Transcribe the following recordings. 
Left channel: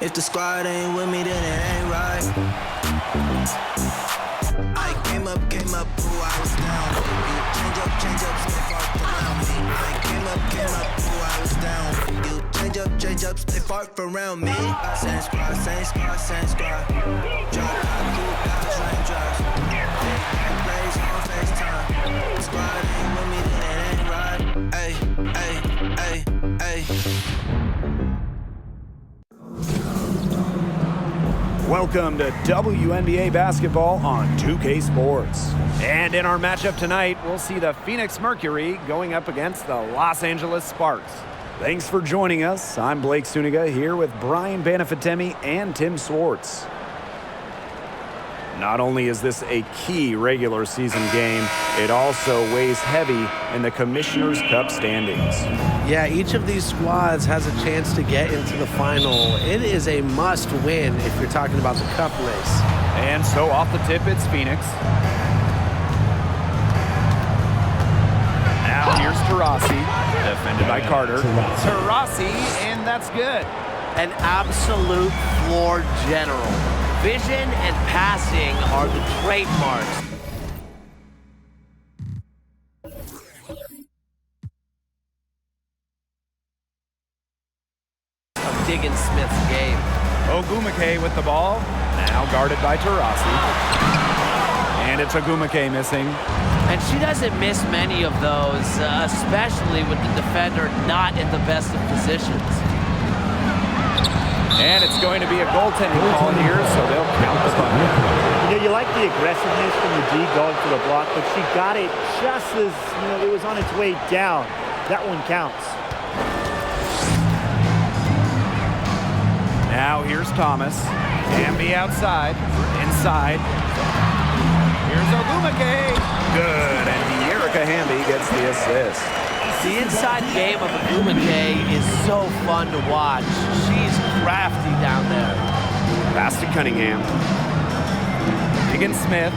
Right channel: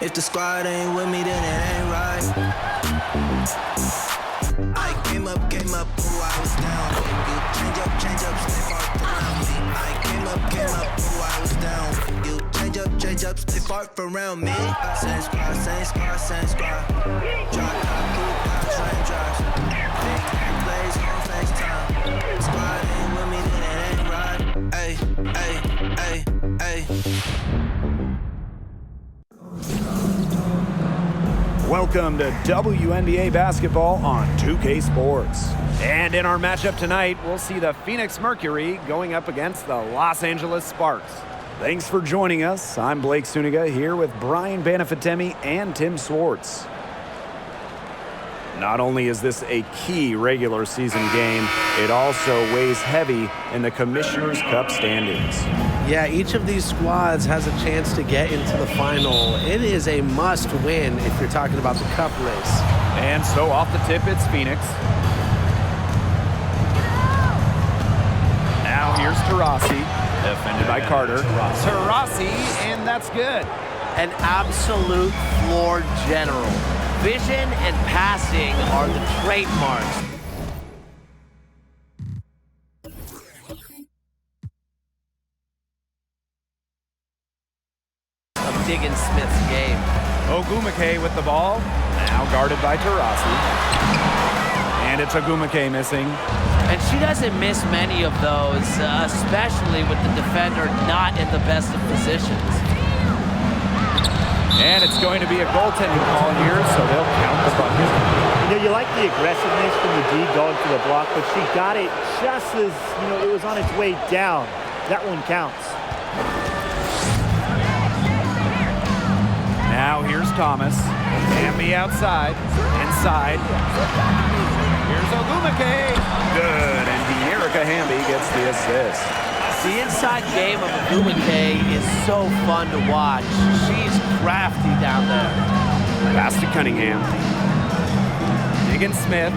If the squad ain't with me, then it ain't right. I came up, ooh, I was down. You change up, stay far around me. I came up, ooh, I was down. You change up, stay far around me. Same squad. Drop top, cool dodge, raindrops. Big gang plays on FaceTime. The squad ain't with me, then it ain't right. Ay. Welcome to WNBA basketball on 2K Sports. And in our matchup tonight, we'll see the Phoenix Mercury going up against the Los Angeles Sparks. Thanks for joining us. I'm Blake Suniga here with Brian Banafitemi and Tim Swartz. Not only is this a key regular season game, it also weighs heavy in the Commissioner's Cup standings. Yeah, each of these squads has a chance to get into the final. It is a must win if you're talking about the cup race. And so off the tip, it's Phoenix. Now here's Taurasi, defended by Carter. Taurasi, and that's good. An absolute floor general. Vision and passing are the trademarks of Diggins Smith's game. Ogumake with the ball, now guarded by Taurasi. And it's Ogumake missing. And she doesn't miss many of those, especially with the defender not in the best of positions. And it's going to be a goaltending call here, so they'll count the bucket. You know, you like the aggressiveness from the D going for the block, but she got it just as, it was on its way down. That one counts. Now here's Thomas. Hamby outside. Inside. Here's Ogumake. Good, and De'Erica Hamby gets the assist. The inside game of Ogumake is so fun to watch. She's crafty down there. Pass to Cunningham. Diggins Smith.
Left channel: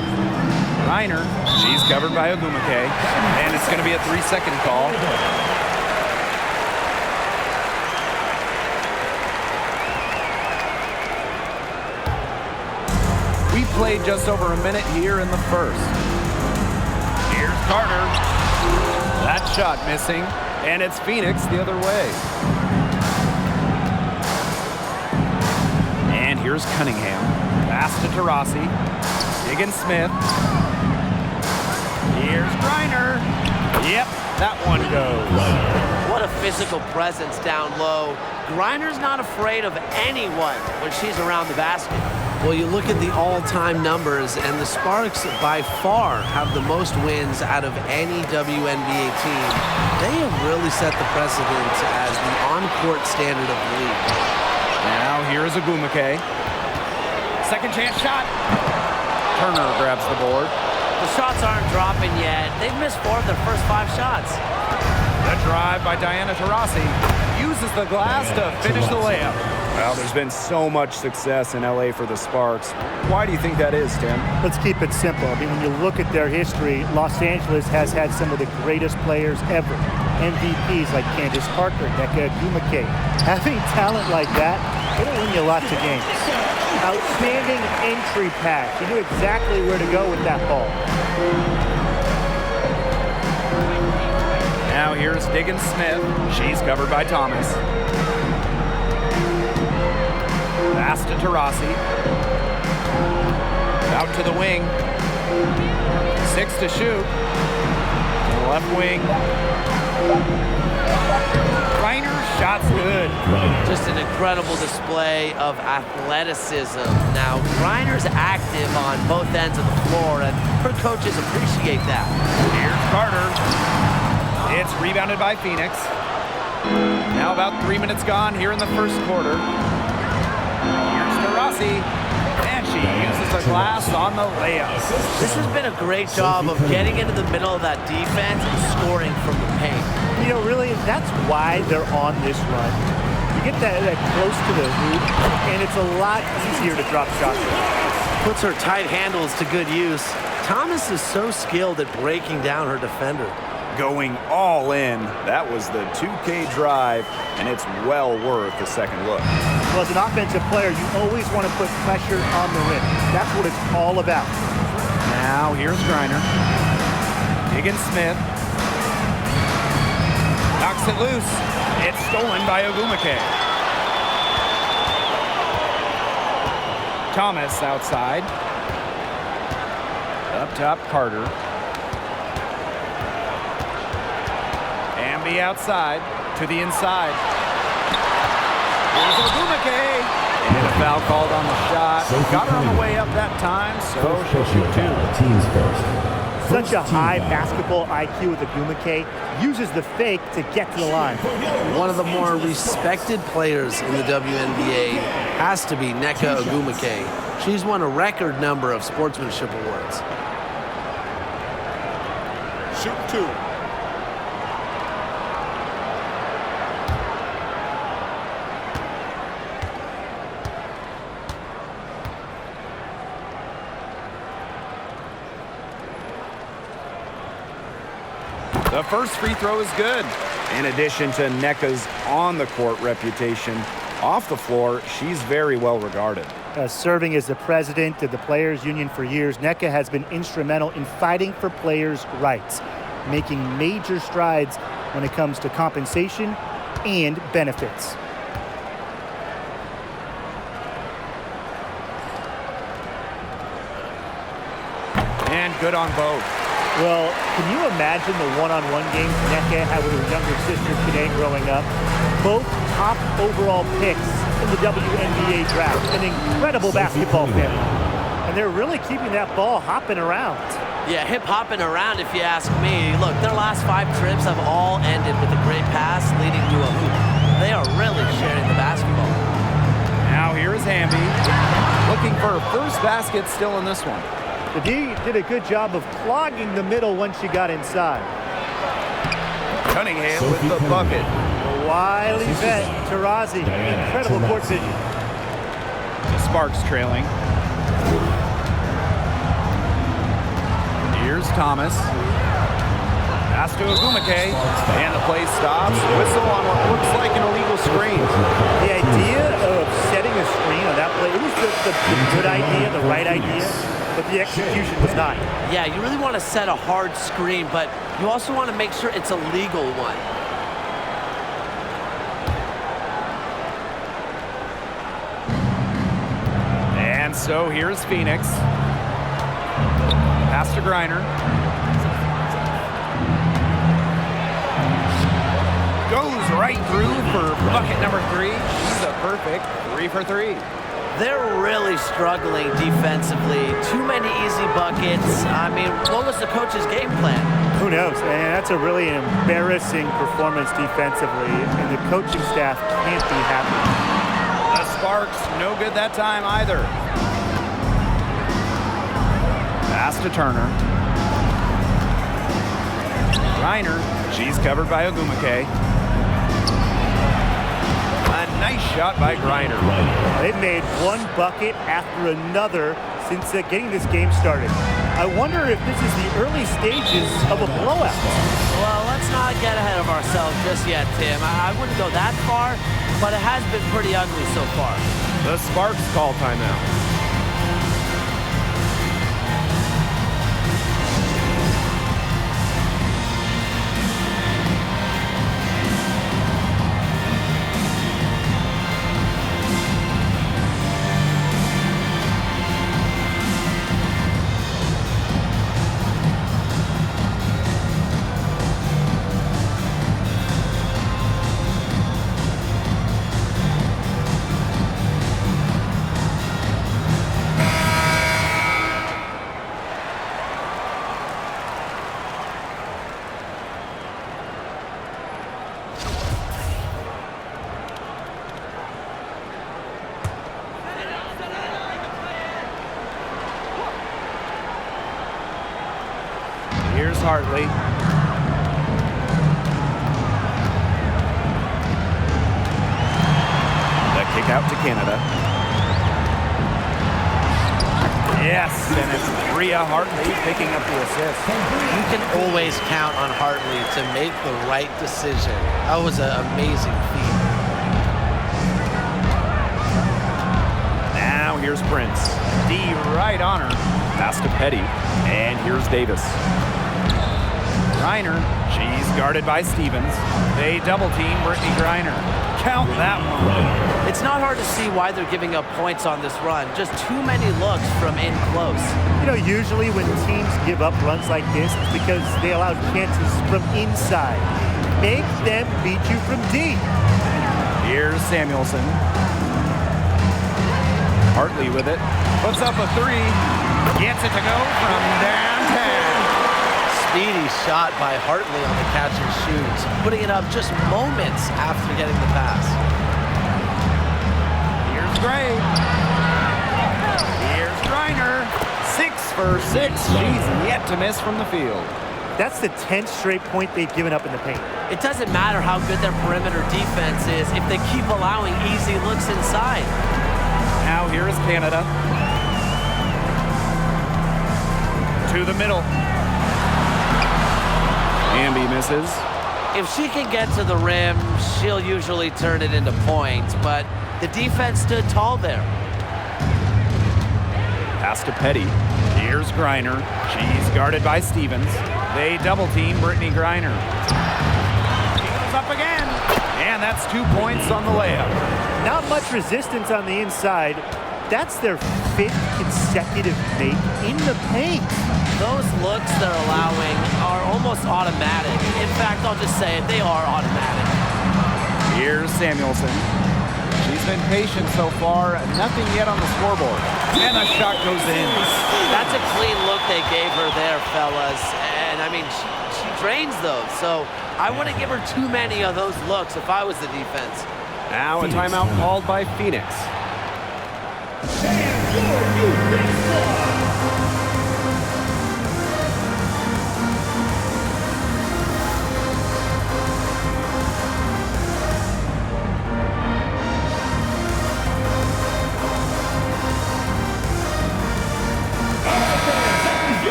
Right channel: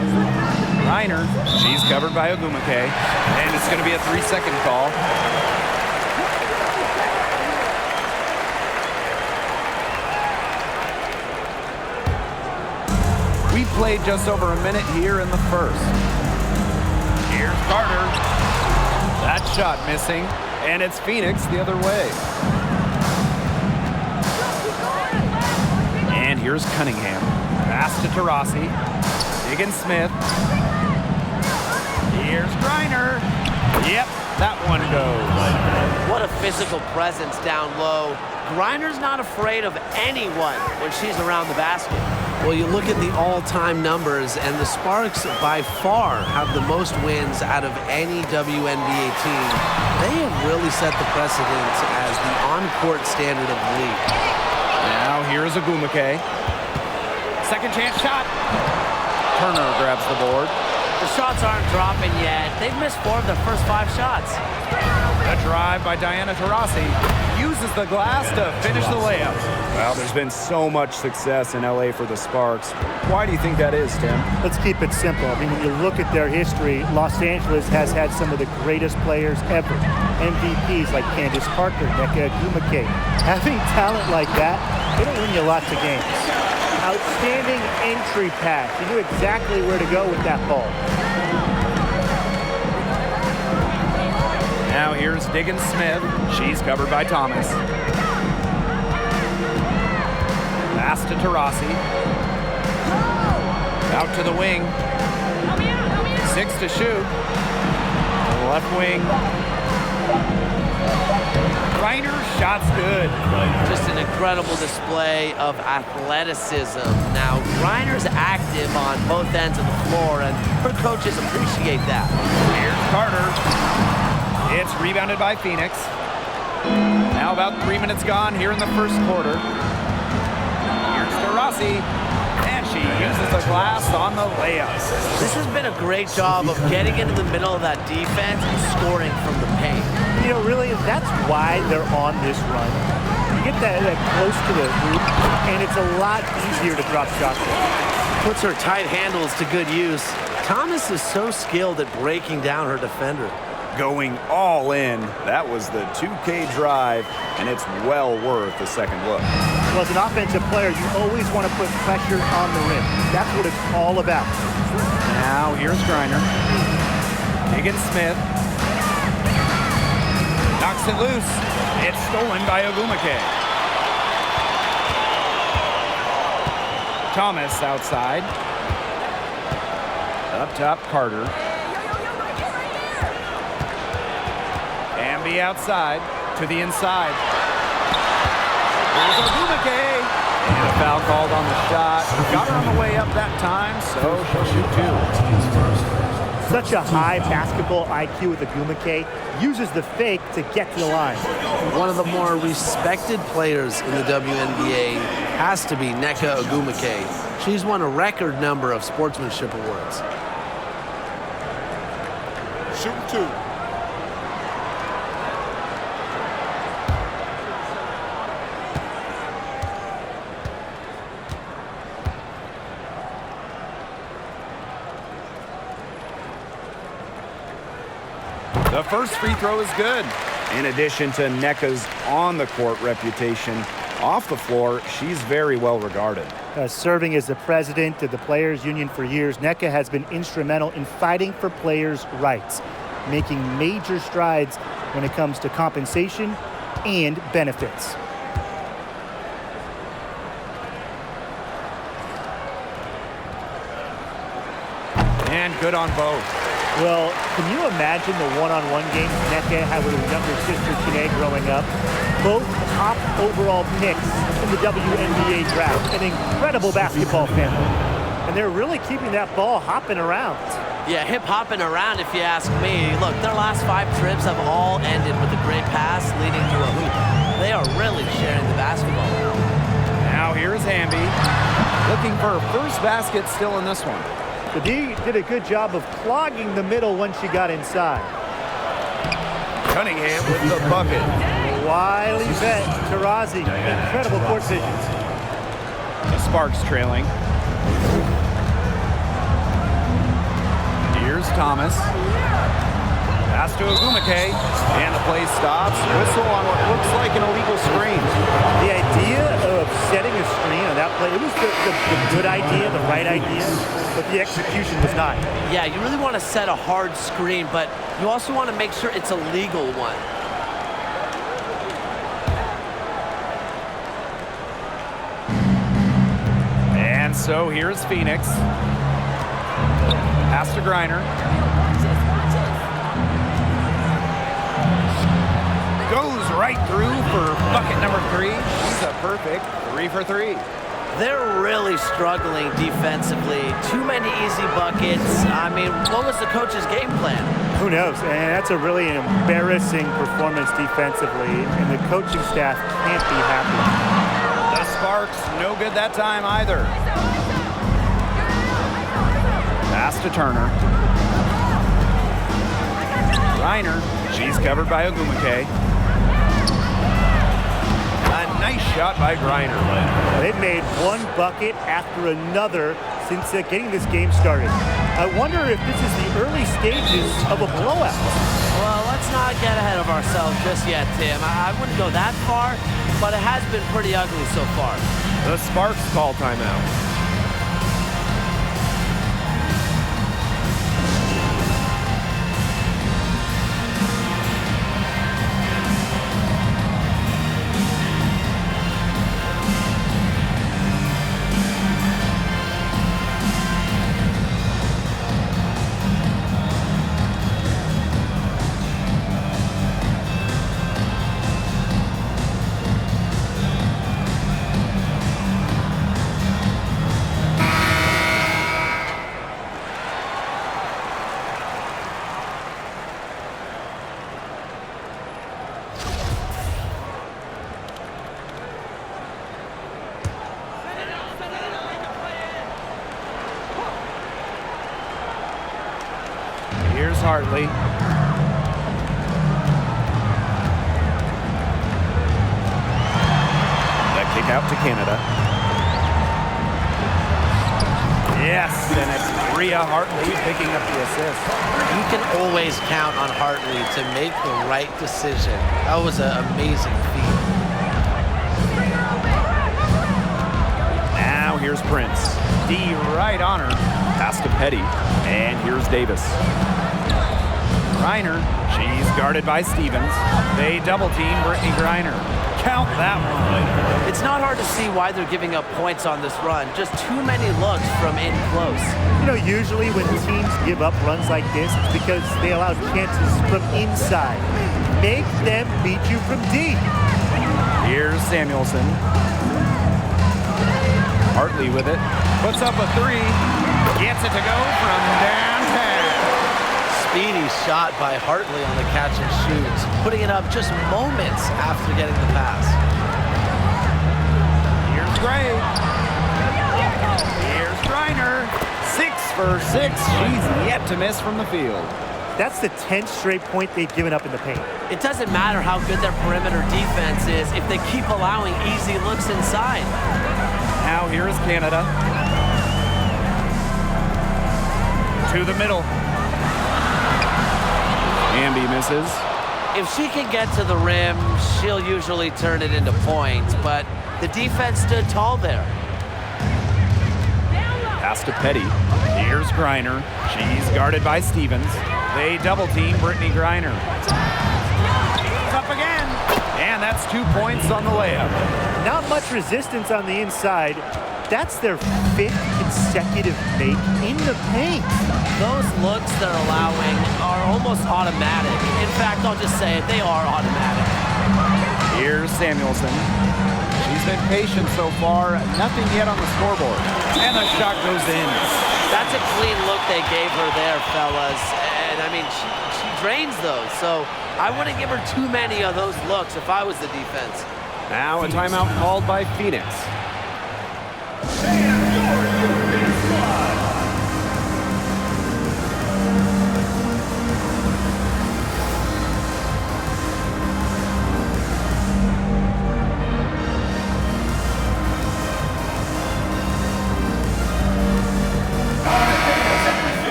Reiner. She's covered by Ogumake. And it's going to be a 3-second call. We played just over a minute here in the first. Here's Carter. That shot missing, and it's Phoenix the other way. And here's Cunningham. Pass to Taurasi. Diggins Smith. Here's Reiner. Yep, that one goes. What a physical presence down low. Griner's not afraid of anyone when she's around the basket. Well, you look at the all-time numbers, and the Sparks by far have the most wins out of any WNBA team. They have really set the precedent as the on-court standard of the league. Now here's Ogumake. Second chance shot. Turner grabs the board. The shots aren't dropping yet. They've missed 4 of their first 5 shots. The drive by Diana Taurasi uses the glass to finish the layup. Well, there's been so much success in LA for the Sparks. Why do you think that is, Tim? Let's keep it simple. I mean, when you look at their history, Los Angeles has had some of the greatest players ever. MVPs like Candace Parker, Nneka Ogumake. Having talent like that, it'll win you lots of games. Outstanding entry pass. You knew exactly where to go with that ball. Now here's Diggins Smith. She's covered by Thomas. Pass to Taurasi. Out to the wing. 6 to shoot. To the left wing. Reiner, shot's good. Just an incredible display of athleticism. Now, Reiner's active on both ends of the floor, and her coaches appreciate that. Here's Carter. It's rebounded by Phoenix. Now about 3 minutes gone here in the first quarter. Here's Taurasi, and she uses the glass on the layup. This has been a great job of getting into the middle of that defense and scoring from the paint. Really, that's why they're on this run. You get that close to the hoop, and it's a lot easier to drop shots in. Puts her tight handles to good use. Thomas is so skilled at breaking down her defender. Going all in. That was the 2K drive, and it's well worth a second look. Well, as an offensive player, you always want to put pressure on the rim. That's what it's all about. Now here's Griner. Diggins Smith. Knocks it loose. It's stolen by Ogumake. Thomas outside. Up top, Carter. Amby outside to the inside. Here's Ogumake. And a foul called on the shot. Got her on the way up that time, so she'll shoot two. Teams first. Such a high basketball IQ with Ogumake. Uses the fake to get to the line. One of the more respected players in the WNBA has to be Nneka Ogumake. She's won a record number of sportsmanship awards. Shooting two. The first free throw is good. In addition to Nneka's on-the-court reputation, off the floor, she's very well regarded. Serving as the president of the Players Union for years, Nneka has been instrumental in fighting for players' rights, making major strides when it comes to compensation and benefits. And good on both. Well, can you imagine the one-on-one games Nneka had with her younger sister, Chine, growing up? Both top overall picks in the WNBA draft. An incredible basketball family. And they're really keeping that ball hopping around. Yeah, hip-hopping around if you ask me. Look, their last 5 trips have all ended with a great pass leading to a hoop. They are really sharing the basketball. Now here's Amby. Looking for her first basket still in this one. The D did a good job of clogging the middle once she got inside. Cunningham with the bucket. The wily vet, Taurasi. Incredible court vision. The Sparks trailing. Here's Thomas. Pass to Ogumake. And the play stops. Whistle on what looks like an illegal screen. The idea of setting a screen on that play, it was the good idea, the right idea, but the execution was not. Yeah, you really want to set a hard screen, but you also want to make sure it's a legal one. And so here's Phoenix. Pass to Griner. Goes right through for bucket number 3. She's a perfect 3 for 3. They're really struggling defensively. Too many easy buckets. I mean, what was the coach's game plan? Who knows? And that's a really embarrassing performance defensively, and the coaching staff can't be happy. The Sparks, no good that time either. Pass to Turner. Griner, she's covered by Ogumake. A nice shot by Griner. They've made one bucket after another since getting this game started. I wonder if this is the early stages of a blowout. Well, let's not get ahead of ourselves just yet, Tim. I wouldn't go that far, but it has been pretty ugly so far. The Sparks call timeout. Here's Hartley. The kick out to Canada. Yes, and it's Bria Hartley picking up the assist. You can always count on Hartley to make the right decision. That was an amazing feat. Now here's Prince. D right on her. Pass to Petty. And here's Davis. Griner. She's guarded by Stevens. They double team Brittany Griner. Count that one. It's not hard to see why they're giving up points on this run. Just too many looks from in close. You know, usually when teams give up runs like this, it's because they allow chances from inside. Make them beat you from deep. Here's Samuelson. Hartley with it. Puts up a three. Gets it to go from downtown. Speedy shot by Hartley on the catch and shoots, putting it up just moments after getting the pass. Here's Gray. Here's Griner. 6 for 6. She's yet to miss from the field. That's the 10th straight point they've given up in the paint. It doesn't matter how good their perimeter defense is if they keep allowing easy looks inside. Now here is Canada. To the middle. Amby misses. If she can get to the rim, she'll usually turn it into points, but the defense stood tall there. Pass to Petty. Here's Griner. She's guarded by Stevens. They double team Brittany Griner. She goes up again. And that's 2 points on the layup. Not much resistance on the inside. That's their 5th consecutive make in the paint. Those looks they're allowing are almost automatic. In fact, I'll just say it, they are automatic. Here's Samuelson. She's been patient so far. Nothing yet on the scoreboard. And the shot goes in. That's a clean look they gave her there, fellas. And I mean, she drains those. So I wouldn't give her too many of those looks if I was the defense. Now a timeout called by Phoenix.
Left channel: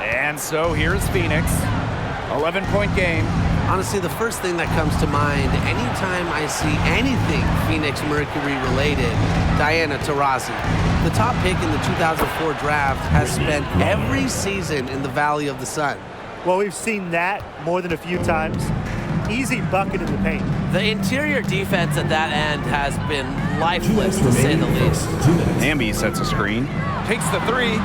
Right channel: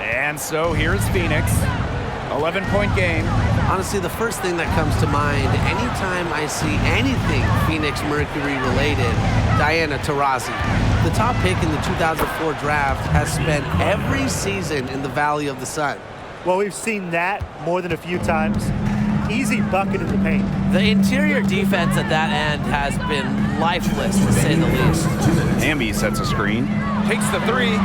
And so here's Phoenix. 11-point game. Honestly, the first thing that comes to mind anytime I see anything Phoenix Mercury related, Diana Taurasi. The top pick in the 2004 draft has spent every season in the Valley of the Sun. Well, we've seen that more than a few times. Easy bucket in the paint. The interior defense at that end has been lifeless, to say the least. Amby sets a screen. Takes the three.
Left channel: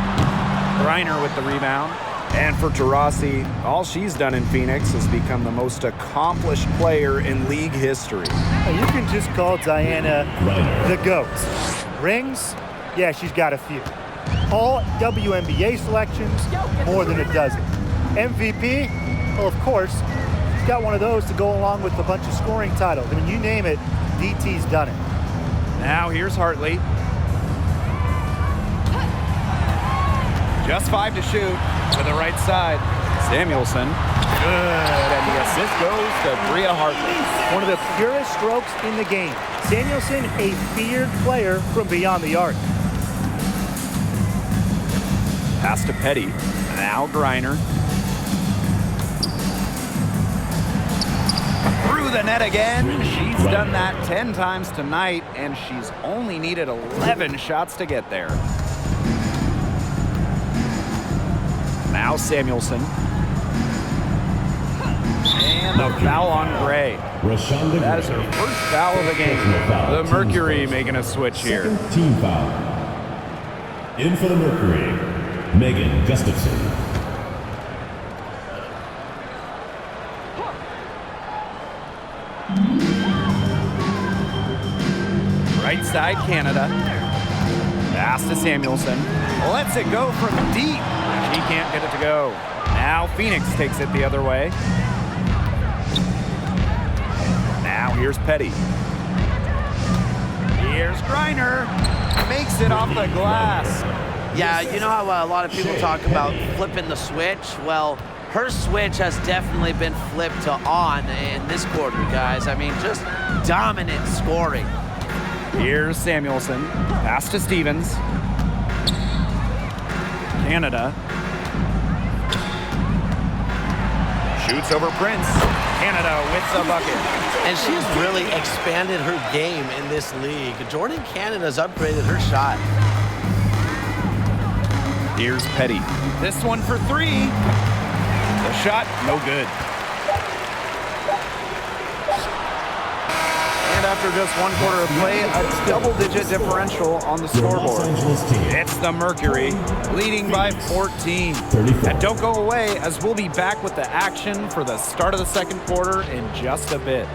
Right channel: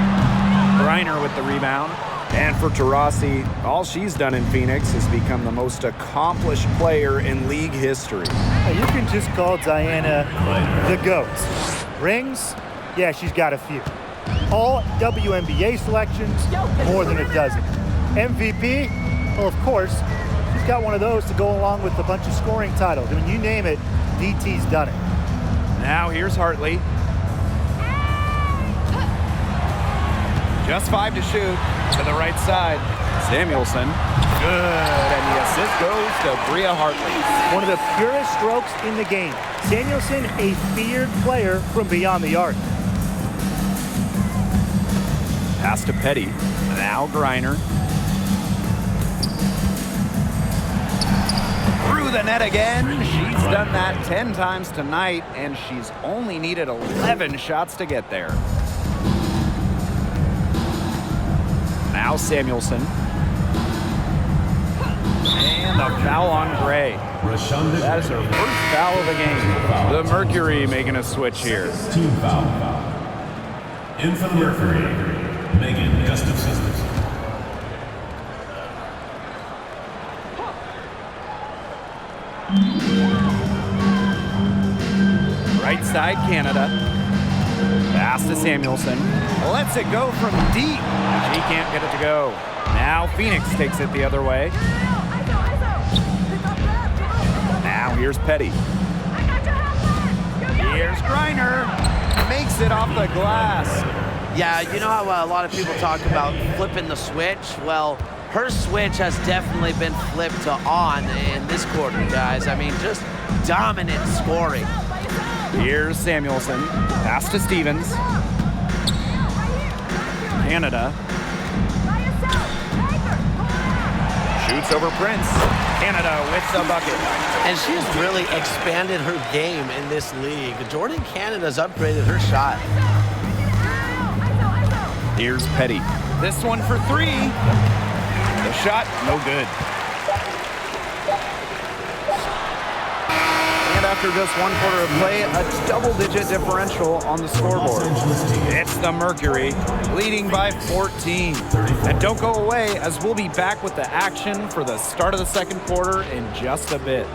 Griner with the rebound. And for Taurasi, all she's done in Phoenix has become the most accomplished player in league history. You can just call Diana the GOAT. Rings? Yeah, she's got a few. All WNBA selections, more than a dozen. MVP? Well, of course, she's got one of those to go along with a bunch of scoring titles. I mean, you name it, DT's done it. Now here's Hartley. Just 5 to shoot. To the right side. Samuelson. Good. And the assist goes to Bria Hartley. One of the purest strokes in the game. Samuelson, a feared player from beyond the arc. Pass to Petty. Now Griner. Through the net again. She's done that 10 times tonight, and she's only needed 11 shots to get there. Now Samuelson. And a foul on Gray. That is her first foul of the game. The Mercury making a switch here. Team foul. In for the Mercury, Megan Gustafson. Right side, Canada. Pass to Samuelson. Lets it go from deep. She can't get it to go. Now Phoenix takes it the other way. Now here's Petty. Here's Griner. Makes it off the glass. Yeah, you know how a lot of people talk about flipping the switch? Well, Her switch has definitely been flipped to on in this quarter, guys. I mean, just dominant scoring. Here's Samuelson. Pass to Stevens. Canada. Shoots over Prince. Canada with the bucket. And she has really expanded her game in this league. Jordan Canada's upgraded her shot. Here's Petty. This one for three. The shot, no good. And after just one quarter of play, a double-digit differential on the scoreboard. It's the Mercury, leading by 14. And don't go away, as we'll be back with the action for the start of the second quarter in just a bit.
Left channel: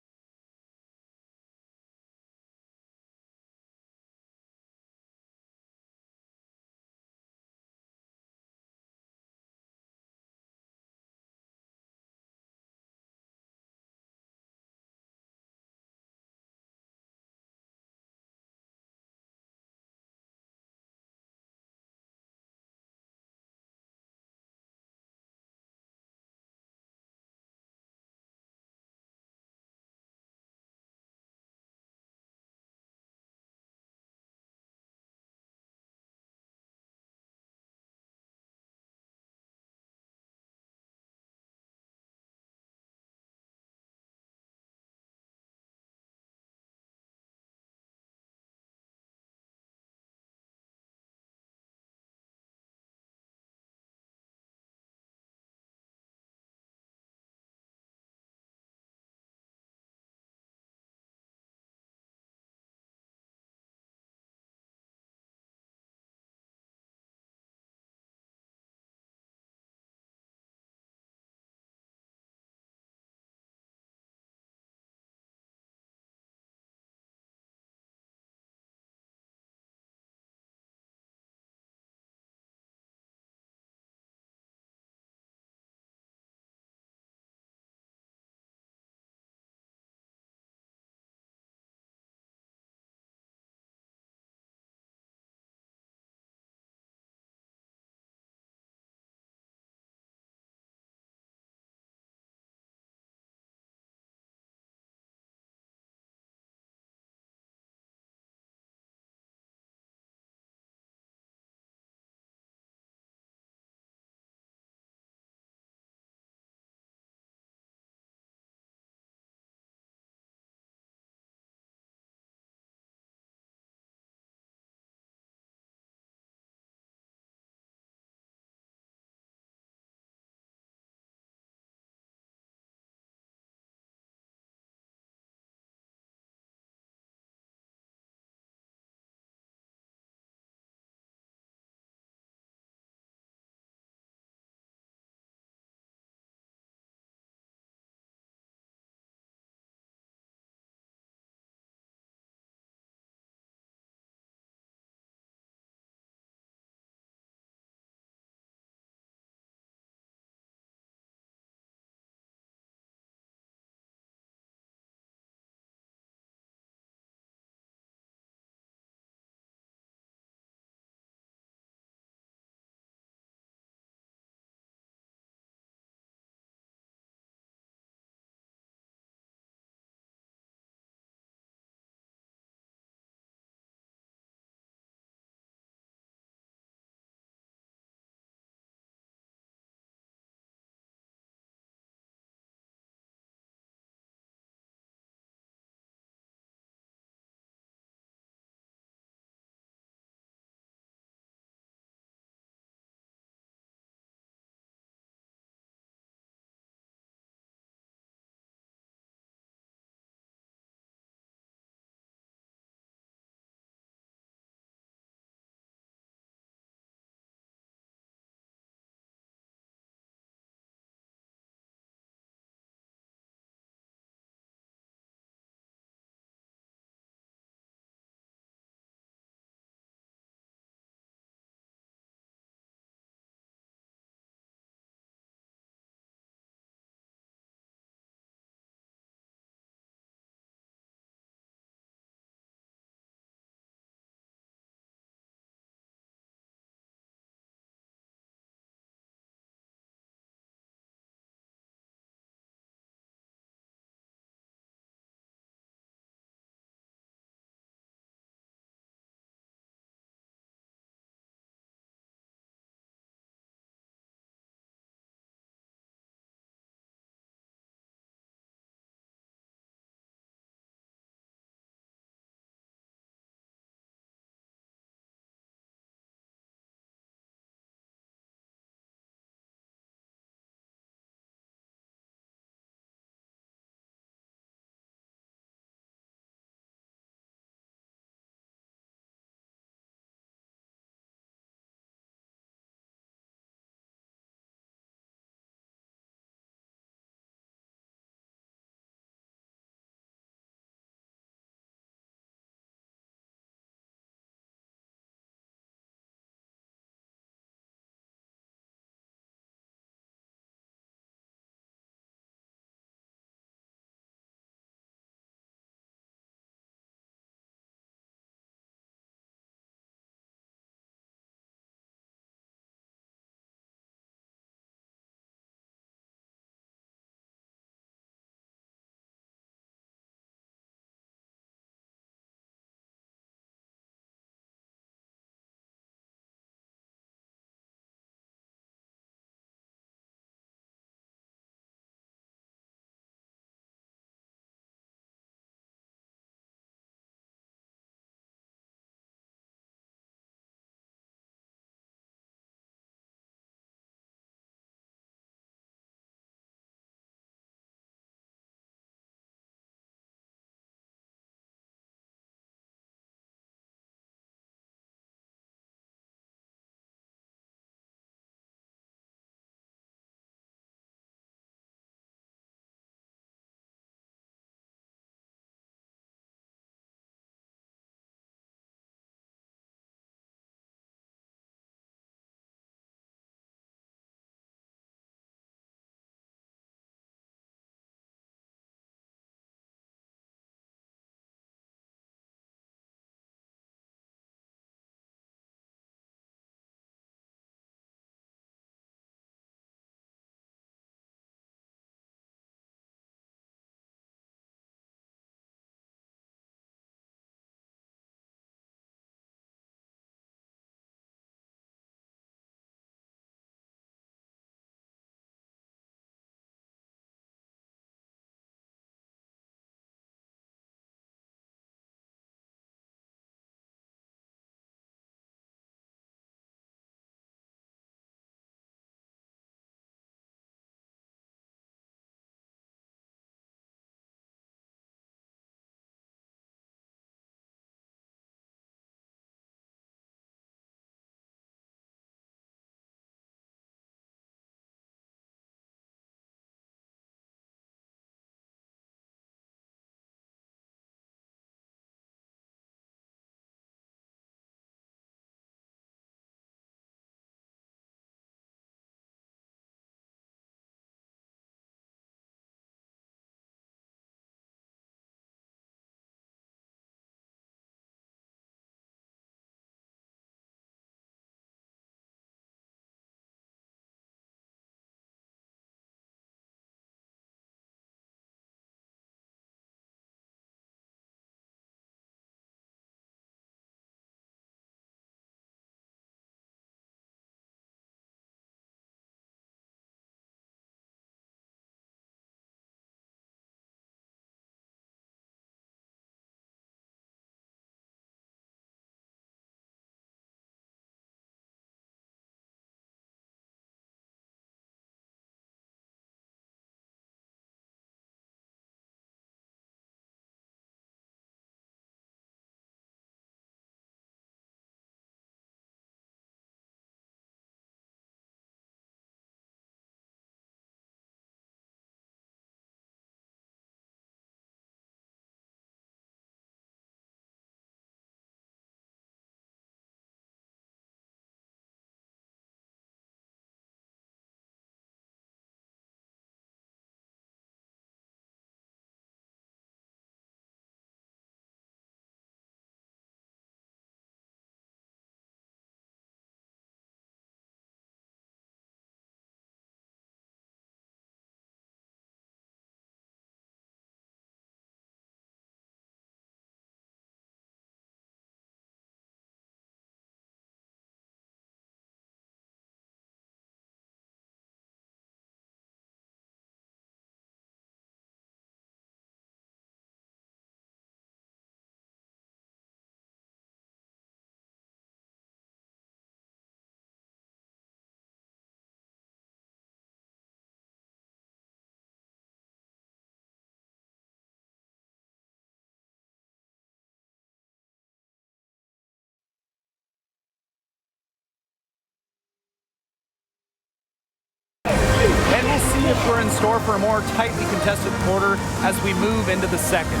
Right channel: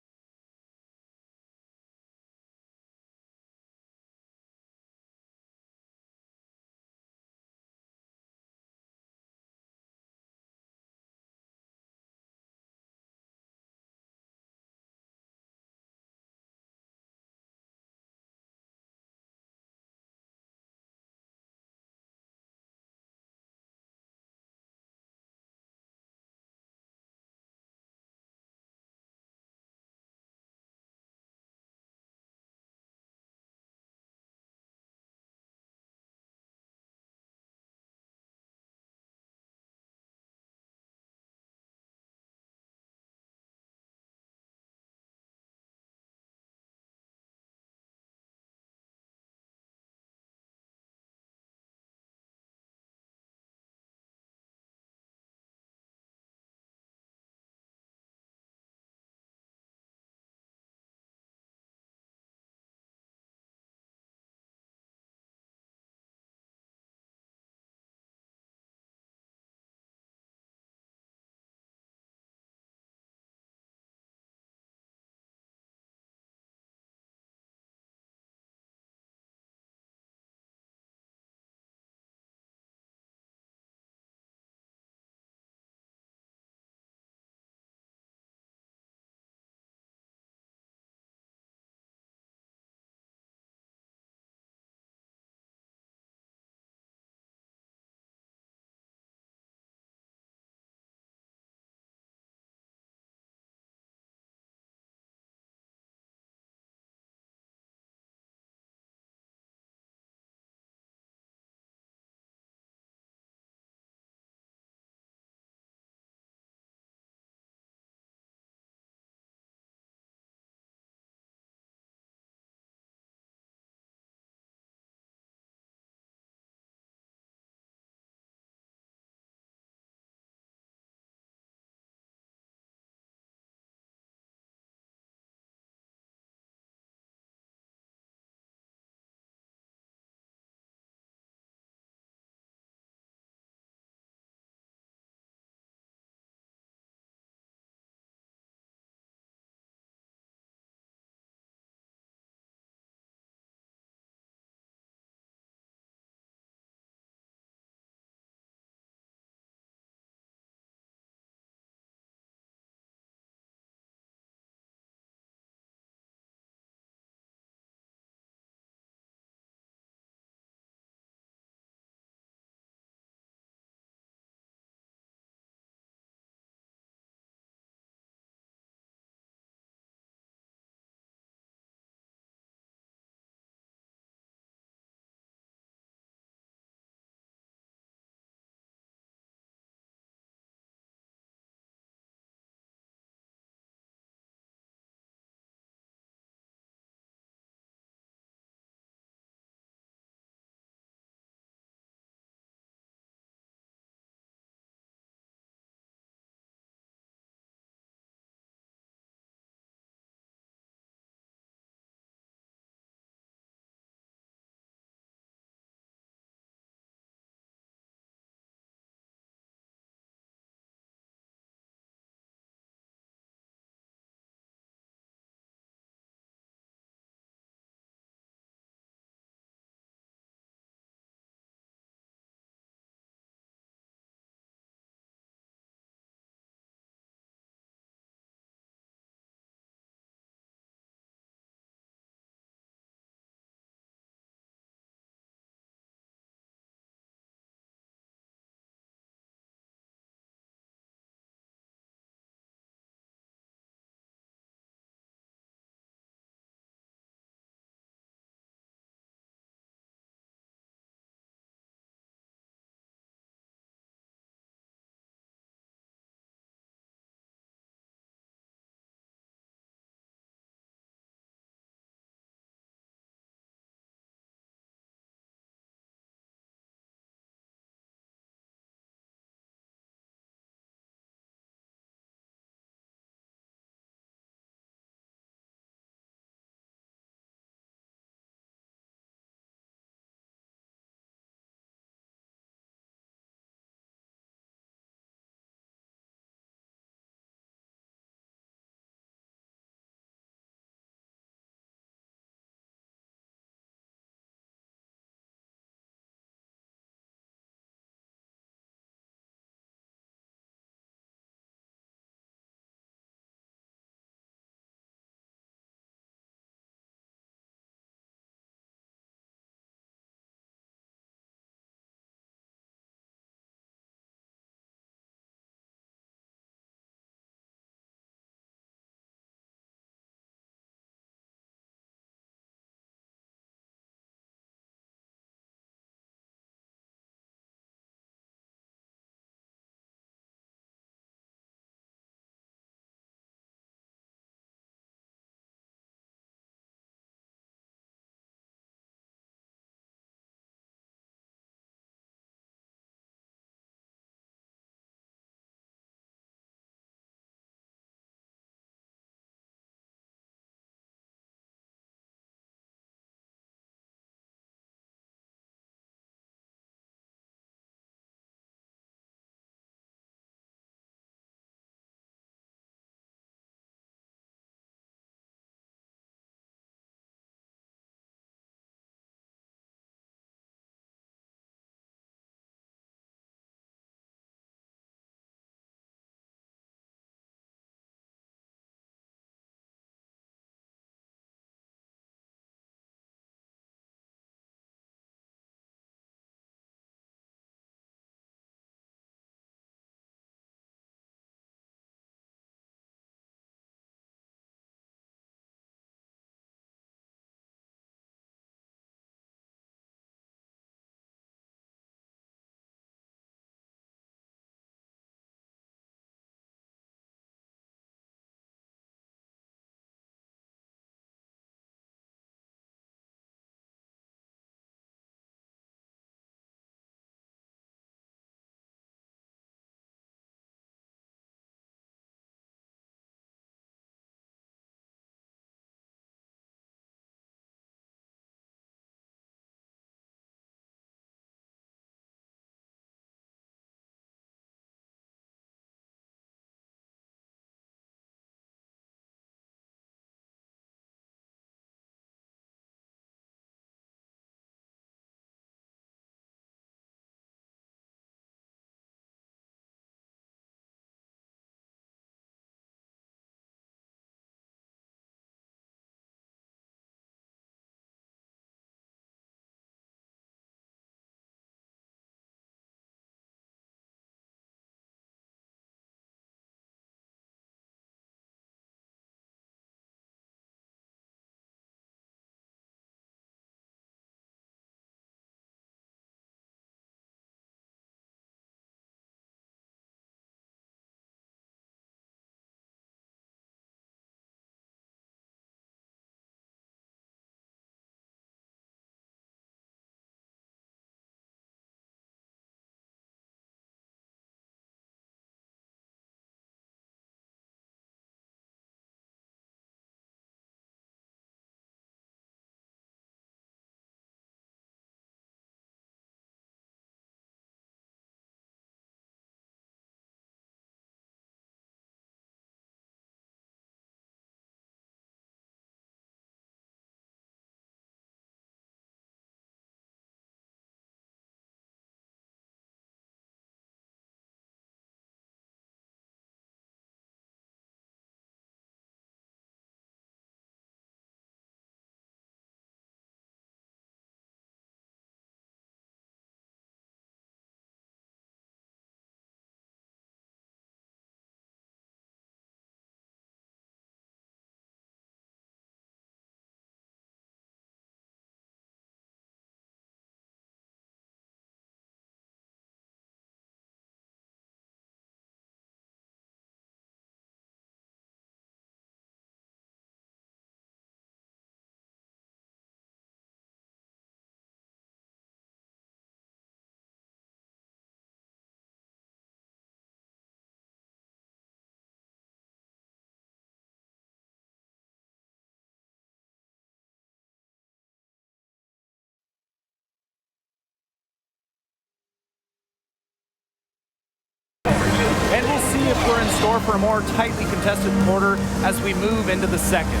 And we'll see if we're in store for a more tightly contested quarter as we move into the second.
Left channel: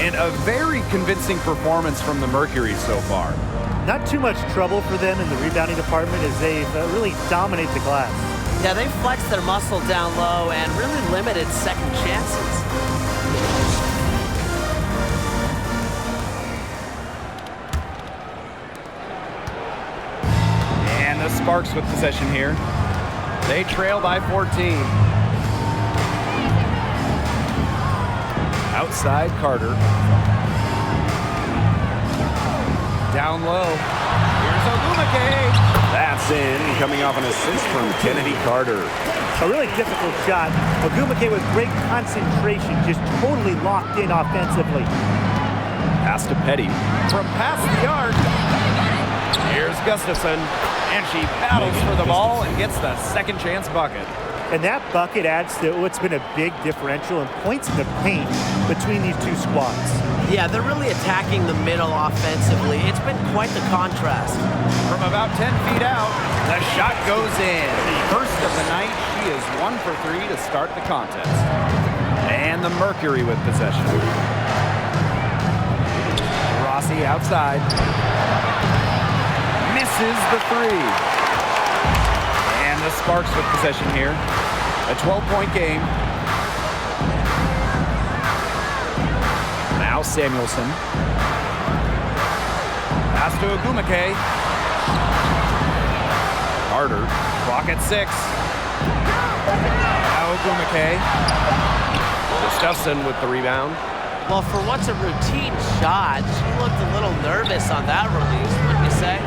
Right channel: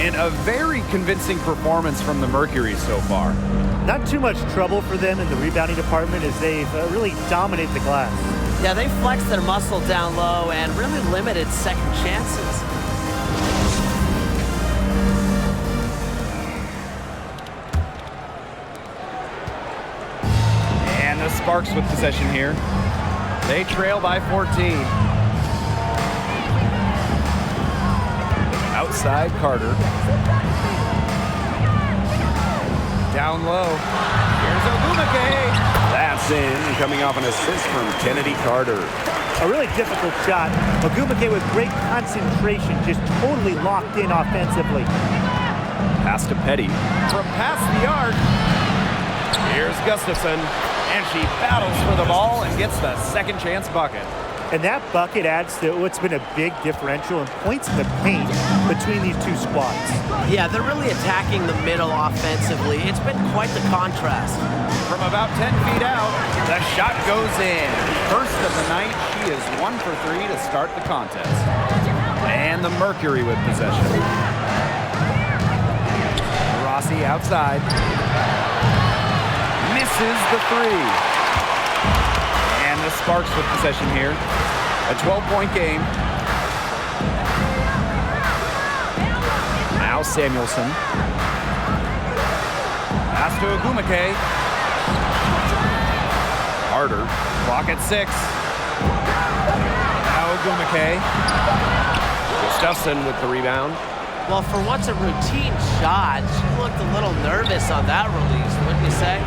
And a very convincing performance from the Mercury so far. Not too much trouble for them in the rebounding department as they've really dominated the glass. Yeah, they flexed their muscle down low and really limited second chances. And the Sparks with possession here. They trail by 14. Outside Carter. Down low. Here's Ogumake. That's in, coming off an assist from Kennedy Carter. A really difficult shot. Ogumake with great concentration, just totally locked in offensively. Pass to Petty. From past the arc. Here's Gustafson. And she battles for the ball and gets the second chance bucket. And that bucket adds to what's been a big differential in points in the paint between these two squads. Yeah, they're really attacking the middle offensively. It's been quite the contrast. From about 10 feet out, the shot goes in. First of the night, she is 1 for 3 to start the contest. And the Mercury with possession. Rossi outside. Misses the 3. And the Sparks with possession here. A 12-point game. Now Samuelson. Pass to Ogumake. Carter. Clock at 6. Now Ogumake. Gustafson with the rebound. Well, for what's a routine shot, she looked a little nervous on that release, wouldn't you say?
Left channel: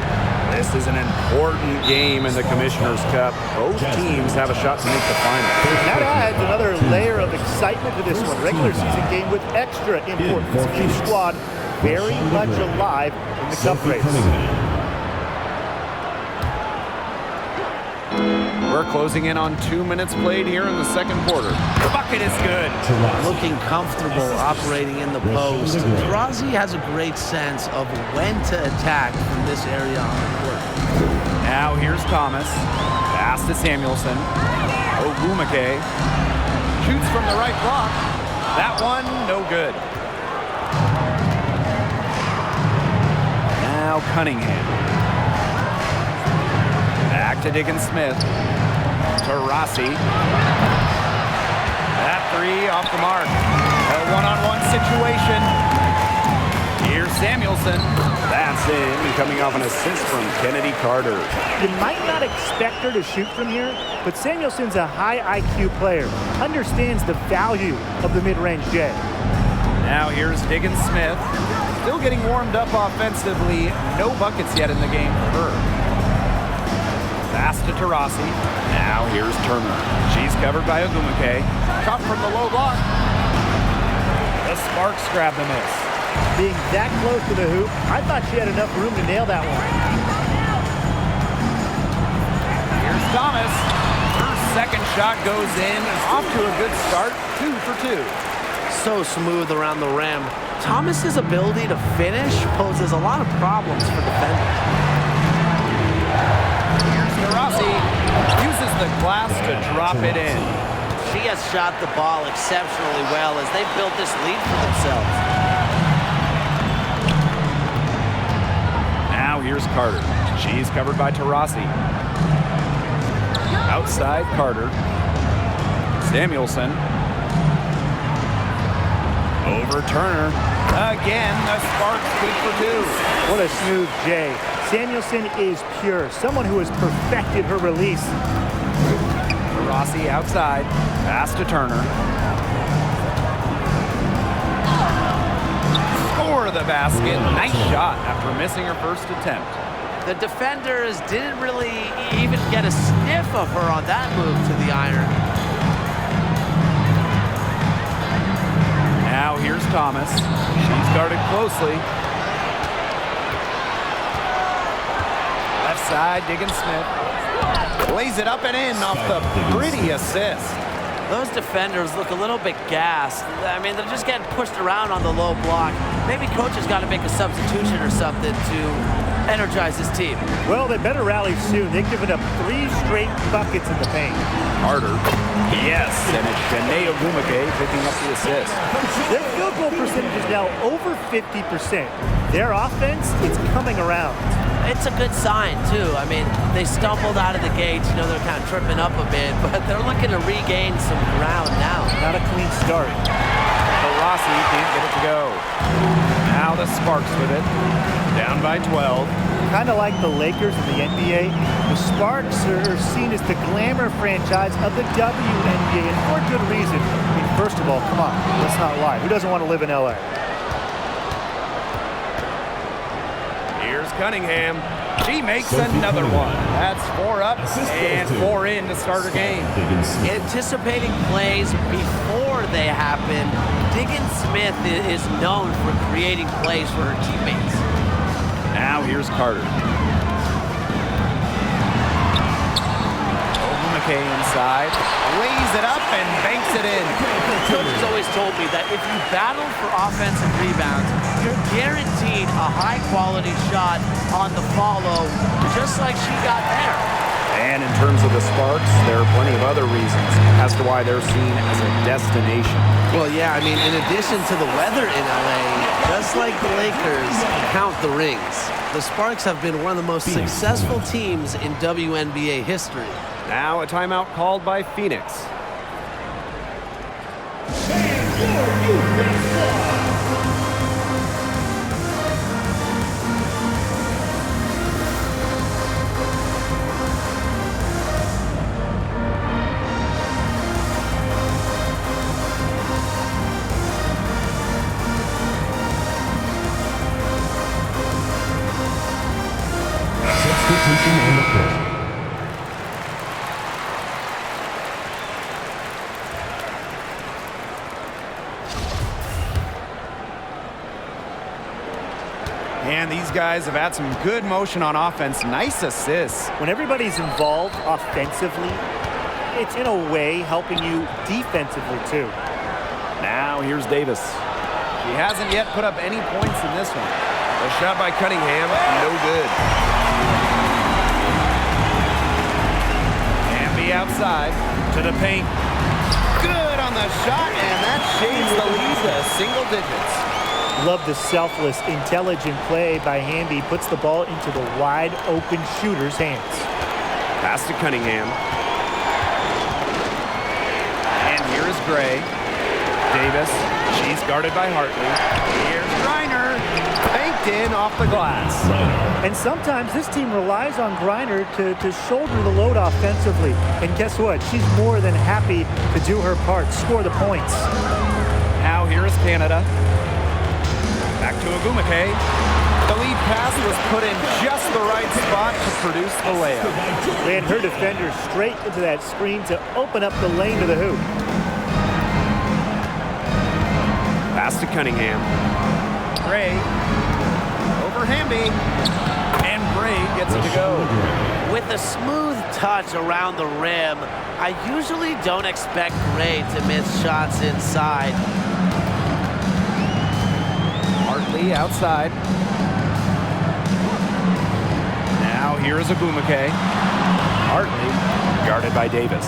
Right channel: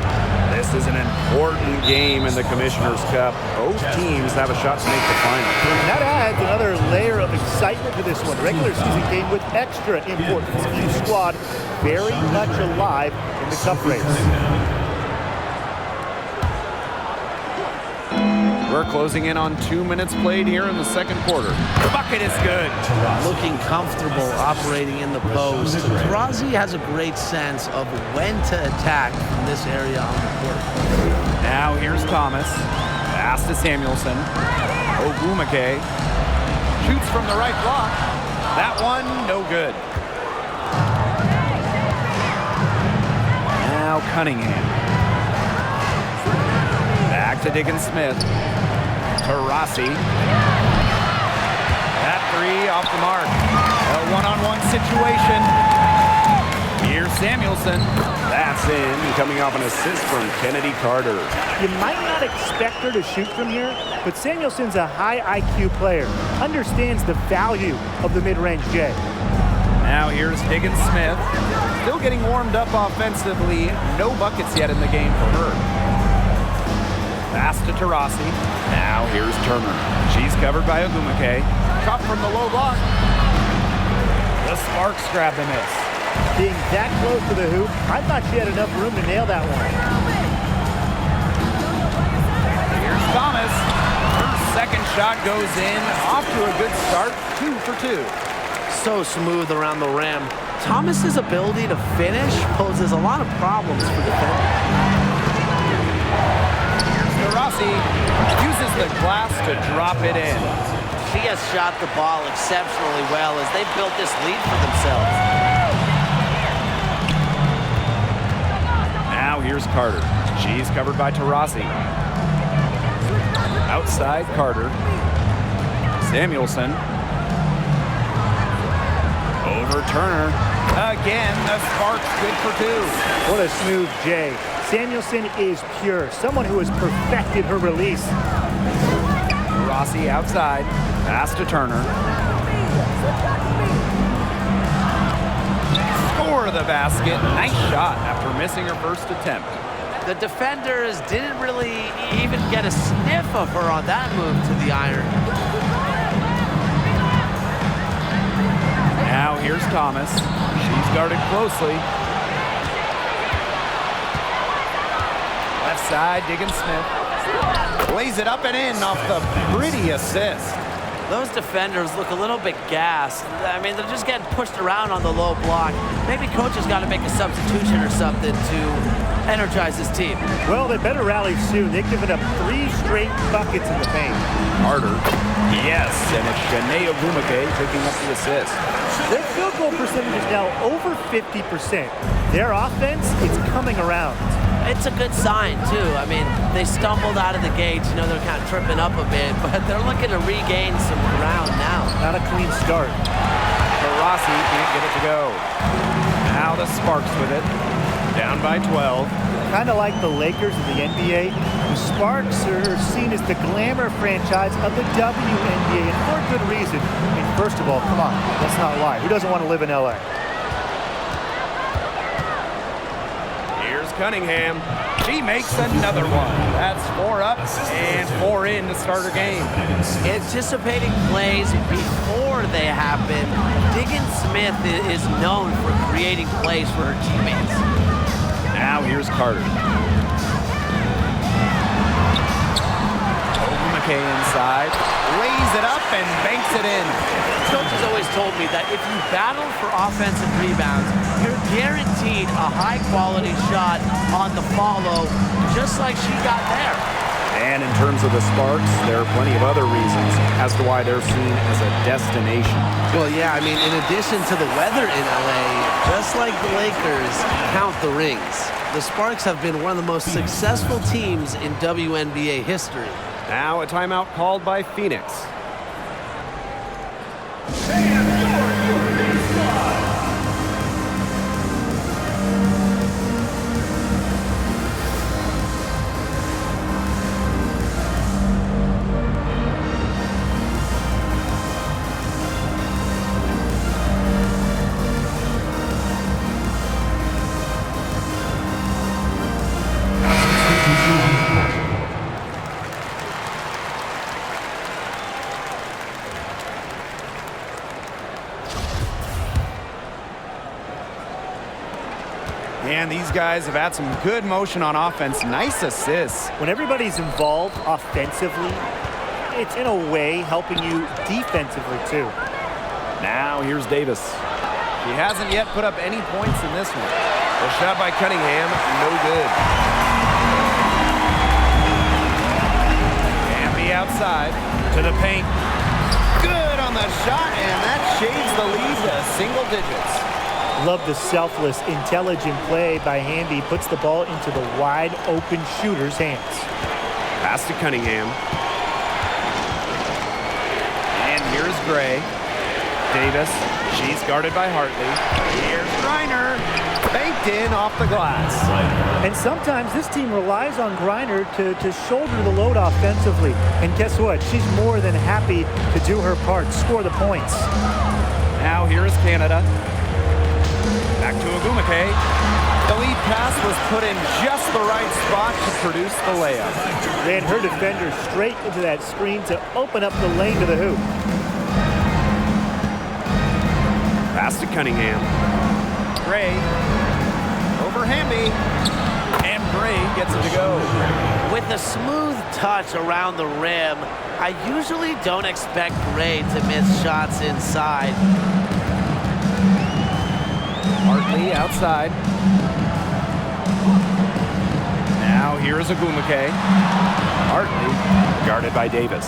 This is an important game in the Commissioner's Cup. Both teams have a shot to make the final. And that adds another layer of excitement to this one. Regular season game with extra importance. Each squad very much alive in the cup race. We're closing in on 2 minutes played here in the second quarter. The bucket is good. Looking comfortable operating in the post. Taurasi has a great sense of when to attack from this area on the court. Now here's Thomas. Pass to Samuelson. Ogumake. Shoots from the right block. That one, no good. Now Cunningham. Back to Diggins-Smith. Taurasi. That 3 off the mark. A one-on-one situation. Here's Samuelson. That's in, coming off an assist from Kennedy Carter. You might not expect her to shoot from here, but Samuelson's a high IQ player. Understands the value of the mid-range J. Now here's Diggins-Smith. Still getting warmed up offensively. No buckets yet in the game for her. Pass to Taurasi. Now here's Turner. She's covered by Ogumake. Shot from the low block. The Sparks grab the miss. Being that close to the hoop, I thought she had enough room to nail that one. Here's Thomas. Her second shot goes in. Off to a good start. 2 for 2. So smooth around the rim. Thomas's ability to finish poses a lot of problems for defenders. Taurasi uses the glass to drop it in. She has shot the ball exceptionally well as they've built this lead for themselves. Now here's Carter. She's covered by Taurasi. Outside Carter. Samuelson. Over Turner. Again, the Sparks good for 2. What a smooth J. Samuelson is pure, someone who has perfected her release. Taurasi outside. Pass to Turner. Score the basket. Nice shot after missing her first attempt. The defenders didn't really even get a sniff of her on that move to the iron. Now here's Thomas. She's guarded closely. Left side, Diggins-Smith. Lays it up and in off the pretty assist. Those defenders look a little bit gassed. I mean, they're just getting pushed around on the low block. Maybe coach has got to make a substitution or something to energize his team. Well, they better rally soon. They've given up 3 straight buckets in the paint. Carter Yes, and it's Shanae Ogwumike picking up the assist. Their field goal percentage is now over 50%. Their offense, it's coming around. It's a good sign, too. I mean, they stumbled out of the gates. You know, they're kind of tripping up a bit, but they're looking to regain some ground now. Not a clean start. Rossi can't get it to go. Now the Sparks with it. Down by 12. Kind of like the Lakers in the NBA, the Sparks are seen as the glamour franchise of the WNBA, and for good reason. I mean, first of all, come on, let's not lie. Who doesn't want to live in LA? Here's Cunningham. She makes another one. That's 4 up and 4 in to start her game. Anticipating plays before they happen, Diggins Smith is known for creating plays for her teammates. Now here's Carter. Ogwumike inside, lays it up and banks it in. Coach has always told me that if you battle for offensive rebounds, you're guaranteed a high-quality shot on the follow, just like she got there. And in terms of the Sparks, there are plenty of other reasons as to why they're seen as a destination. Well, yeah, I mean, in addition to the weather in LA, just like the Lakers, count the rings. The Sparks have been one of the most successful teams in WNBA history. Now a timeout called by Phoenix. Substitution on the court. And these guys have had some good motion on offense. Nice assists. When everybody's involved offensively, it's in a way helping you defensively too. Now here's Davis. She hasn't yet put up any points in this one. The shot by Cunningham, no good. Hamby outside to the paint. Good on the shot, and that shades the lead to single digits. Love the selfless, intelligent play by Hamby. Puts the ball into the wide open shooter's hands. Pass to Cunningham. And here is Gray. Davis, she's guarded by Hartley. Here's Griner, banked in off the glass. And sometimes this team relies on Griner to shoulder the load offensively. And guess what? She's more than happy to do her part, score the points. Now here is Canada. Back to Ogwumike. The lead pass was put in just the right spot to produce the layup. Ran her defender straight into that screen to open up the lane to the hoop. Pass to Cunningham. Gray over Hamby. And Gray gets it to go. With a smooth touch around the rim, I usually don't expect Gray to miss shots inside. Hartley outside. Now here is Ogwumike. Hartley guarded by Davis.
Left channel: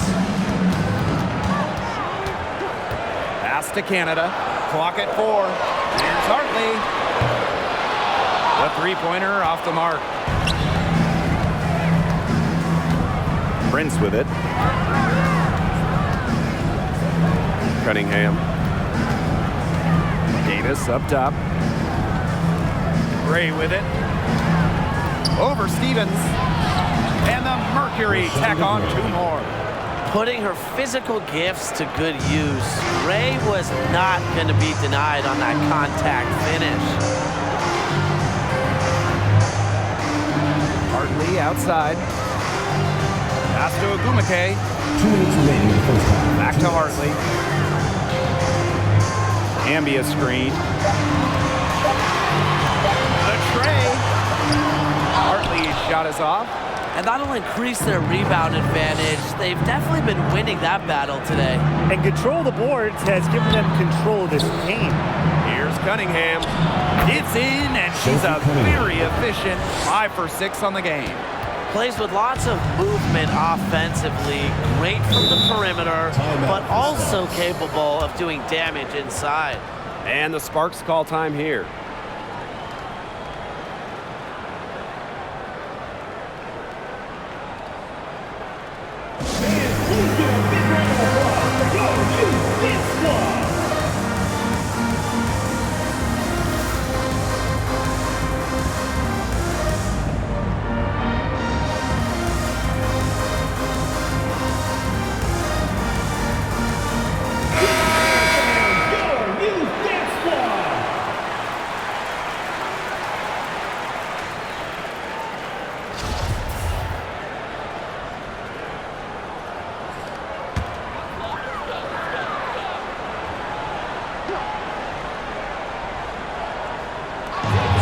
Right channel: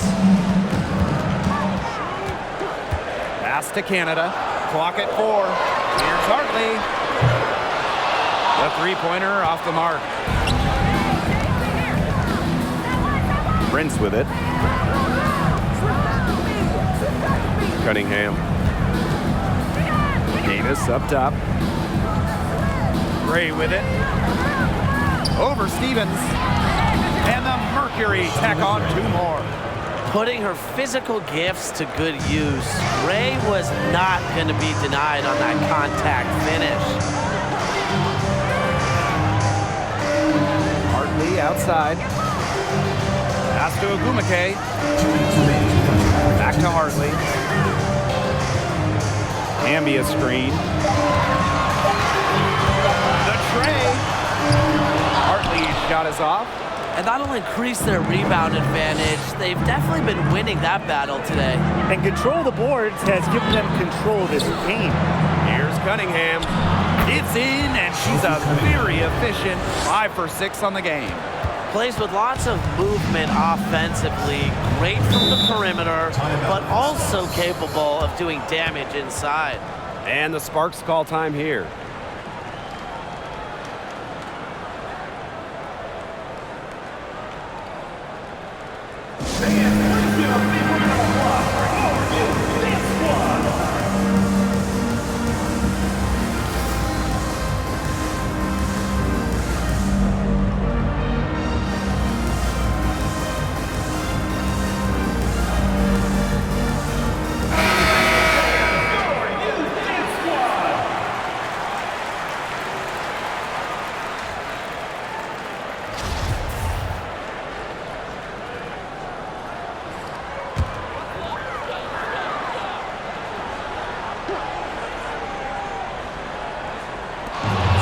Pass to Canada. Clock at 4. Here's Hartley. The three-pointer off the mark. Prince with it. Cunningham. Davis up top. Gray with it. Over Stevens. And the Mercury tack on 2 more. Putting her physical gifts to good use, Gray was not going to be denied on that contact finish. Hartley outside. Pass to Ogwumike. 2 minutes remaining in the first half. Back to Hartley. Hamby a screen. The tray. Hartley's shot is off. And that'll increase their rebound advantage. They've definitely been winning that battle today. And control of the boards has given them control of this game. Here's Cunningham. It's in, and she's a very efficient 5 for 6 on the game. Plays with lots of movement offensively, great from the perimeter, but also capable of doing damage inside. And the Sparks call time here.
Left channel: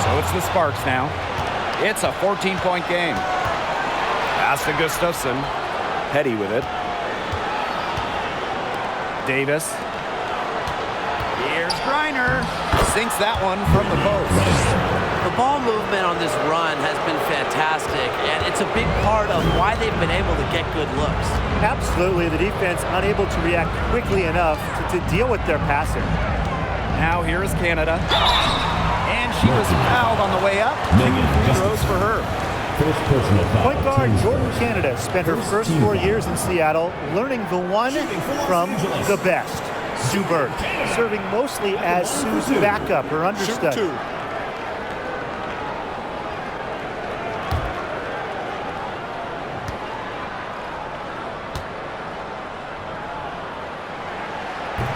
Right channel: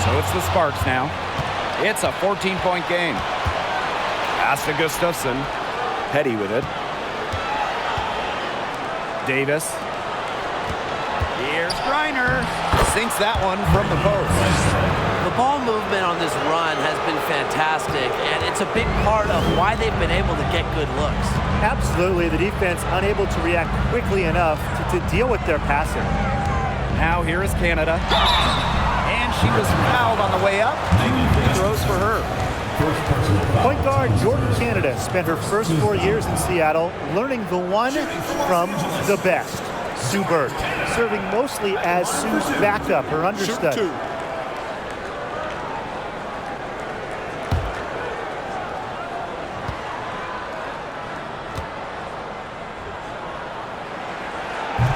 So it's the Sparks now. It's a 14-point game. Pass to Gustafson. Petty with it. Davis. Here's Griner. Sinks that one from the post. The ball movement on this run has been fantastic, and it's a big part of why they've been able to get good looks. Absolutely, the defense unable to react quickly enough to deal with their passer. Now here is Canada. And she was fouled on the way up. 2 free throws for her. First personal foul. Point guard Jordan Canada spent her first 4 years in Seattle learning the one from the best, Sue Bird, serving mostly as Sue's backup, her understudy.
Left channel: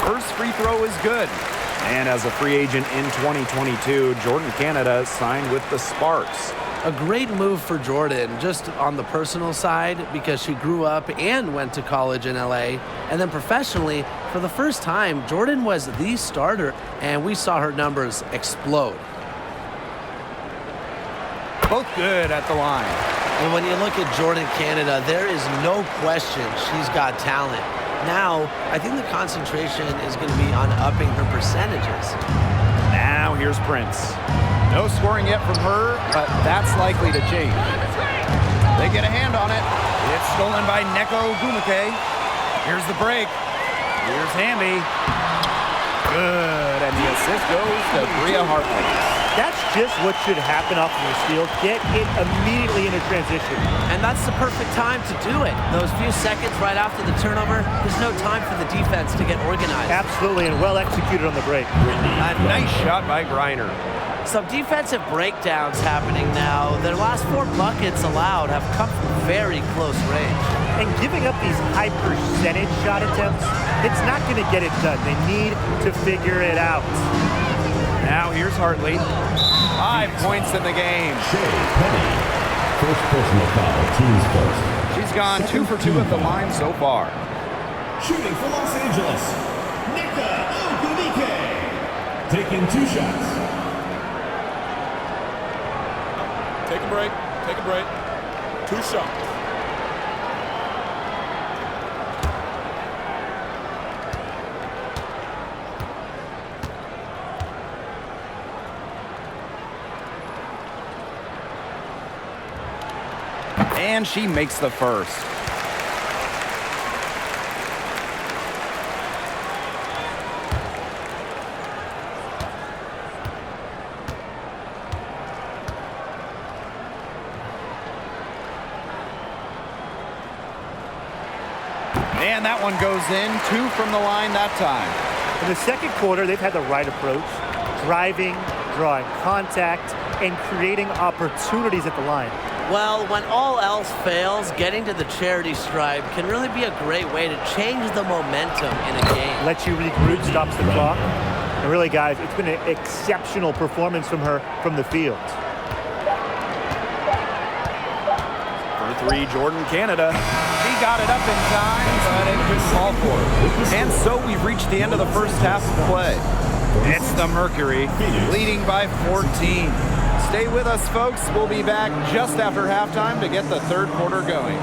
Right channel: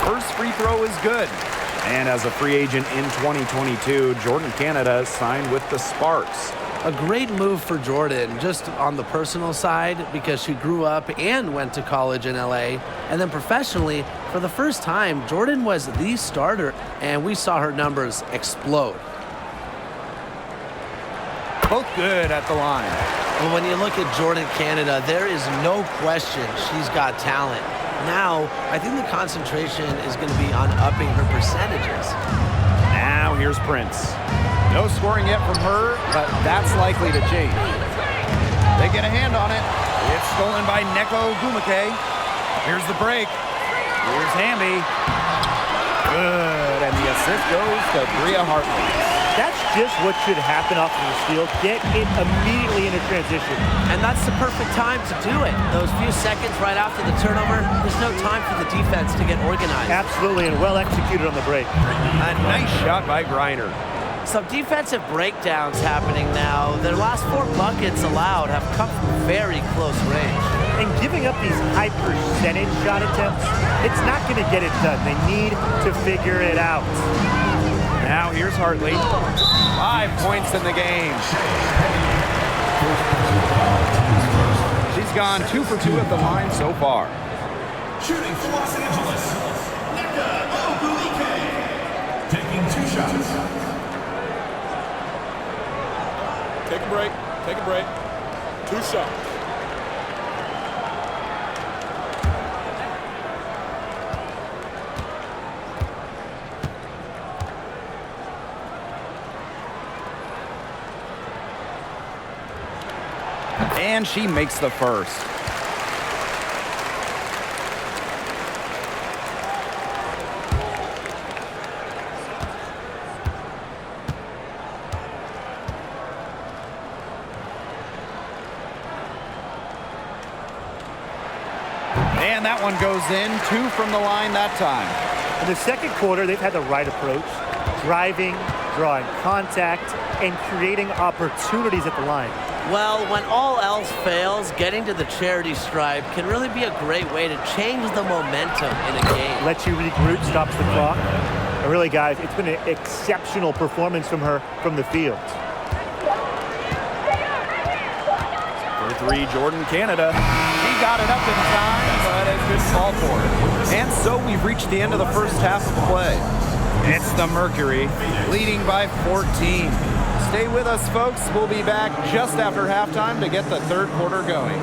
First free throw is good. And as a free agent in 2022, Jordan Canada signed with the Sparks. A great move for Jordan, just on the personal side, because she grew up and went to college in LA. And then professionally, for the first time, Jordan was the starter, and we saw her numbers explode. Both good at the line. Well, when you look at Jordan Canada, there is no question she's got talent. Now, I think the concentration is going to be on upping her percentages. Now here's Prince. No scoring yet from her, but that's likely to change. They get a hand on it. It's stolen by Neko Gumake. Here's the break. Here's Hamby. Good, and the assist goes to Bria Hartley. That's just what should happen off of the steal. Get it immediately into transition. And that's the perfect time to do it. Those few seconds right after the turnover, there's no time for the defense to get organized. Absolutely, and well executed on the break. A nice shot by Griner. Some defensive breakdowns happening now. Their last 4 buckets allowed have come from very close range. And giving up these high percentage shot attempts, it's not going to get it done. They need to figure it out. Now here's Hartley. 5 points in the game. Petty. First personal foul, team's first. She's gone 2 for 2 at the line so far. Shooting for Los Angeles, Nneka Ogwumike. Taking 2 shots. Take a break. Take a break. 2 shots. And she makes the first. And that one goes in. 2 from the line that time. In the second quarter, they've had the right approach, driving, drawing contact, and creating opportunities at the line. Well, when all else fails, getting to the charity stripe can really be a great way to change the momentum in a game. Lets you regroup, stops the clock. And really, guys, it's been an exceptional performance from her from the field. For 3, Jordan Canada. He got it up in time, but it couldn't fall for her. And so we've reached the end of the first half of play. It's the Mercury, leading by 14. Stay with us, folks. We'll be back just after halftime to get the third quarter going.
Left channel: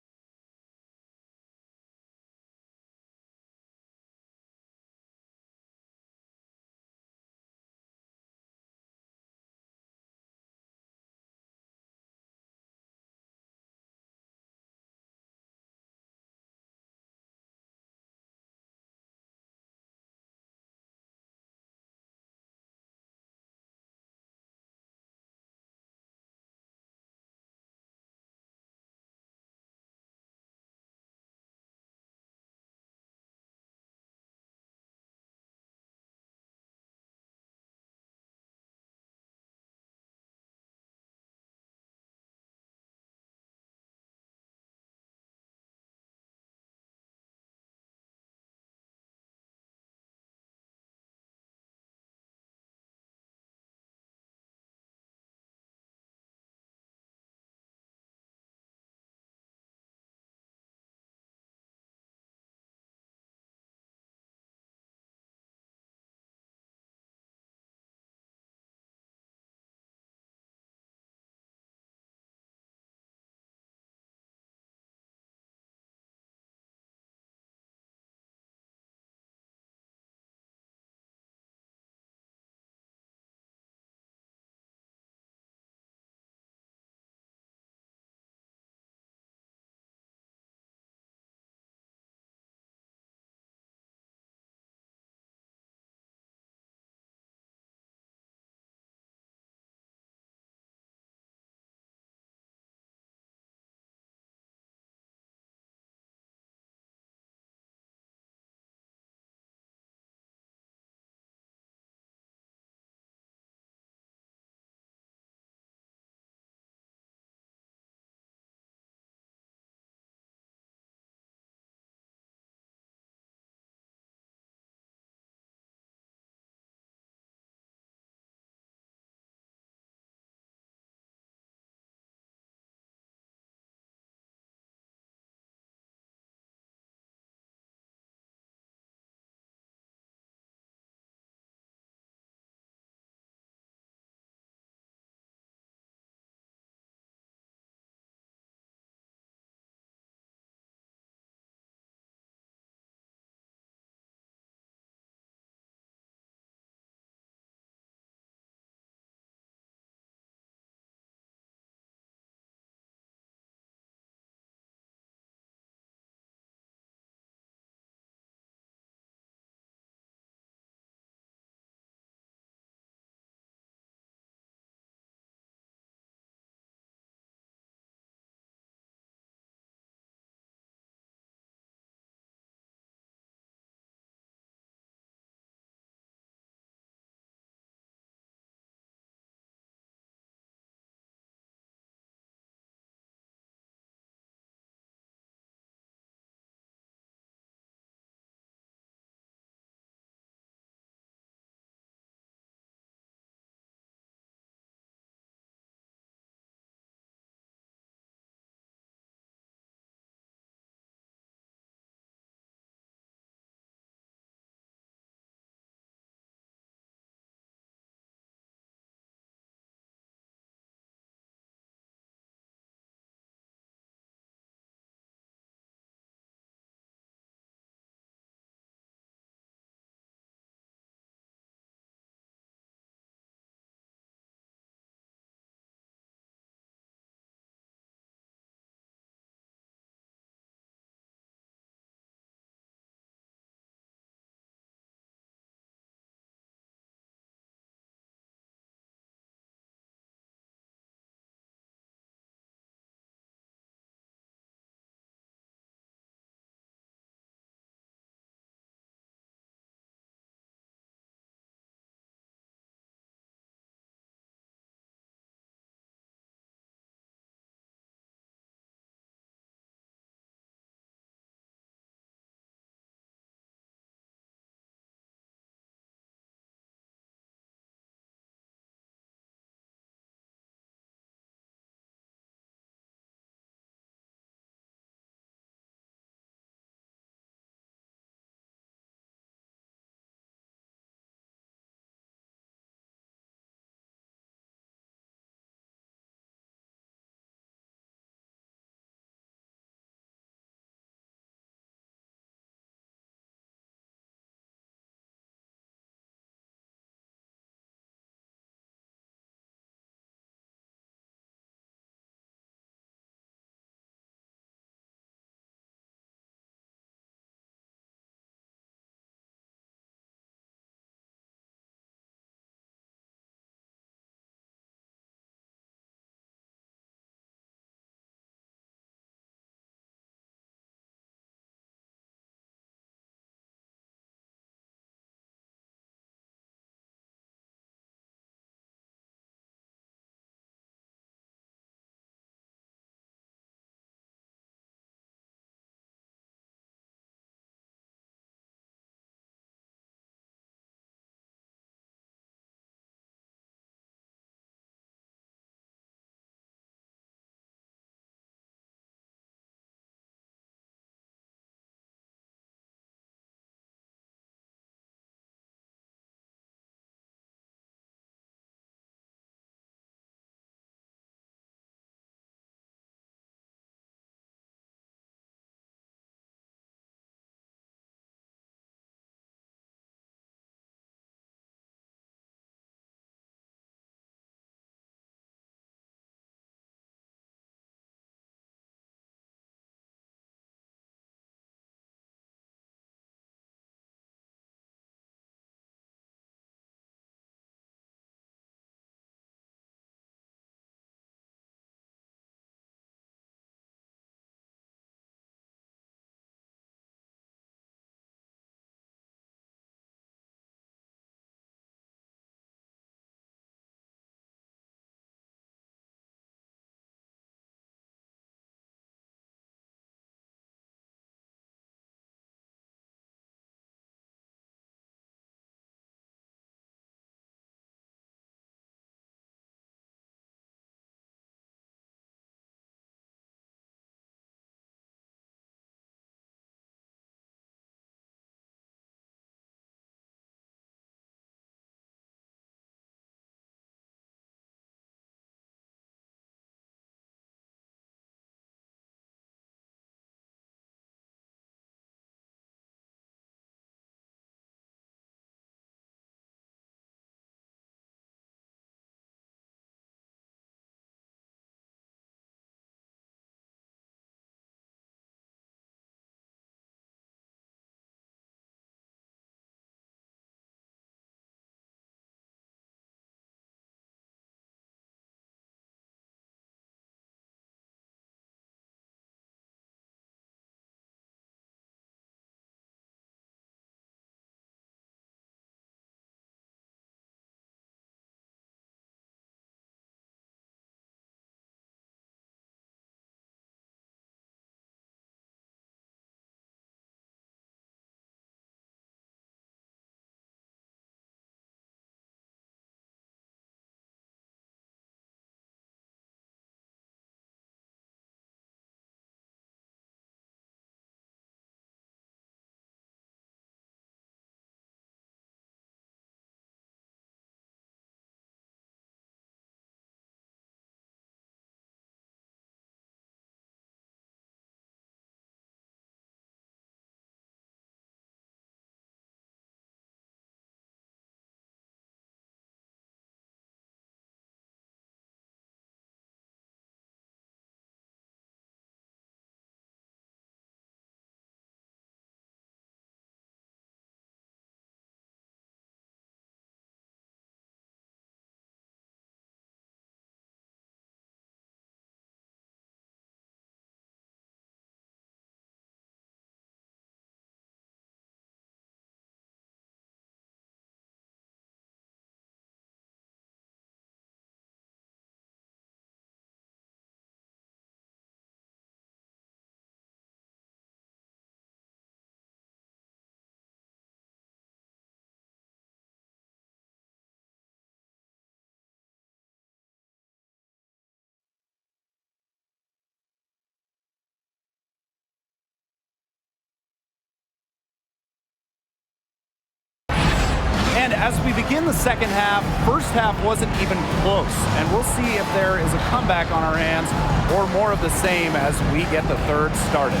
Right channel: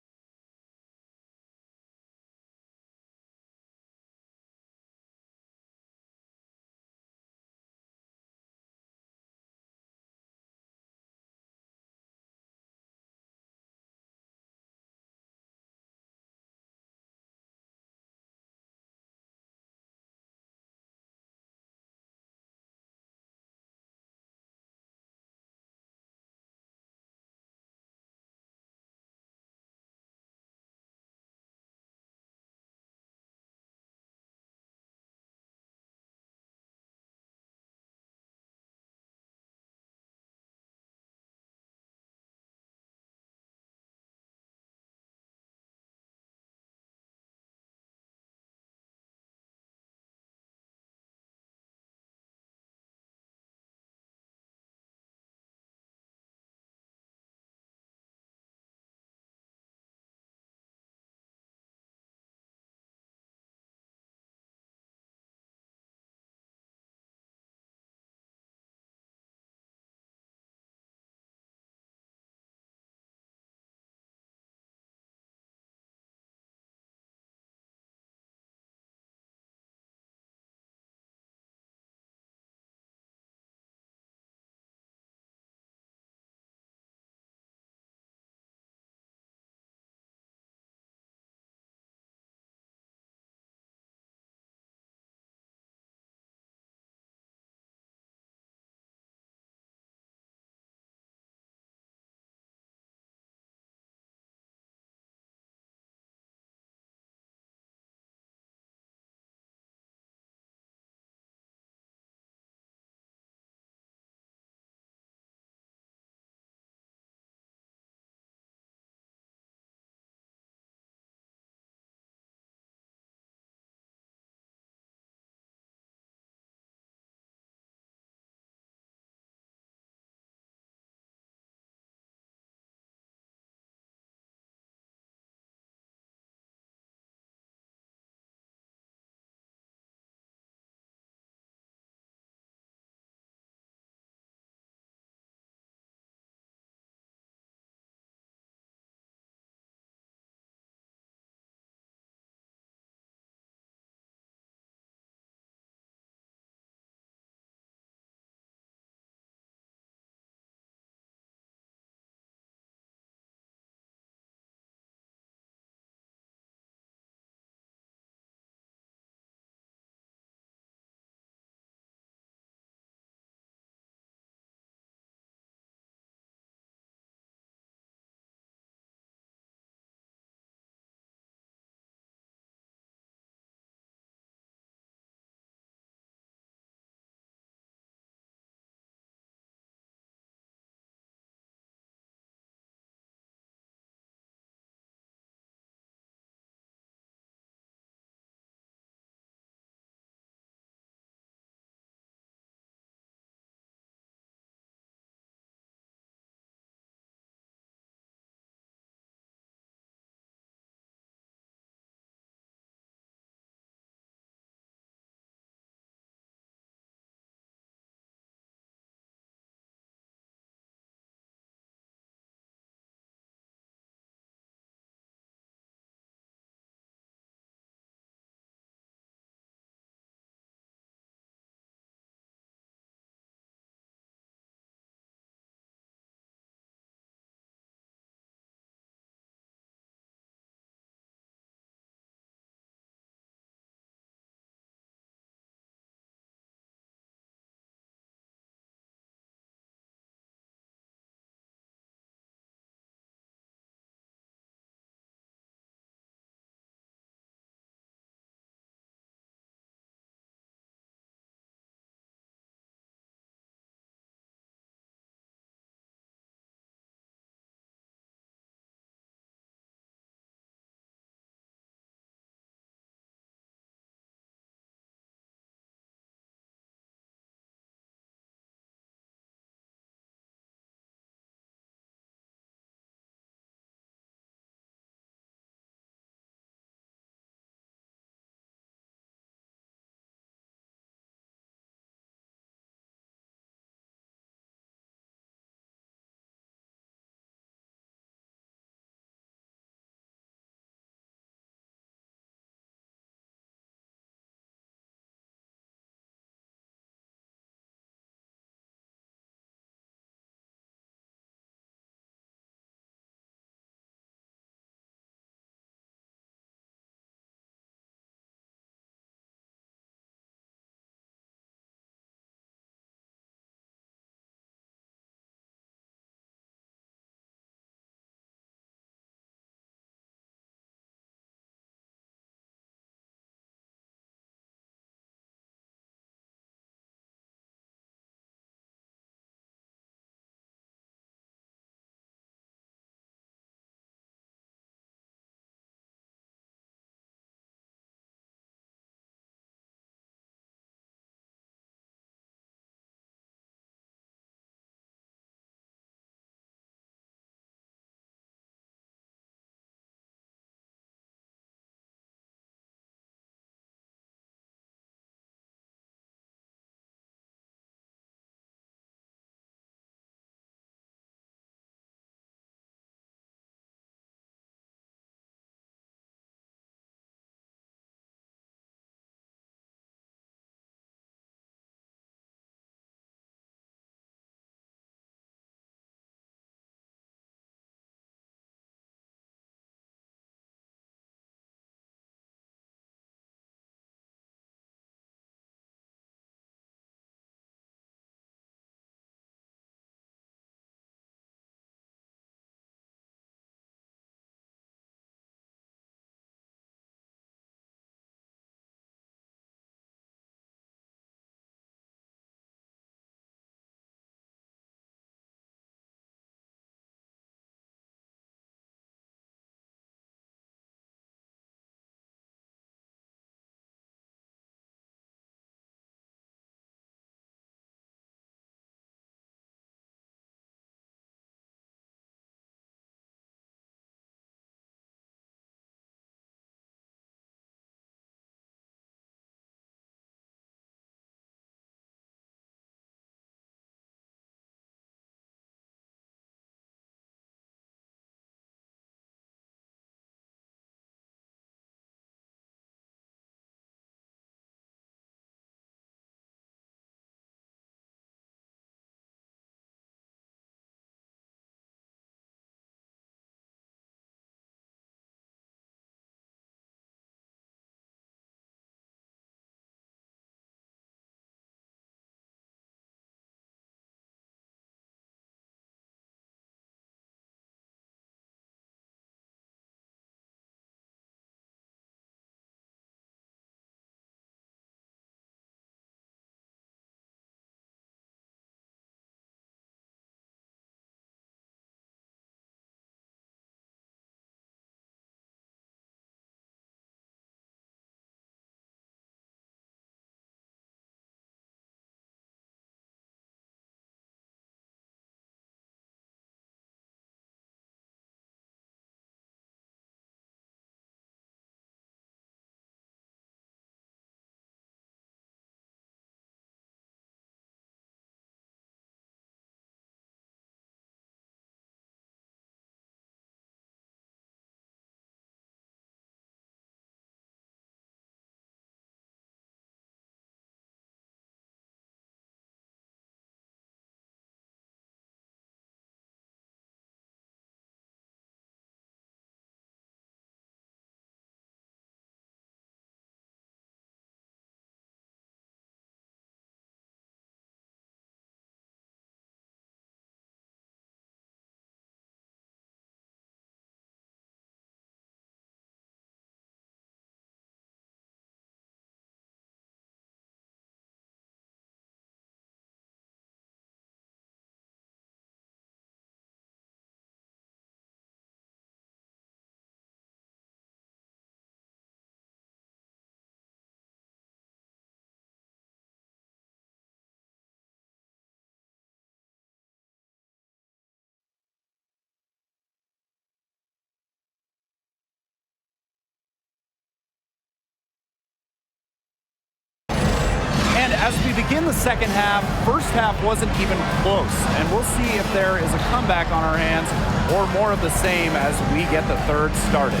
And as we begin the second half, first half wasn't even close. And we'll see if there is a comeback on our hands or more of the same as we get the third started.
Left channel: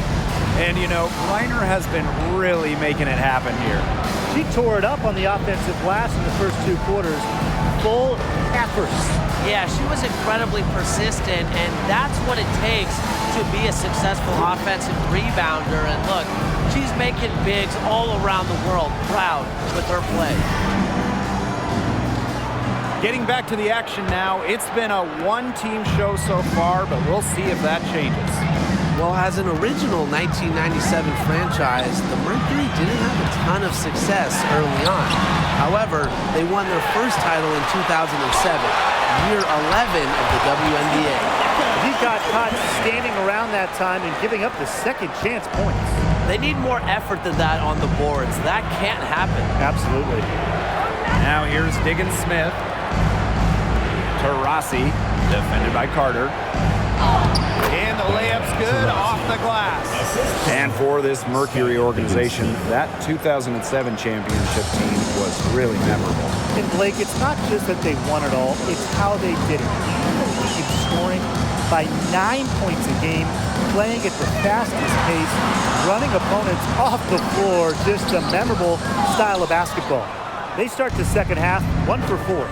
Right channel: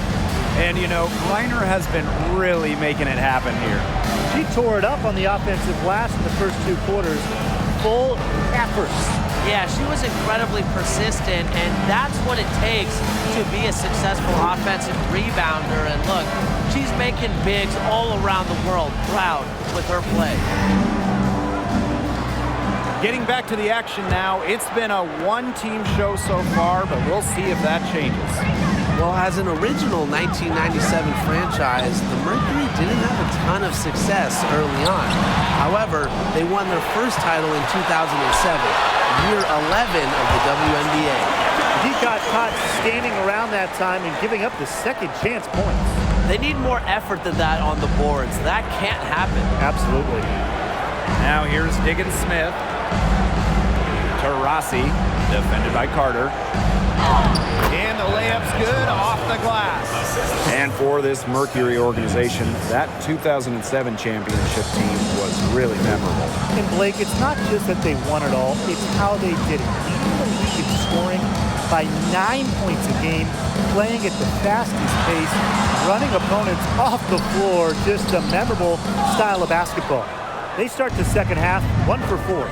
And, you know, Griner has been really making it happen here. She tore it up on the offensive glass in the first 2 quarters. Full effort. Yeah, she was incredibly persistent, and that's what it takes to be a successful offensive rebounder. And look, she's making bigs all around the world proud with her play. Getting back to the action now, it's been a one-team show so far, but we'll see if that changes. Well, as an original 1997 franchise, the Mercury didn't have a ton of success early on. However, they won their first title in 2007, year 11 of the WNBA. He got caught standing around that time and giving up the second chance points. They need more effort than that on the boards. That can't happen. Absolutely. Now here's Diggins Smith. Taurasi, defended by Carter. And the layup's good off the glass. And for this Mercury organization, that 2007 championship team was really memorable. And Blake, it's not just that they won it all, it's how they did it. Leading the league in scoring by 9 points a game, playing at the fastest pace, running opponents off the floor, just a memorable style of basketball. They start the second half 1 for 4.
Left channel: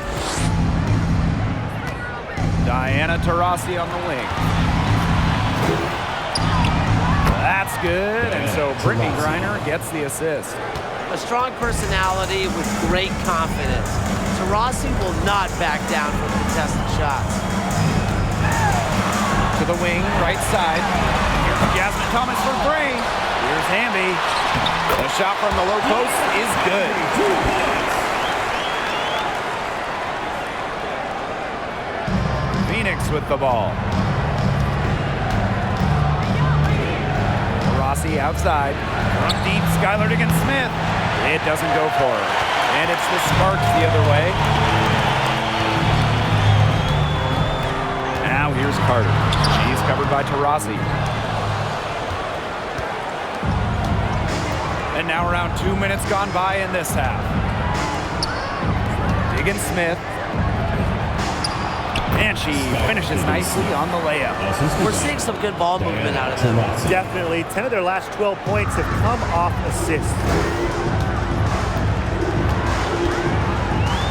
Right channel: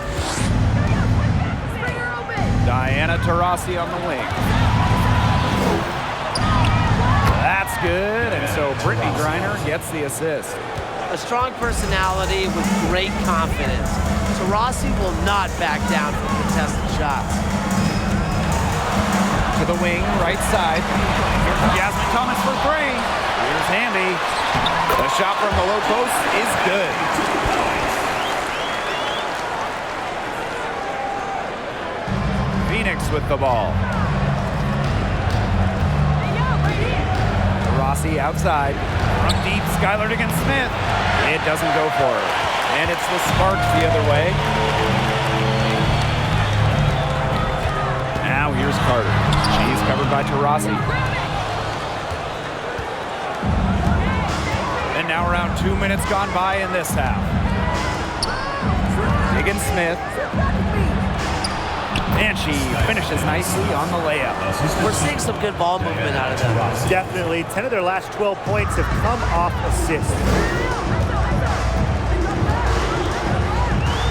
Diana Taurasi on the wing. That's good, and so Brittany Griner gets the assist. A strong personality with great confidence. Taurasi will not back down from contested shots. To the wing, right side. Here's Jasmine Thomas for 3. Here's Hamby. The shot from the low post is good. Phoenix with the ball. Taurasi outside. From deep, Skylar Diggins-Smith. It doesn't go for her. And it's the Sparks the other way. Now here's Carter. She's covered by Taurasi. And now around 2 minutes gone by in this half. Diggins-Smith. And she finishes nicely on the layup. We're seeing some good ball movement out of them. Definitely. 10 of their last 12 points have come off assists.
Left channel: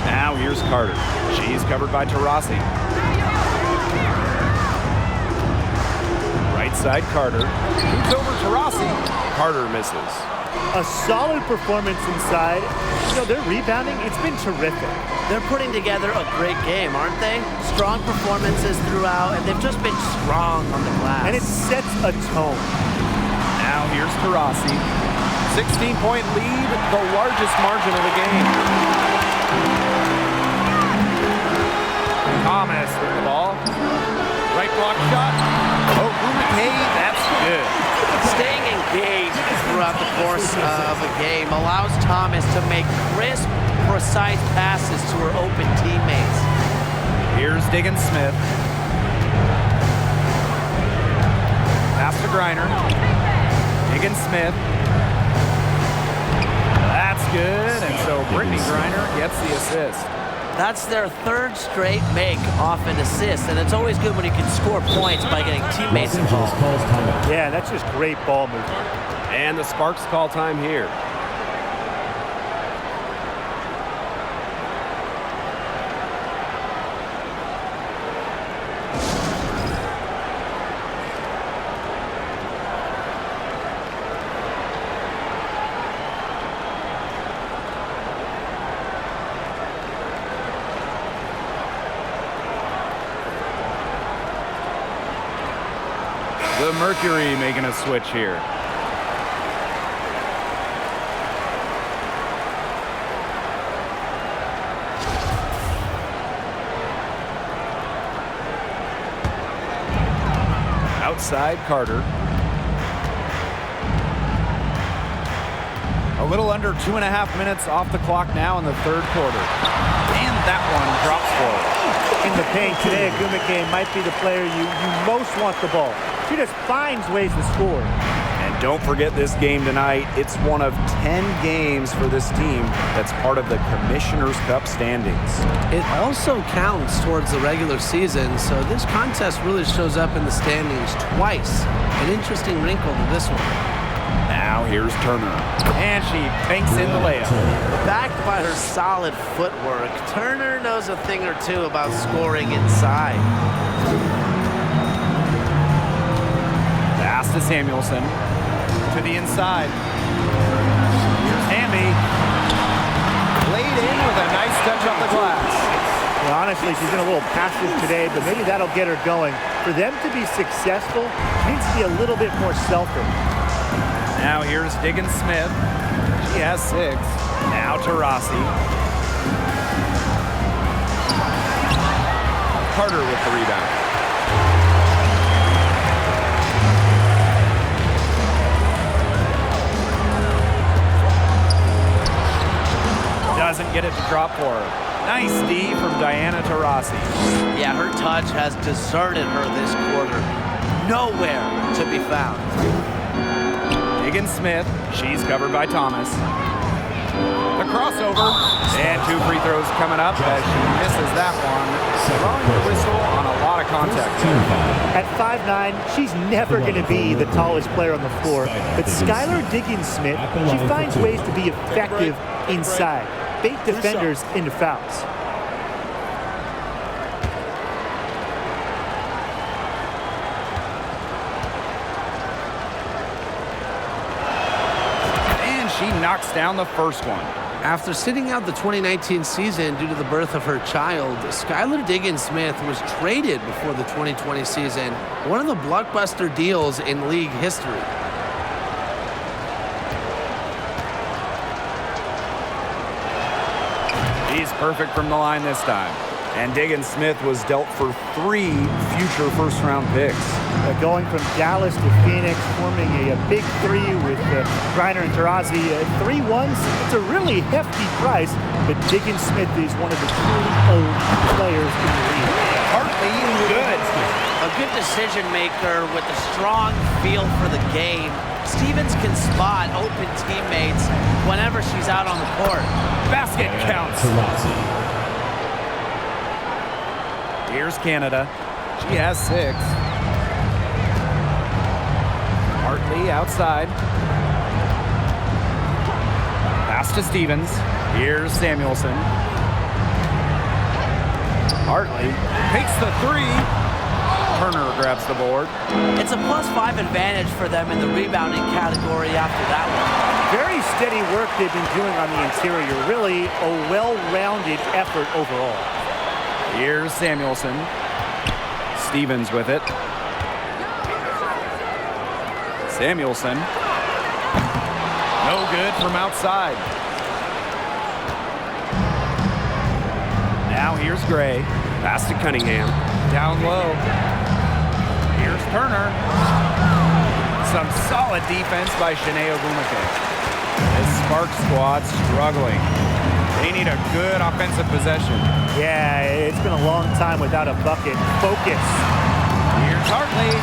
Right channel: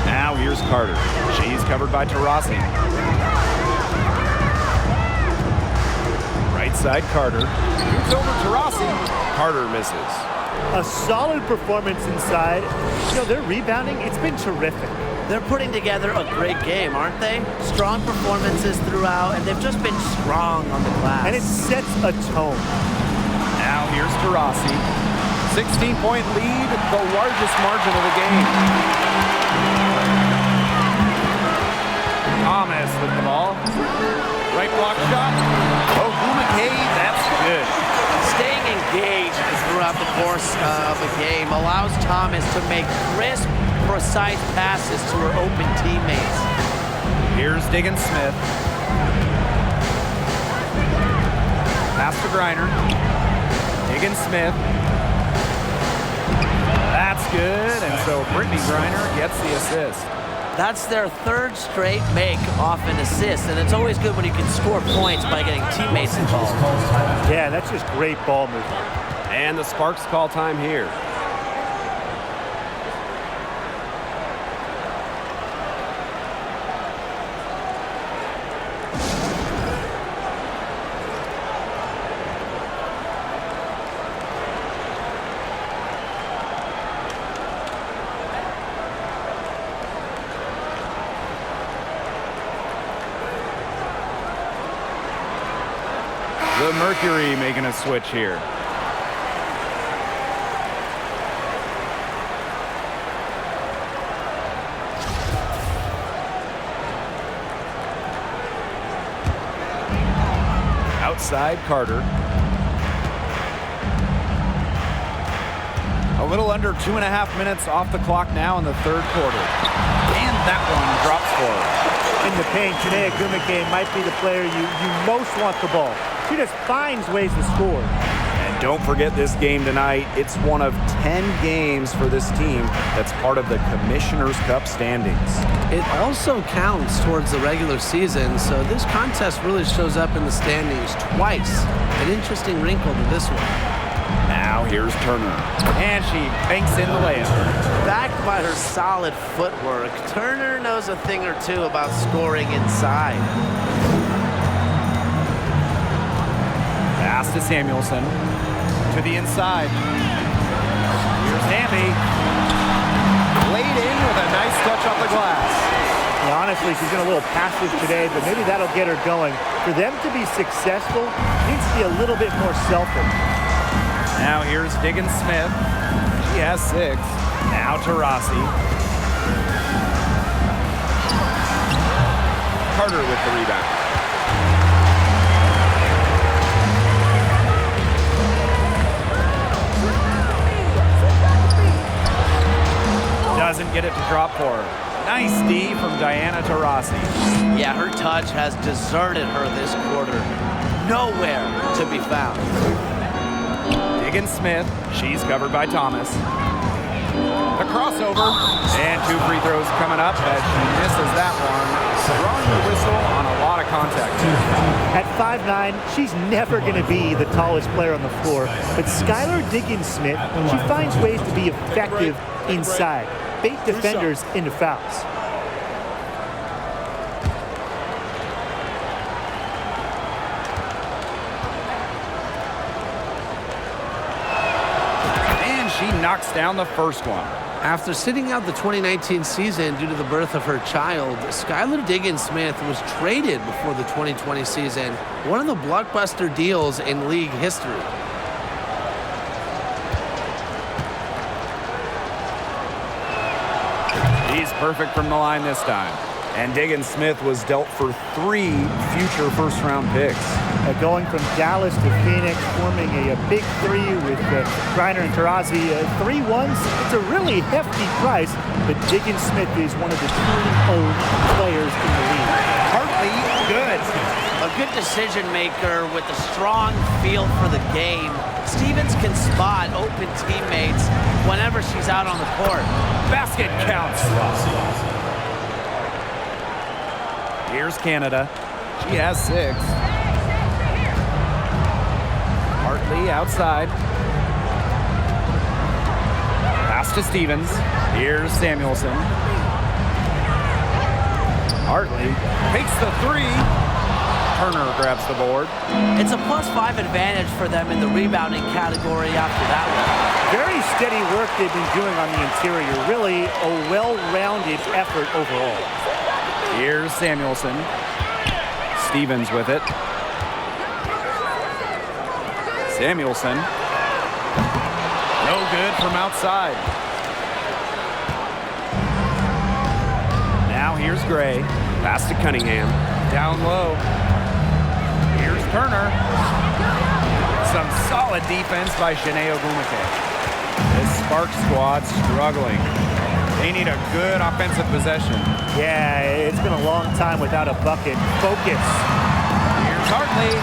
Now here's Carter. She's covered by Taurasi. Right side Carter. Shoots over Taurasi. Carter misses. A solid performance inside. You know, their rebounding, it's been terrific. They're putting together a great game, aren't they? Strong performances throughout, and they've just been strong on the glass. And it sets a tone. Now here's Taurasi. 16-point lead, the largest margin of the game. Thomas with the ball. Right block shot. Oh, Gumake, that's good. Staying engaged throughout the course of a game allows Thomas to make crisp, precise passes to her open teammates. Here's Diggins-Smith. Pass to Griner. Diggins-Smith. That's good, and so Brittany Griner gets the assist. That's their third straight make off an assist, and it's always good when you can score points by getting teammates involved. Yeah, that's just great ball movement. And the Sparks call time here. The Mercury making a switch here. Outside Carter. A little under 2.5 minutes off the clock now in the third quarter. And that one drops for her. In the paint today, Gumake might be the player you most want the ball. She just finds ways to score. And don't forget this game tonight. It's one of 10 games for this team that's part of the Commissioner's Cup standings. It also counts towards the regular season, so this contest really shows up in the standings twice. An interesting wrinkle to this one. Now here's Turner, and she banks in the layup. Backed by her solid footwork, Turner knows a thing or two about scoring inside. Pass to Samuelson. To the inside. Here's Hamby. Laid in with a nice touch off the glass. Yeah, honestly, she's been a little passive today, but maybe that'll get her going. For them to be successful, she needs to be a little bit more selfish. Now here's Diggins Smith. She has 6. Now to Rossi. Carter with the rebound. Doesn't get it to drop for her. Nice D from Diana Taurasi. Yeah, her touch has deserted her this quarter. Nowhere to be found. Diggins Smith. She's covered by Thomas. The crossover. And 2 free throws coming up as she misses that one. Drawing the whistle on a lot of contact there. At 5'9", she's never going to be the tallest player on the floor. But Skylar Diggins Smith, she finds ways to be effective inside. Bait defenders into fouls. And she knocks down the first one. After sitting out the 2019 season due to the birth of her child, Skylar Diggins Smith was traded before the 2020 season, one of the blockbuster deals in league history. He's perfect from the line this time. And Diggins Smith was dealt for 3 future first-round picks. Going from Dallas to Phoenix, forming a big 3 with Griner and Taurasi. 3 ones, it's a really hefty price, but Diggins Smith is one of the truly elite players in the league. Hartley, good. A good decision maker with a strong feel for the game. Stevens can spot open teammates whenever she's out on the court. Basket counts. Here's Canada. She has 6. Hartley outside. Pass to Stevens. Here's Samuelson. Hartley takes the 3. Turner grabs the board. It's a +5 advantage for them in the rebounding category after that one. Very steady work they've been doing on the interior. Really a well-rounded effort overall. Here's Samuelson. Stevens with it. Samuelson. No good from outside. Now here's Gray. Pass to Cunningham. Down low. Here's Turner. Some solid defense by Shanae Ogumake. This Sparks squad struggling. They need a good offensive possession. Yeah, it's been a long time without a bucket. Focus. Here's Hartley.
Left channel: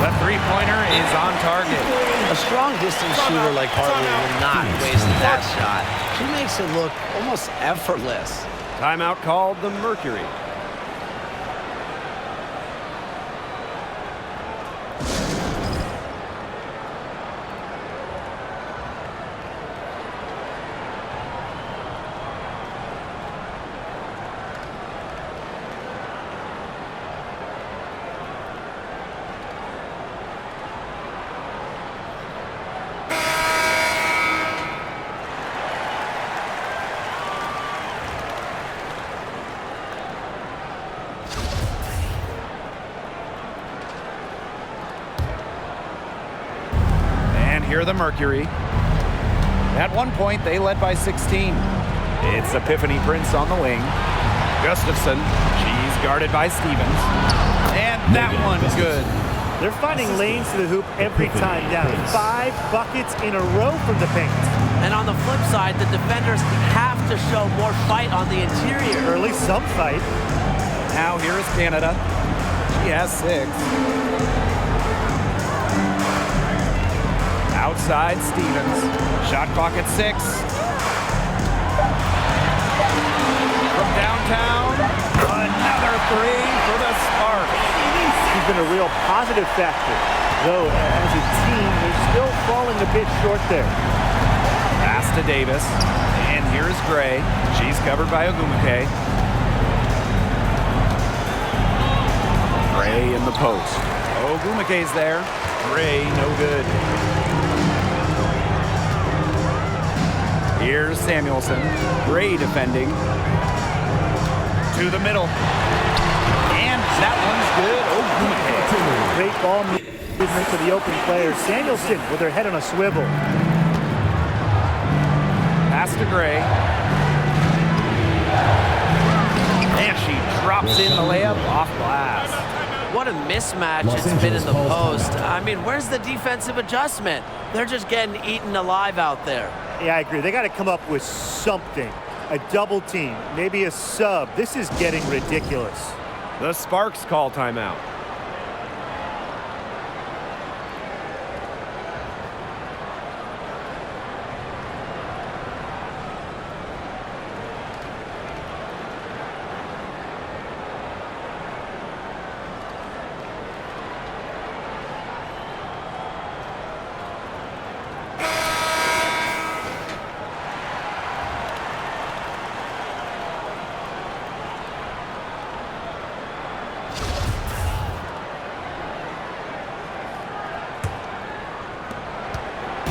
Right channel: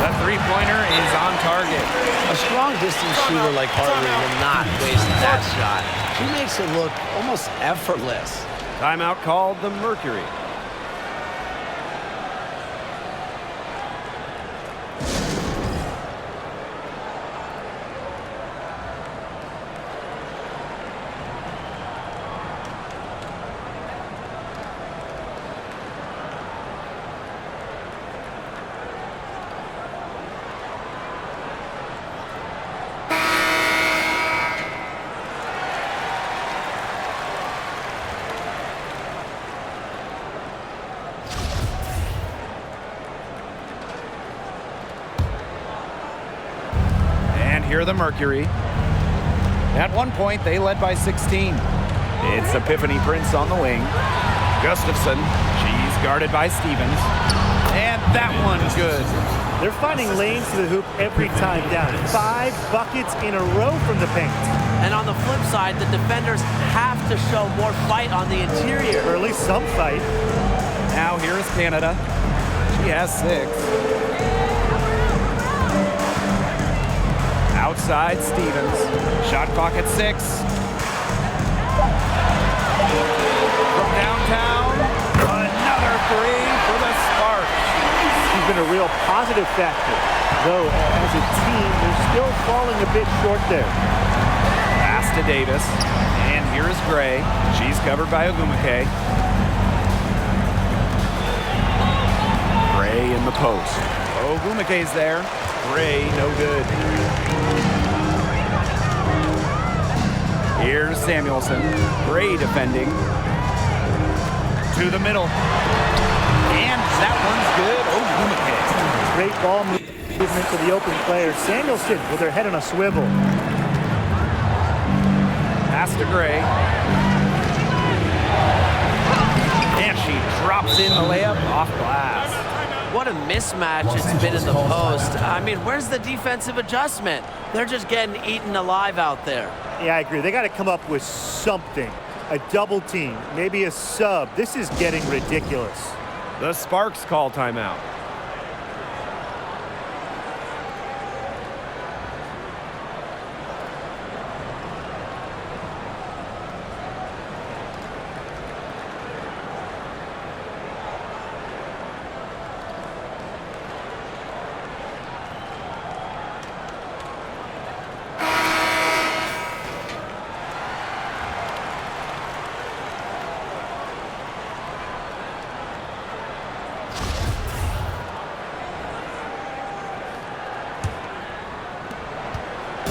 The 3-pointer is on target. A strong distance shooter like Hartley will not waste that shot. She makes it look almost effortless. Timeout called the Mercury. Here are the Mercury. At one point, they led by 16. It's Epiphany Prince on the wing. Gustafson, she's guarded by Stevens. And that one's good. They're finding lanes to the hoop every time down. 5 buckets in a row from the paint. And on the flip side, the defenders have to show more fight on the interior. Or at least some fight. Now here is Canada. She has 6. Outside Stevens. Shot clock at 6. From downtown, another 3 for the Sparks. He's been a real positive factor, though as a team, they're still falling a bit short there. Pass to Davis, and here's Gray. She's covered by Ogumake. Gray in the post. Ogumake's there. Gray, no good. Here's Samuelson. Gray defending. To the middle. And that one's good. Ogumake. Great ball movement to the open player. Samuelson with her head on a swivel. Pass to Gray. And she drops in the layup off glass. What a mismatch it's been in the post. I mean, where's the defensive adjustment? They're just getting eaten alive out there. Yeah, I agree. They got to come up with something. A double team, maybe a sub. This is getting ridiculous. The Sparks call timeout.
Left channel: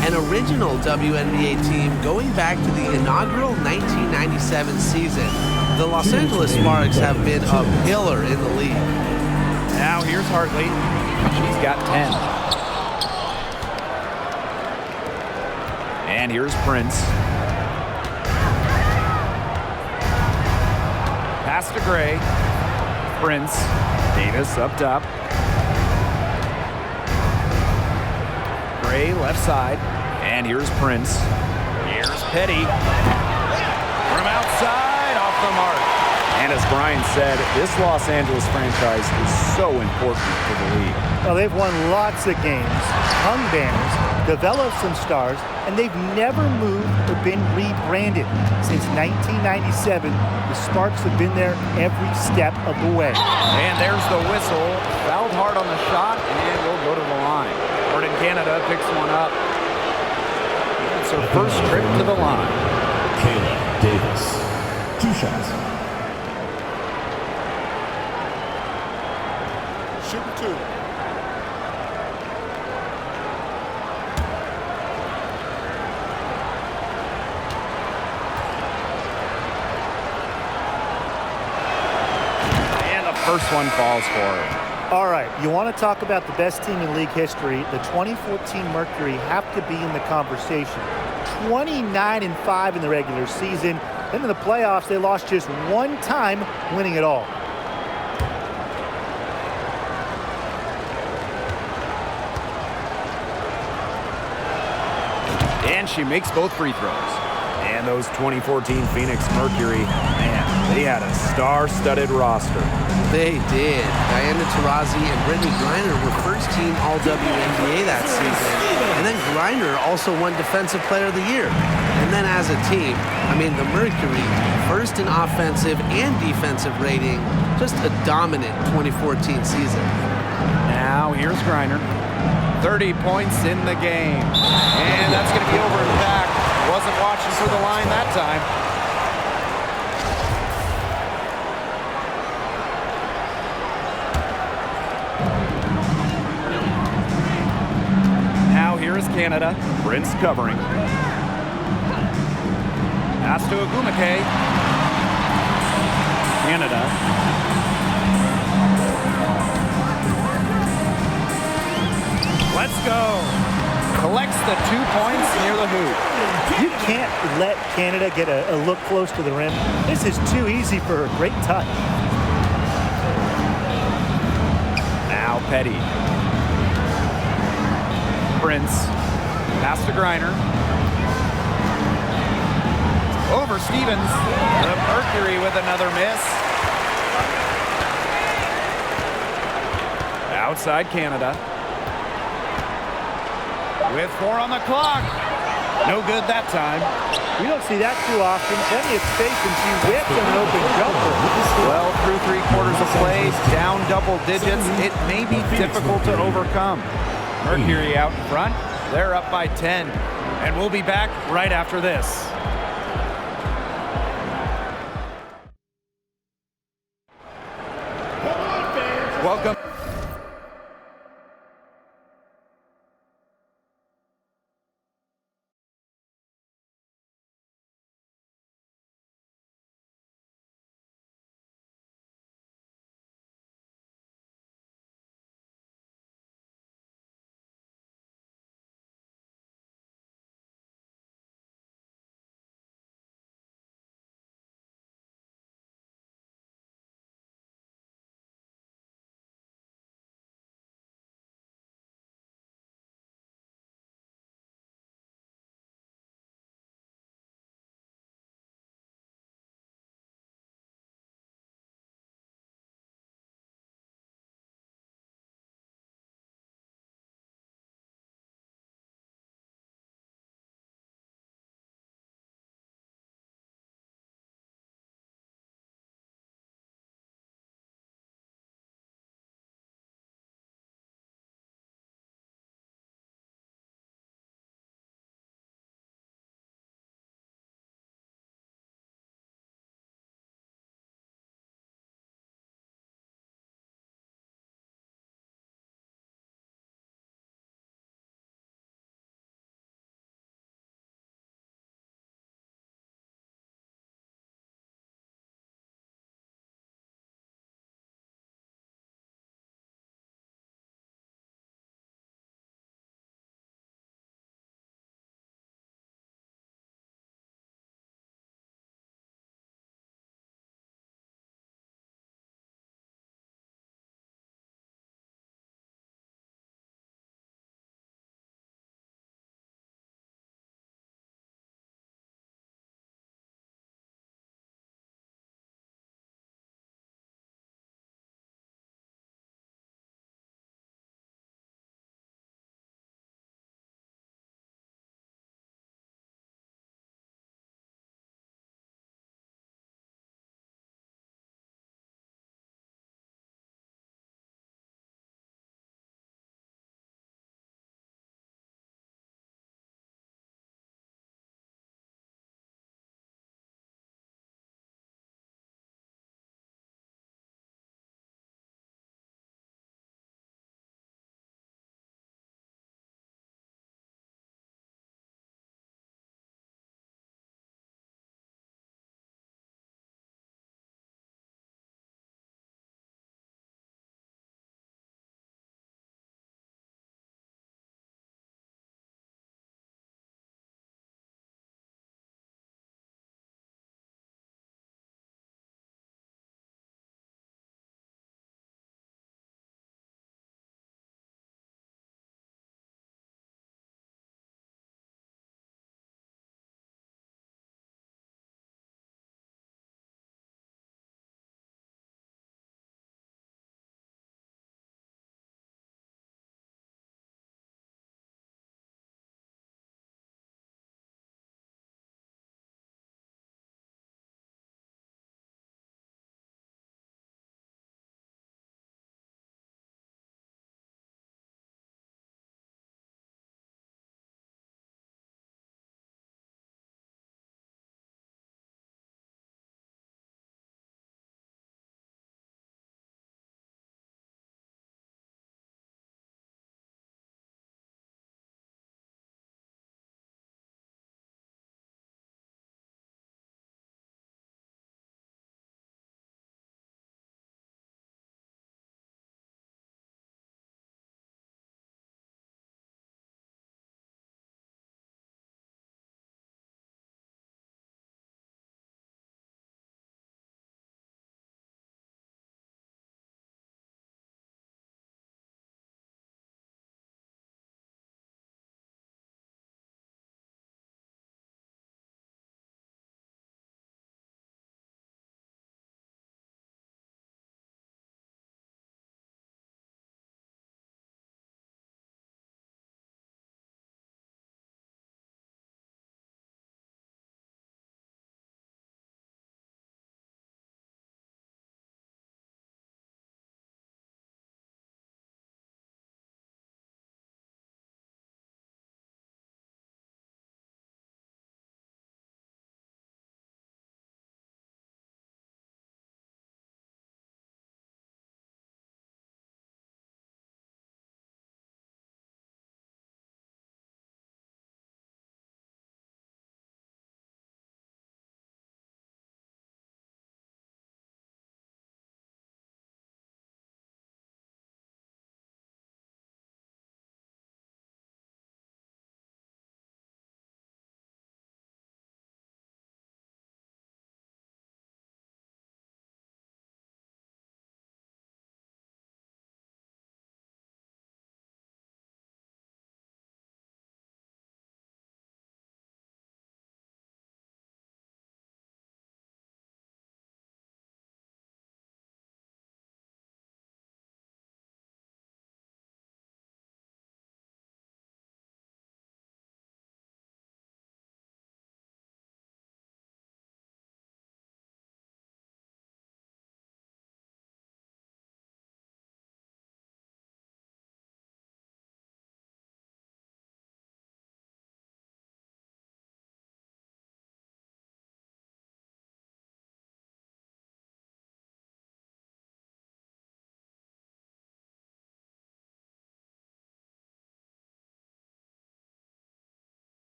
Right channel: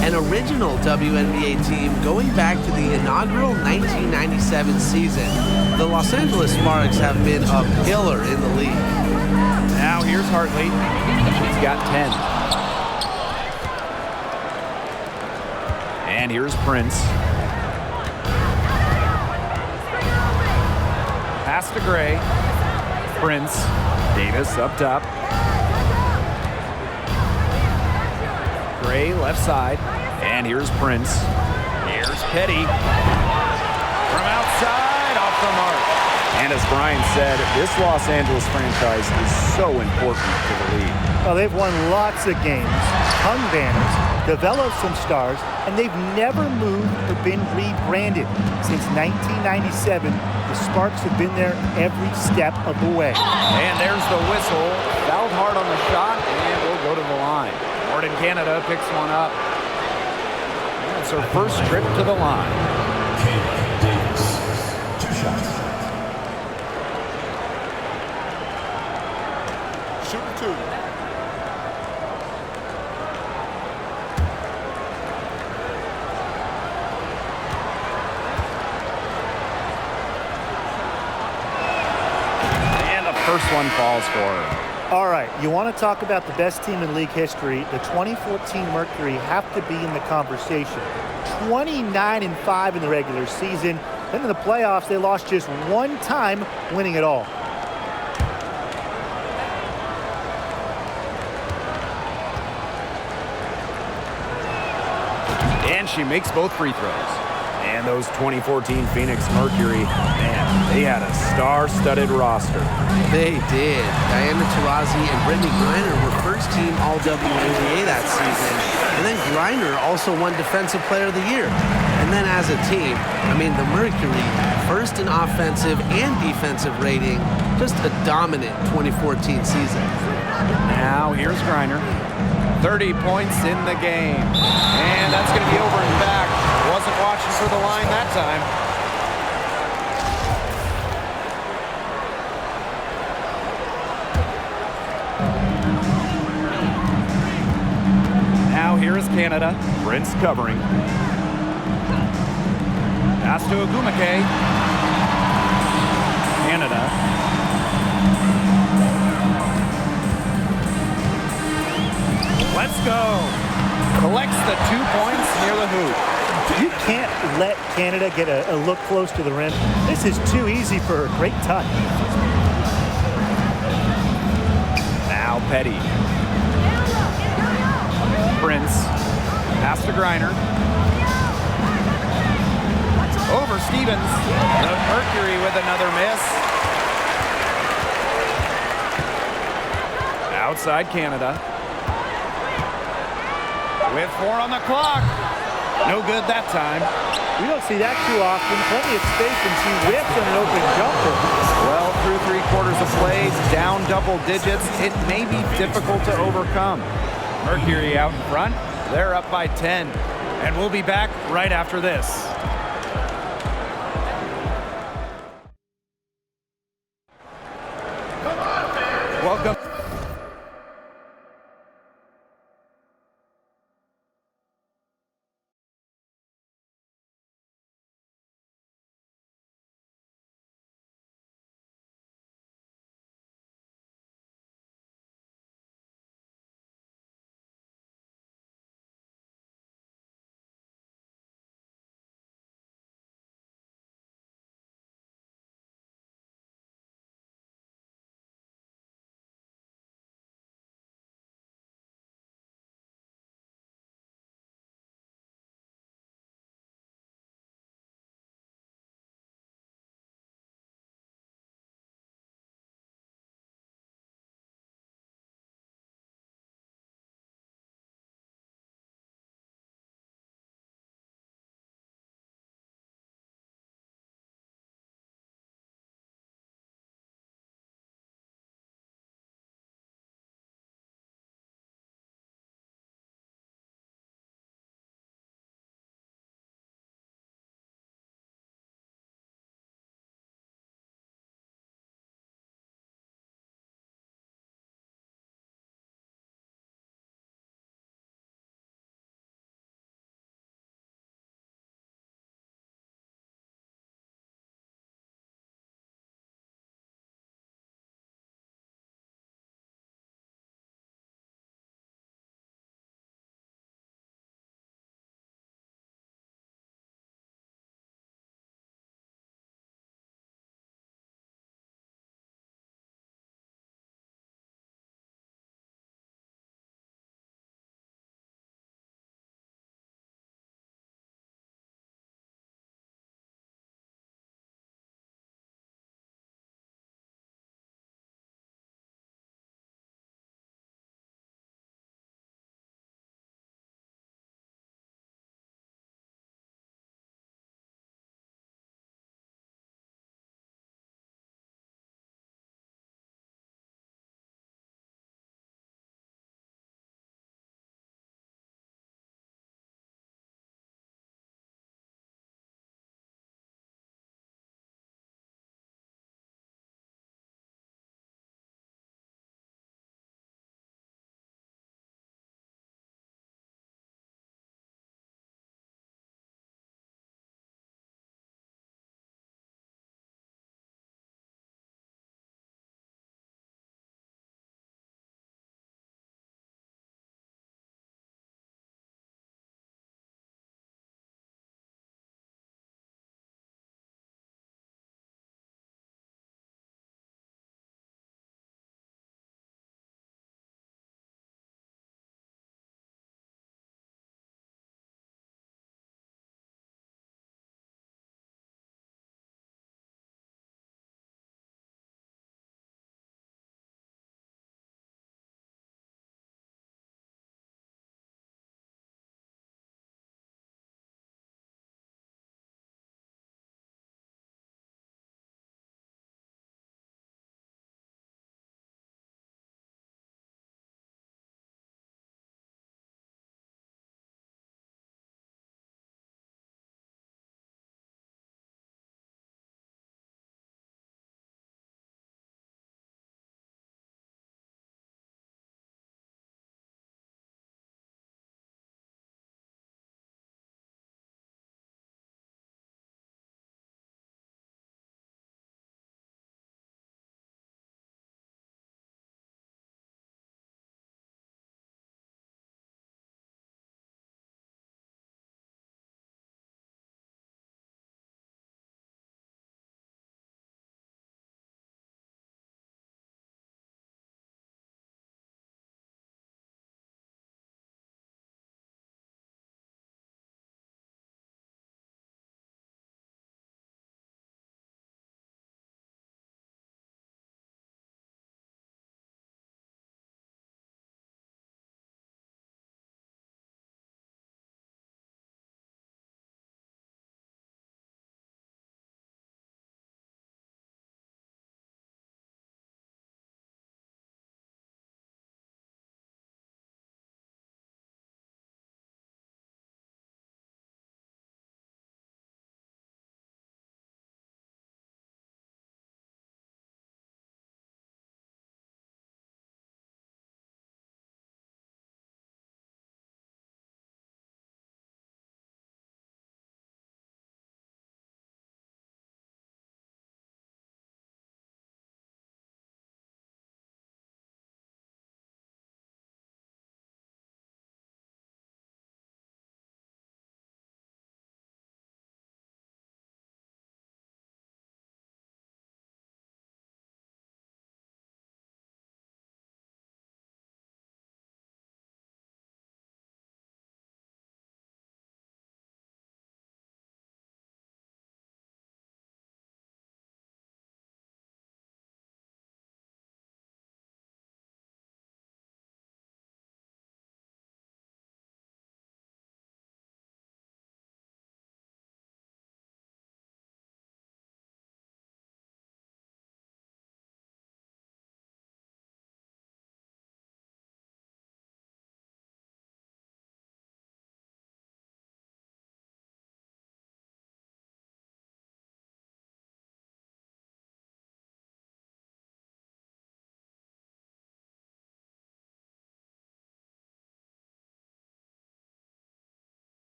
An original WNBA team going back to the inaugural 1997 season. The Los Angeles Sparks have been a pillar in the league. Now here's Hartley. She's got 10. And here's Prince. Pass to Gray. Prince. Davis up top. Gray left side. And here's Prince. Here's Petty. From outside, off the mark. And as Brian said, this Los Angeles franchise is so important to the league. Well, they've won lots of games, hung banners, developed some stars, and they've never moved or been rebranded. Since 1997, the Sparks have been there every step of the way. And there's the whistle. Fouled hard on the shot, and we'll go to the line. Jordan Canada picks one up. And it's her first trip to the line. Kayla Davis. 2 shots. Shooting 2. And the first one falls for her. All right, you want to talk about the best team in league history. The 2014 Mercury have to be in the conversation. 29-5 in the regular season. Then in the playoffs, they lost just one time, winning it all. And she makes both free throws. And those 2014 Phoenix Mercury, man, they had a star-studded roster. They did. Diana Taurasi and Brittany Griner were first-team All-WNBA that season. And then Griner also won Defensive Player of the Year. And then as a team, I mean, the Mercury, first in offensive and defensive rating, just a dominant 2014 season. Now here's Griner. 30 points in the game. And that's going to be over and back. Wasn't watching for the line that time. Now here is Canada. Prince covering. Pass to Ogumake. Canada. Let's go. Collects the 2 points near the hoop. You can't let Canada get a look close to the rim. This is too easy for her. Great touch. Now Petty. Prince. Pass to Griner. Over Stevens. The Mercury with another miss. Outside Canada. with 4 on the clock. No good that time. We don't see that too often. Plenty of space, and she whips on an open jumper. Well, through 3/4 of play, down double digits, it may be difficult to overcome. Mercury out in front. They're up by 10. And we'll be back right after this. Welcome.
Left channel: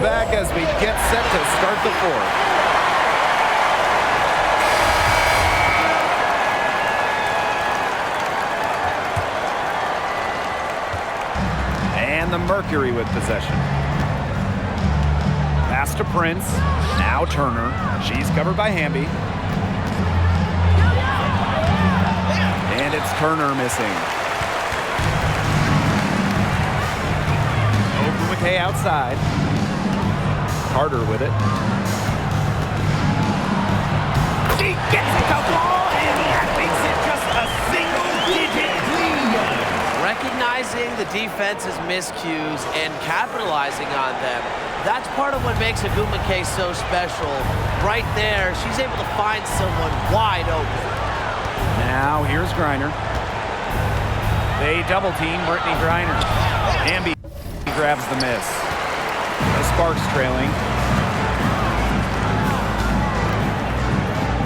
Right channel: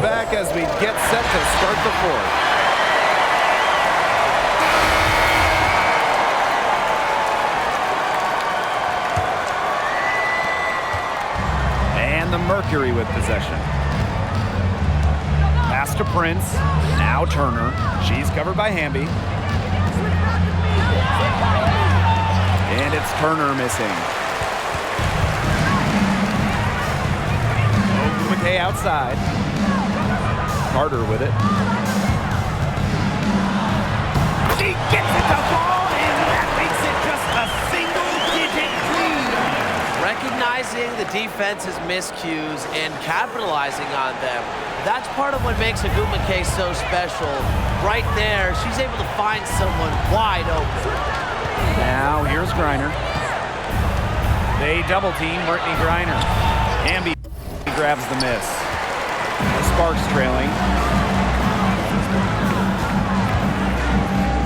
Back as we get set to start the fourth. And the Mercury with possession. Pass to Prince. Now Turner. She's covered by Hamby. And it's Turner missing. Ogumake outside. Carter with it. She gets it to fall, and that makes it just a single-digit lead. Recognizing the defense's miscues and capitalizing on them. That's part of what makes Ogumake so special. Right there, she's able to find someone wide open. Now here's Griner. They double team Brittany Griner. Hamby grabs the miss. The Sparks trailing.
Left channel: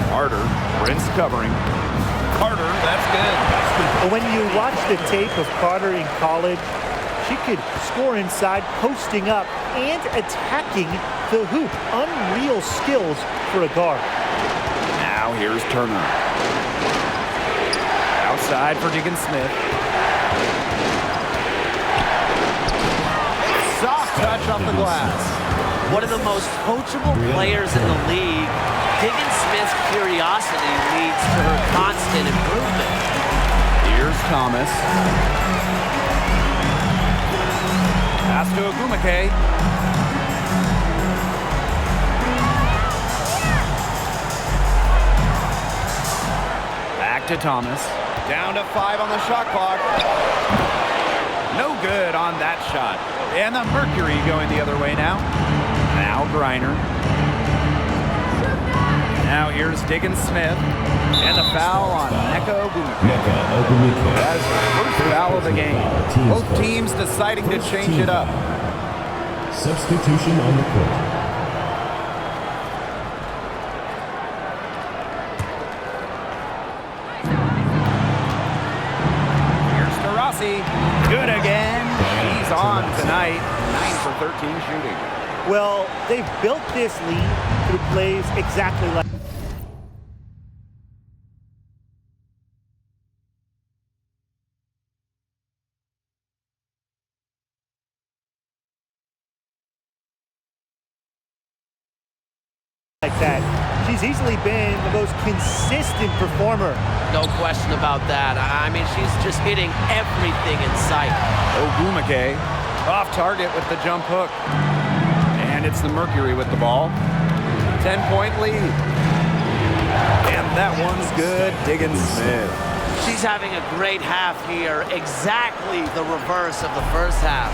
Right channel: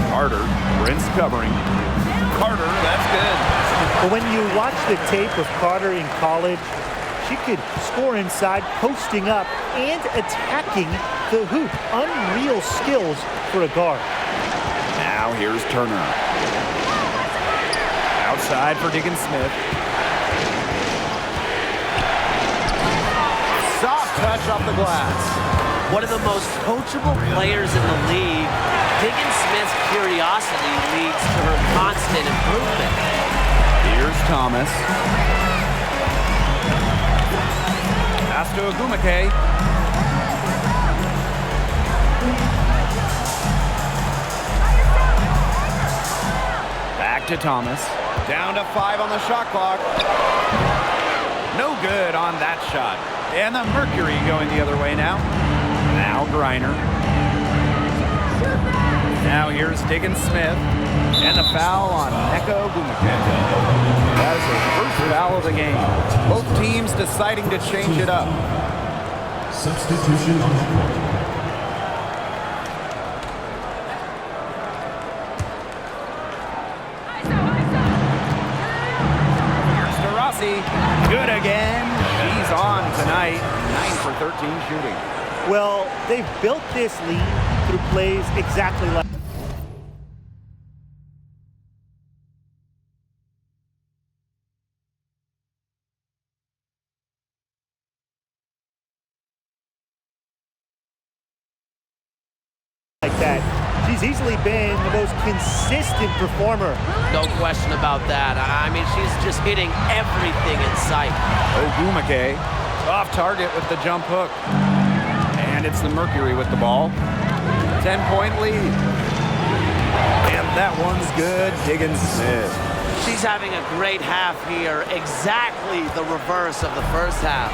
Carter, Prince covering. Carter, that's good. But when you watch the tape of Carter in college, she could score inside, posting up, and attacking the hoop. Unreal skills for a guard. Now here's Turner. Outside for Diggins Smith. Soft touch off the glass. One of the most coachable players in the league, Diggins Smith's curiosity leads to her constant improvement. Here's Thomas. Pass to Ogumake. Back to Thomas. Down to 5 on the shot clock. No good on that shot. And the Mercury going the other way now. Now Griner. Now here's Diggins Smith. And the foul on Nneka Ogumake. That is her first foul of the game. Both teams deciding to change it up. Substitution on the court. Here's Taurasi. Good again. She's on tonight. 9 for 13 shooting. Well, they've built this lead through plays exactly like that. She's easily been the most consistent performer. No question about that. I mean, she's just hitting everything in sight. Ogumake off target with the jump hook. And it's the Mercury with the ball. 10-point lead. And that one's good. Diggins Smith. She's having a great half here. Exactly the reverse of the first half.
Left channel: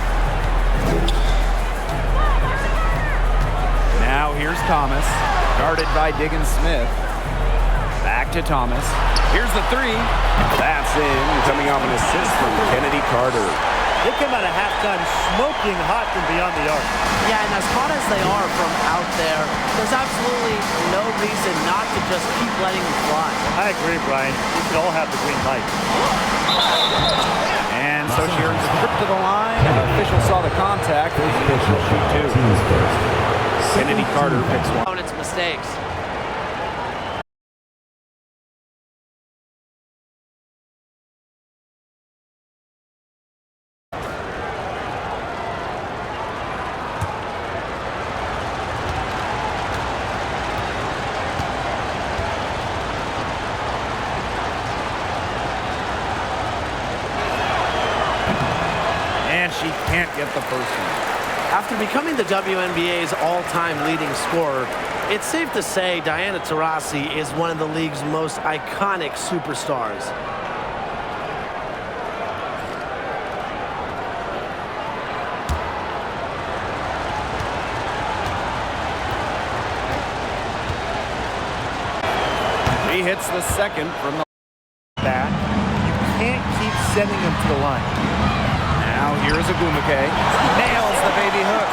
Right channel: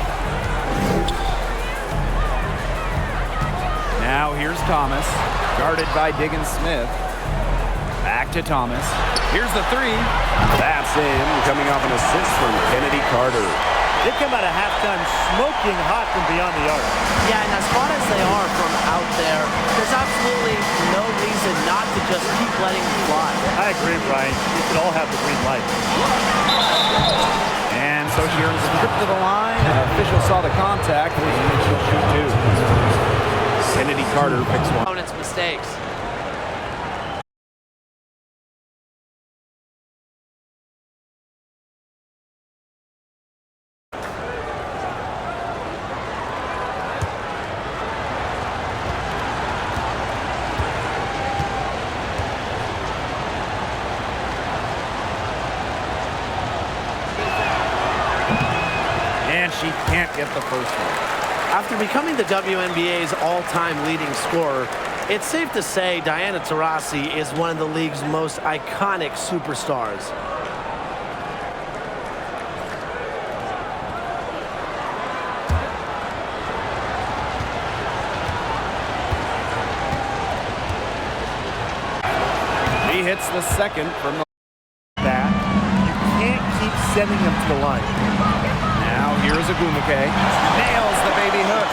Now here's Thomas. Guarded by Diggins Smith. Back to Thomas. Here's the 3. That's in. Coming off an assist from Kennedy Carter. They come out of halftime smoking hot from beyond the arc. Yeah, and as hot as they are from out there, there's absolutely no reason not to just keep letting them fly. I agree, Brian. You could all have the green light. And so she earns a trip to the line. Official saw the contact, and she'll shoot 2. Kennedy Carter picks one. Opponent's mistakes. And she can't get the first one. After becoming the WNBA's all-time leading scorer, it's safe to say Diana Taurasi is one of the league's most iconic superstars. She hits the second from the back. You can't keep sending them to the line. Now here's Ogumake. Nails the baby hook.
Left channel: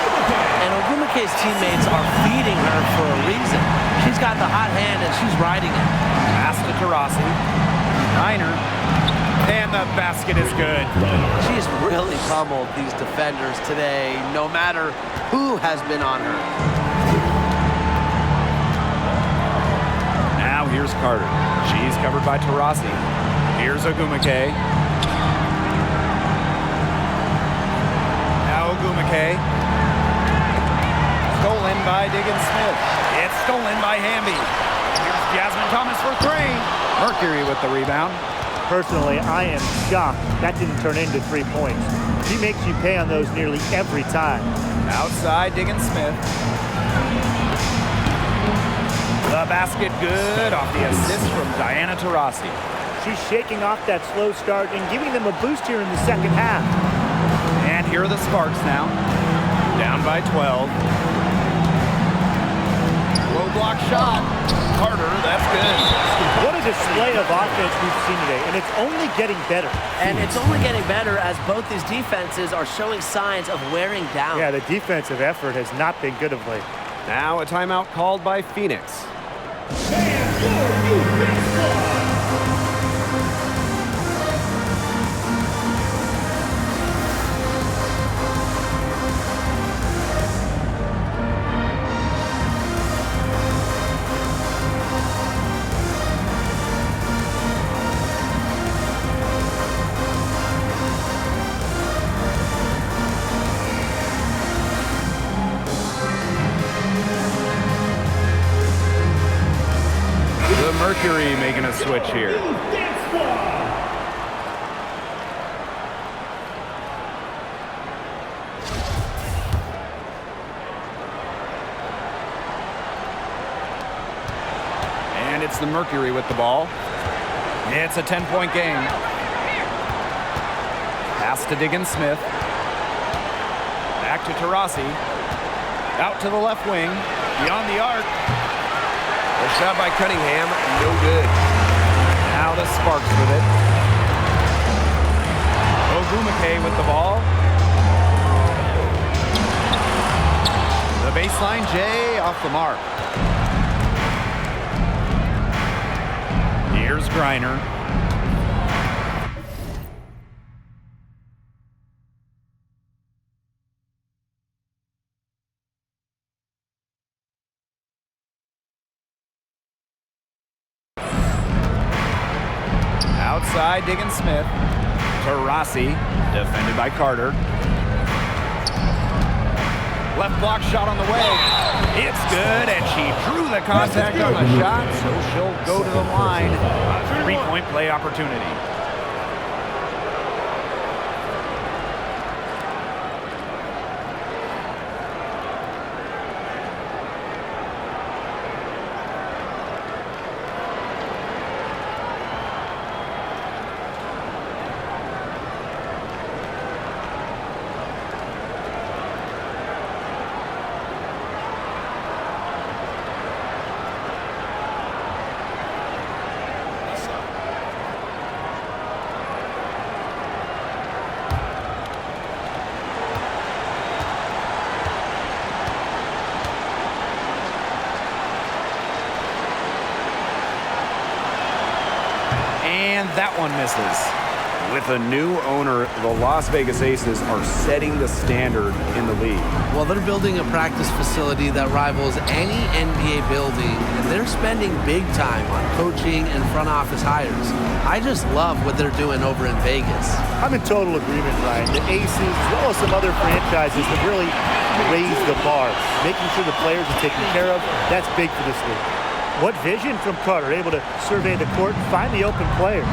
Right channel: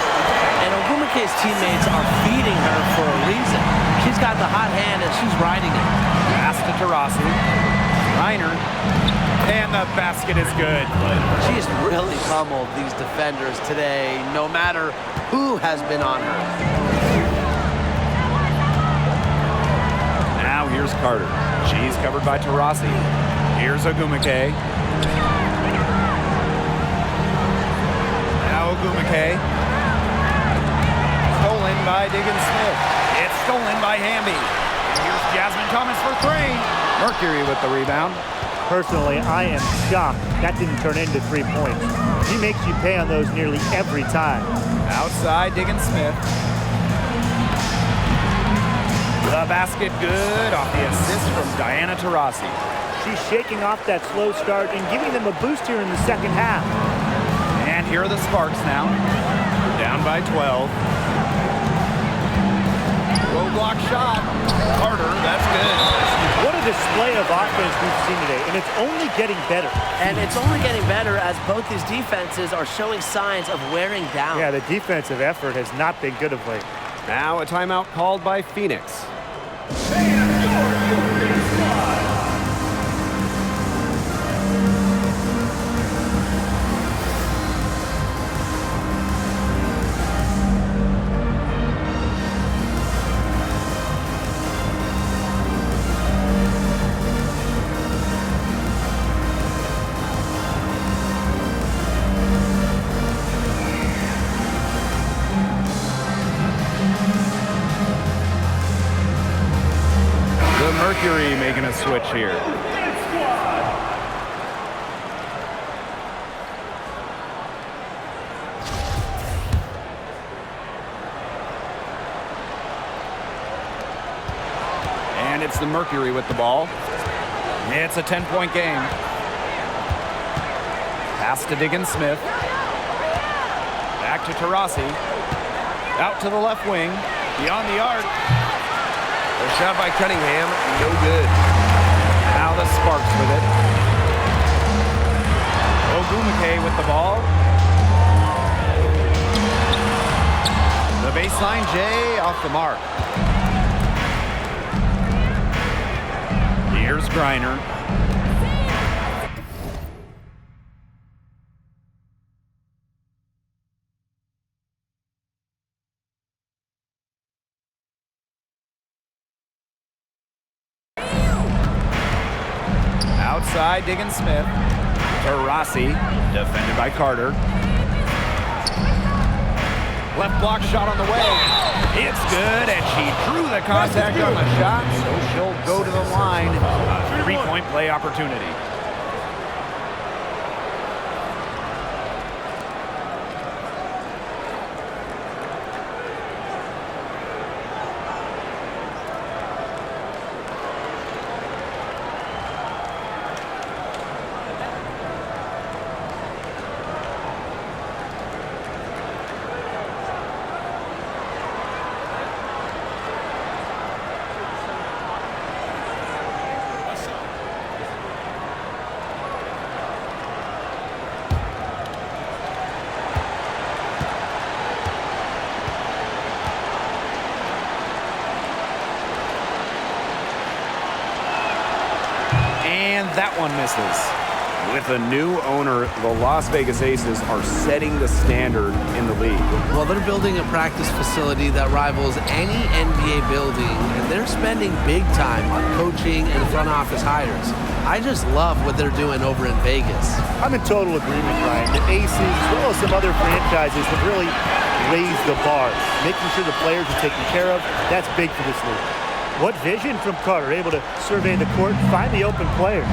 And Ogumake's teammates are feeding her for a reason. She's got the hot hand and she's riding it. Pass to Taurasi. Reiner. And the basket is good. She's really pummeled these defenders today. No matter Who has been on her? Now here's Carter. She's covered by Taurasi. Here's Ogumake. Now Ogumake. Stolen by Diggins-Smith. It's stolen by Hamby. And here's Jasmine Thomas for 3. Mercury with the rebound. Personally, I am shocked that didn't turn into 3 points. She makes you pay on those nearly every time. Outside Diggins-Smith. The basket good off the assist from Diana Taurasi. She's shaking off that slow start and giving them a boost here in the second half. And here are the Sparks now. Down by 12. Low block shot. Carter, that's good. What a display of offense we've seen today, and it's only getting better. And it's only getting better as both these defenses are showing signs of wearing down. Yeah, the defensive effort has not been good of late. Now a timeout called by Phoenix. The Mercury making a switch here. And it's the Mercury with the ball. It's a 10-point game. Pass to Diggins-Smith. Back to Taurasi. Out to the left wing. Beyond the arc. A shot by Cunningham, no good. Now the Sparks with it. Ogumake with the ball. The baseline J off the mark. Here's Griner. Outside Diggins-Smith. Taurasi, defended by Carter. Left block shot on the way. It's good, and she drew the contact on the shot, so she'll go to the line. A 3-point play opportunity. And that one misses. With a new owner, the Las Vegas Aces are setting the standard in the league. Well, they're building a practice facility that rivals any NBA building, and they're spending big time on coaching and front office hires. I just love what they're doing over in Vegas. I'm in total agreement, Ryan. The Aces, as well as some other franchises, have really raised the bar. Making sure the players are taken care of, that's big for this league. What vision from Carter, able to survey the court, find the open player.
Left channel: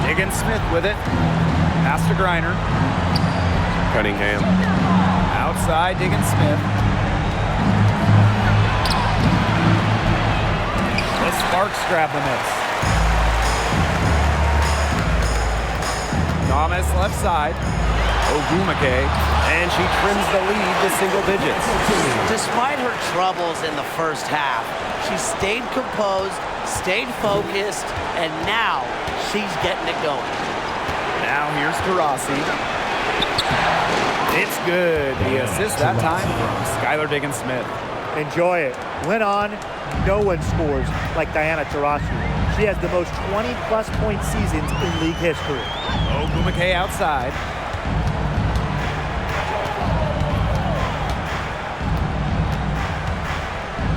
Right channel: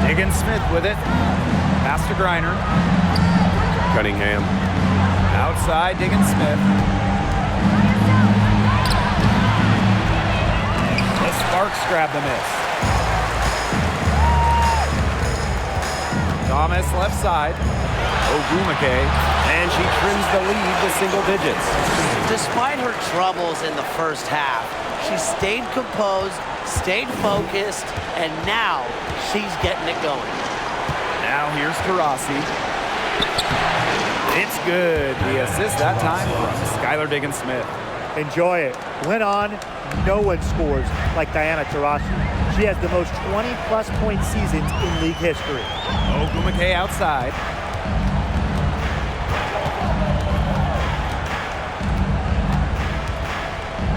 Diggins-Smith with it. Pass to Griner. Cunningham. Outside Diggins-Smith. The Sparks grab the miss. Thomas left side. Ogumake, and she trims the lead to single digits. Despite her troubles in the first half, she stayed composed, stayed focused, and now she's getting it going. Now here's Taurasi. It's good. The assist that time from Skylar Diggins-Smith. Enjoy it. Went on. No one scores like Diana Taurasi. She has the most 20-plus point seasons in league history. Ogumake outside.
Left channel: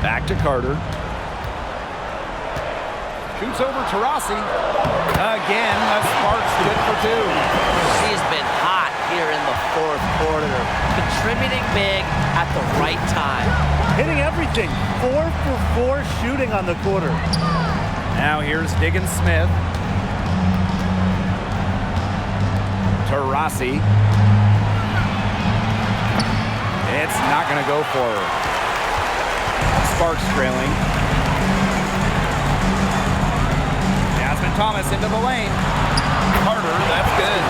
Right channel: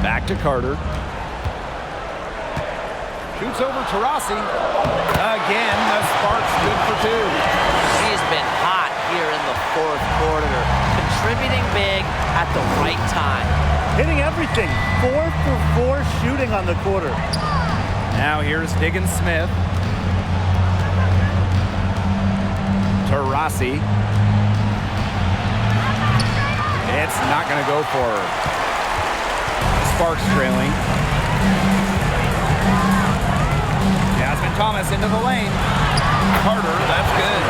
Back to Carter. Shoots over to Rossi. Again, the Sparks good for 2. She's been hot here in the fourth quarter, contributing big at the right time. Hitting everything. 4 for 4 shooting on the quarter. Now here's Diggins Smith. To Rossi. It's not going to go for her. The Sparks trailing. Jasmine Thomas into the lane. Carter, that's good.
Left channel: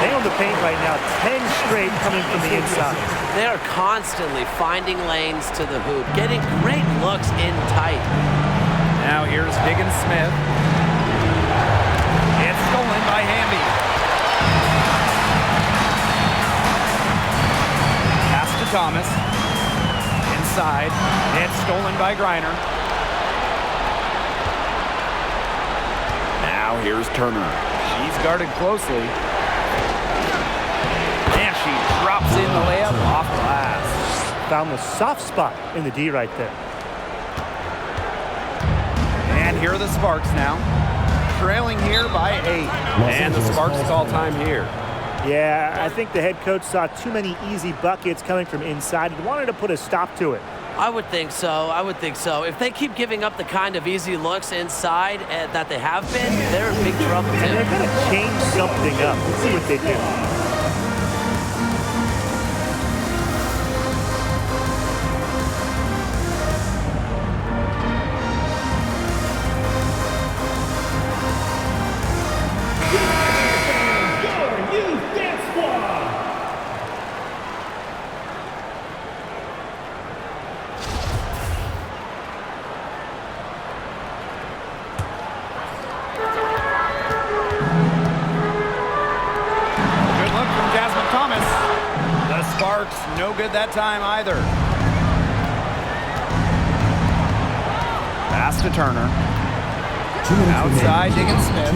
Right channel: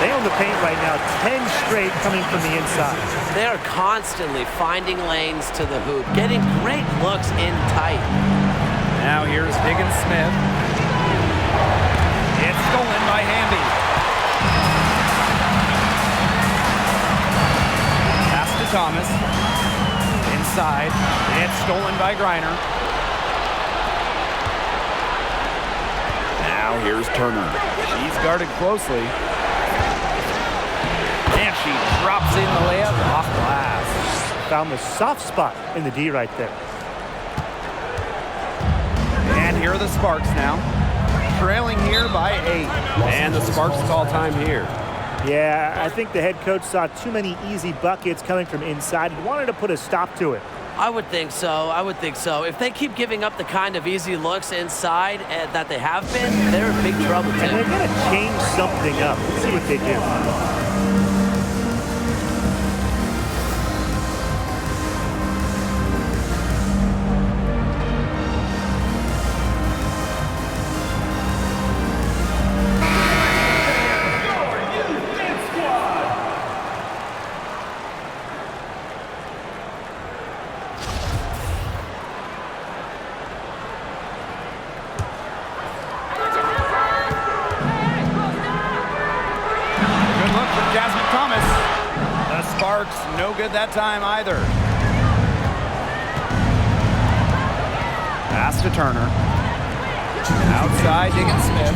They own the paint right now. 10 straight coming from the inside. They are constantly finding lanes to the hoop, getting great looks in tight. Now here's Diggins Smith. It's stolen by Hamby. Pass to Thomas. Inside. It's stolen by Griner. Now here's Turner. She's guarded closely. And she drops in the layup off glass. Found the soft spot in the D right there. And here are the Sparks now. Trailing here by 8. And the Sparks call time here. Yeah, I think the head coach saw too many easy buckets coming from inside and wanted to put a stop to it. I would think so. I would think so. If they keep giving up the kind of easy looks inside that they have been, they're in big trouble, too. And they're going to change something up. Let's see what they do. Look from Jasmine Thomas. The Sparks, no good that time either. Pass to Turner. Outside, Diggins Smith.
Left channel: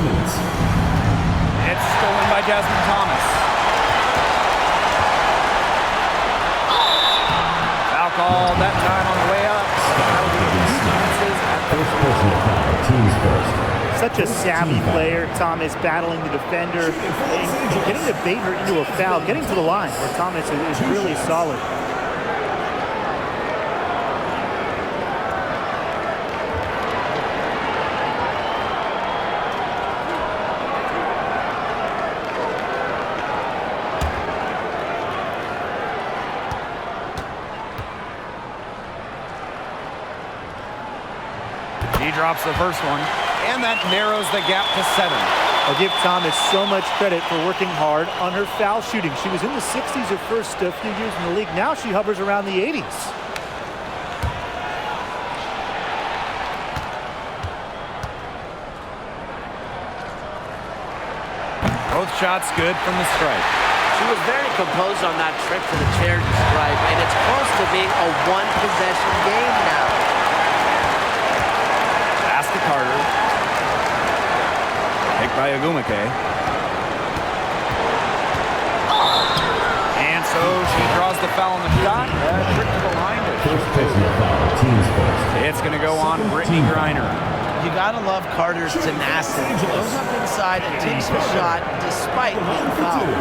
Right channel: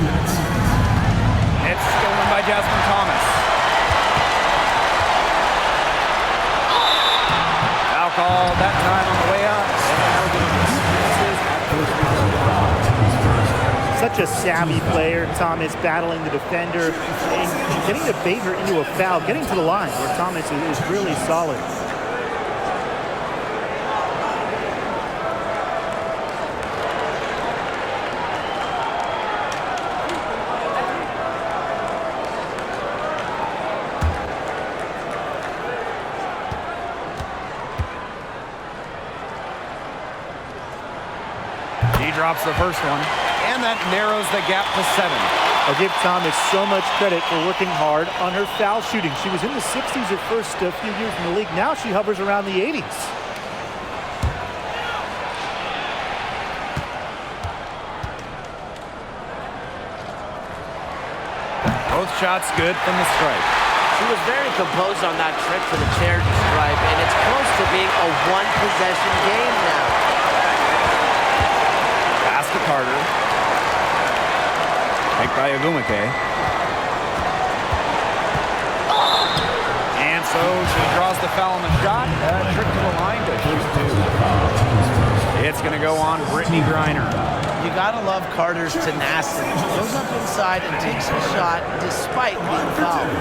It's stolen by Jasmine Thomas. Foul called that time on the way up. And that will be chances at the free throw line. Such a savvy player, Thomas, battling the defender and getting to bait her into a foul, getting to the line where Thomas is really solid. He drops the first one. And that narrows the gap to 7. I'll give Thomas so much credit for working hard on her foul shooting. She was in the 60s her first few years in the league. Now she hovers around the 80s. Both shots good from the stripe. She was very composed on that trip to the charity stripe, and it's close to being a one-possession game now. Pass to Carter. Picked by Agumake. And so she draws the foul on the shot. Trick to the line to shoot 2. It's going to go on Brittany Griner. You got to love Carter's tenacity. Goes up inside and takes her shot despite being fouled.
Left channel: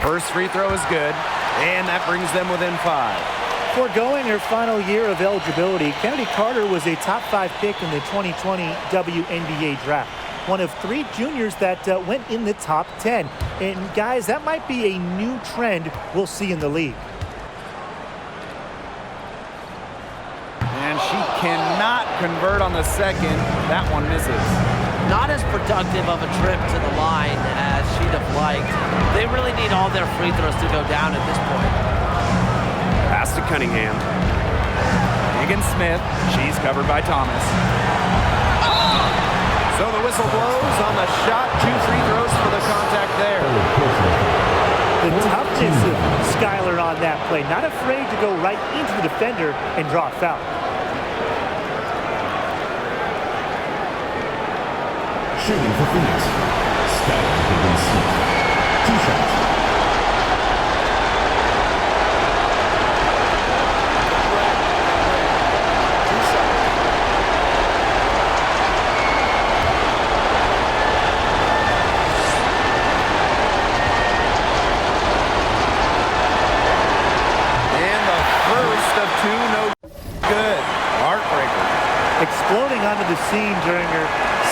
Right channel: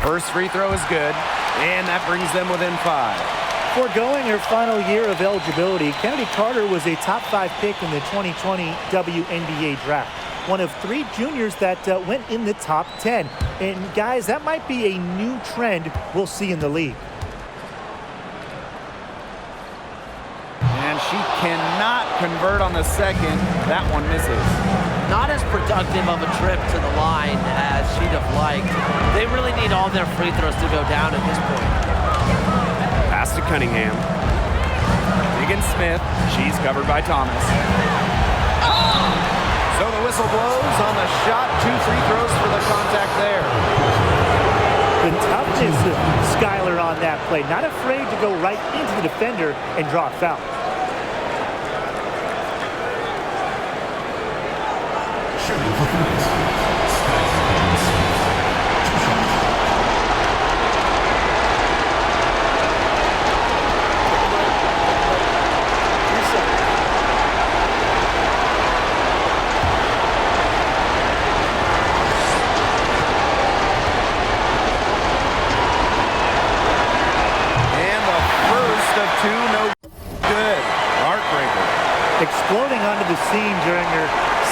First free throw is good, and that brings them within 5. Foregoing her final year of eligibility, Kennedy Carter was a top 5 pick in the 2020 WNBA draft. One of 3 juniors that went in the top 10. And guys, that might be a new trend we'll see in the league. And she cannot convert on the second. That one misses. Not as productive of a trip to the line as she'd have liked. They really need all their free throws to go down at this point. Pass to Cunningham. Diggins Smith. She's covered by Thomas. So the whistle blows on the shot. 2 free throws for the contact there. The toughness of Skylar on that play. Not afraid to go right into the defender and draw a foul. Shooting for Phoenix. Skylar Diggins-Smith. 2 shots. Take a break. Take a break. 2 shots. And the first of 2, no good. Heartbreaker. Exploding onto the scene during her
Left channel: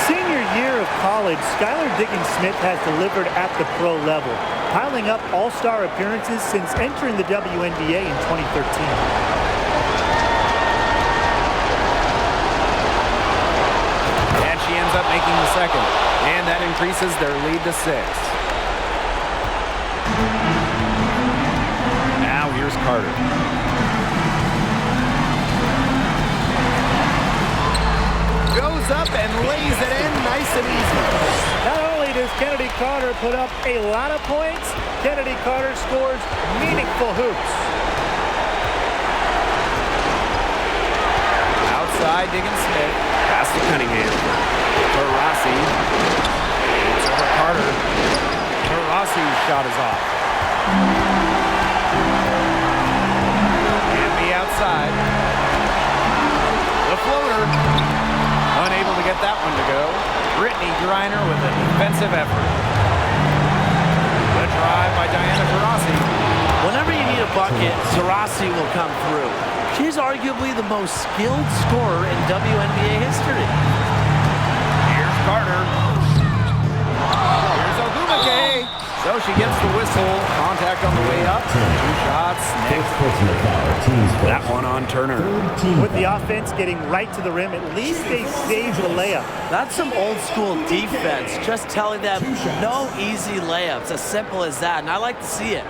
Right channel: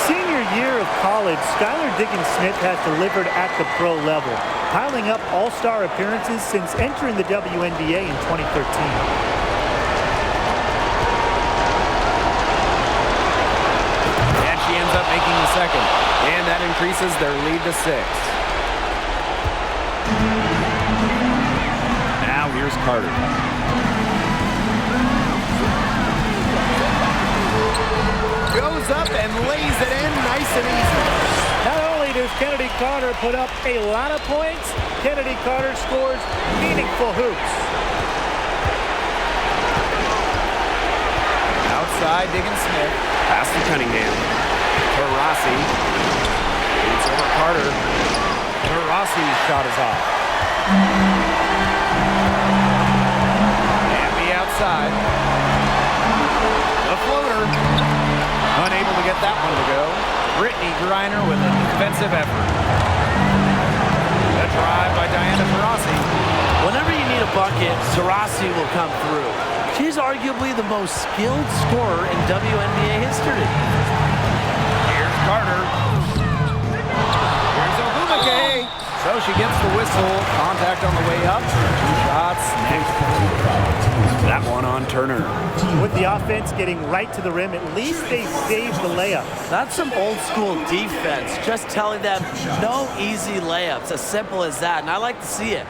senior year of college, Skylar Diggins-Smith has delivered at the pro level, piling up all-star appearances since entering the WNBA in 2013. And she ends up making the second. And that increases their lead to 6. Now here's Carter. Goes up and lays it in nice and easy. Not only does Kennedy Carter put up a lot of points, Kennedy Carter scores meaningful hoops. Outside, Diggins-Smith. Pass to Cunningham. To Rossi. Shoots over Carter. To Rossi's shot is off. And be outside. The floater. Unable to get that one to go. Brittany Griner with a defensive effort. The drive by Diana Taurasi. Whenever you need a bucket, Taurasi will come through. She's arguably the most skilled scorer in WNBA history. Here's Carter. Here's Ogumake. So she gets the whistle. Contact on the way up. 2 shots next. That one on Turner. With the offense getting right to the rim, at least they saved the layup. That's some old school defense, just telling them no easy layups, as simple as that, and I like to see it.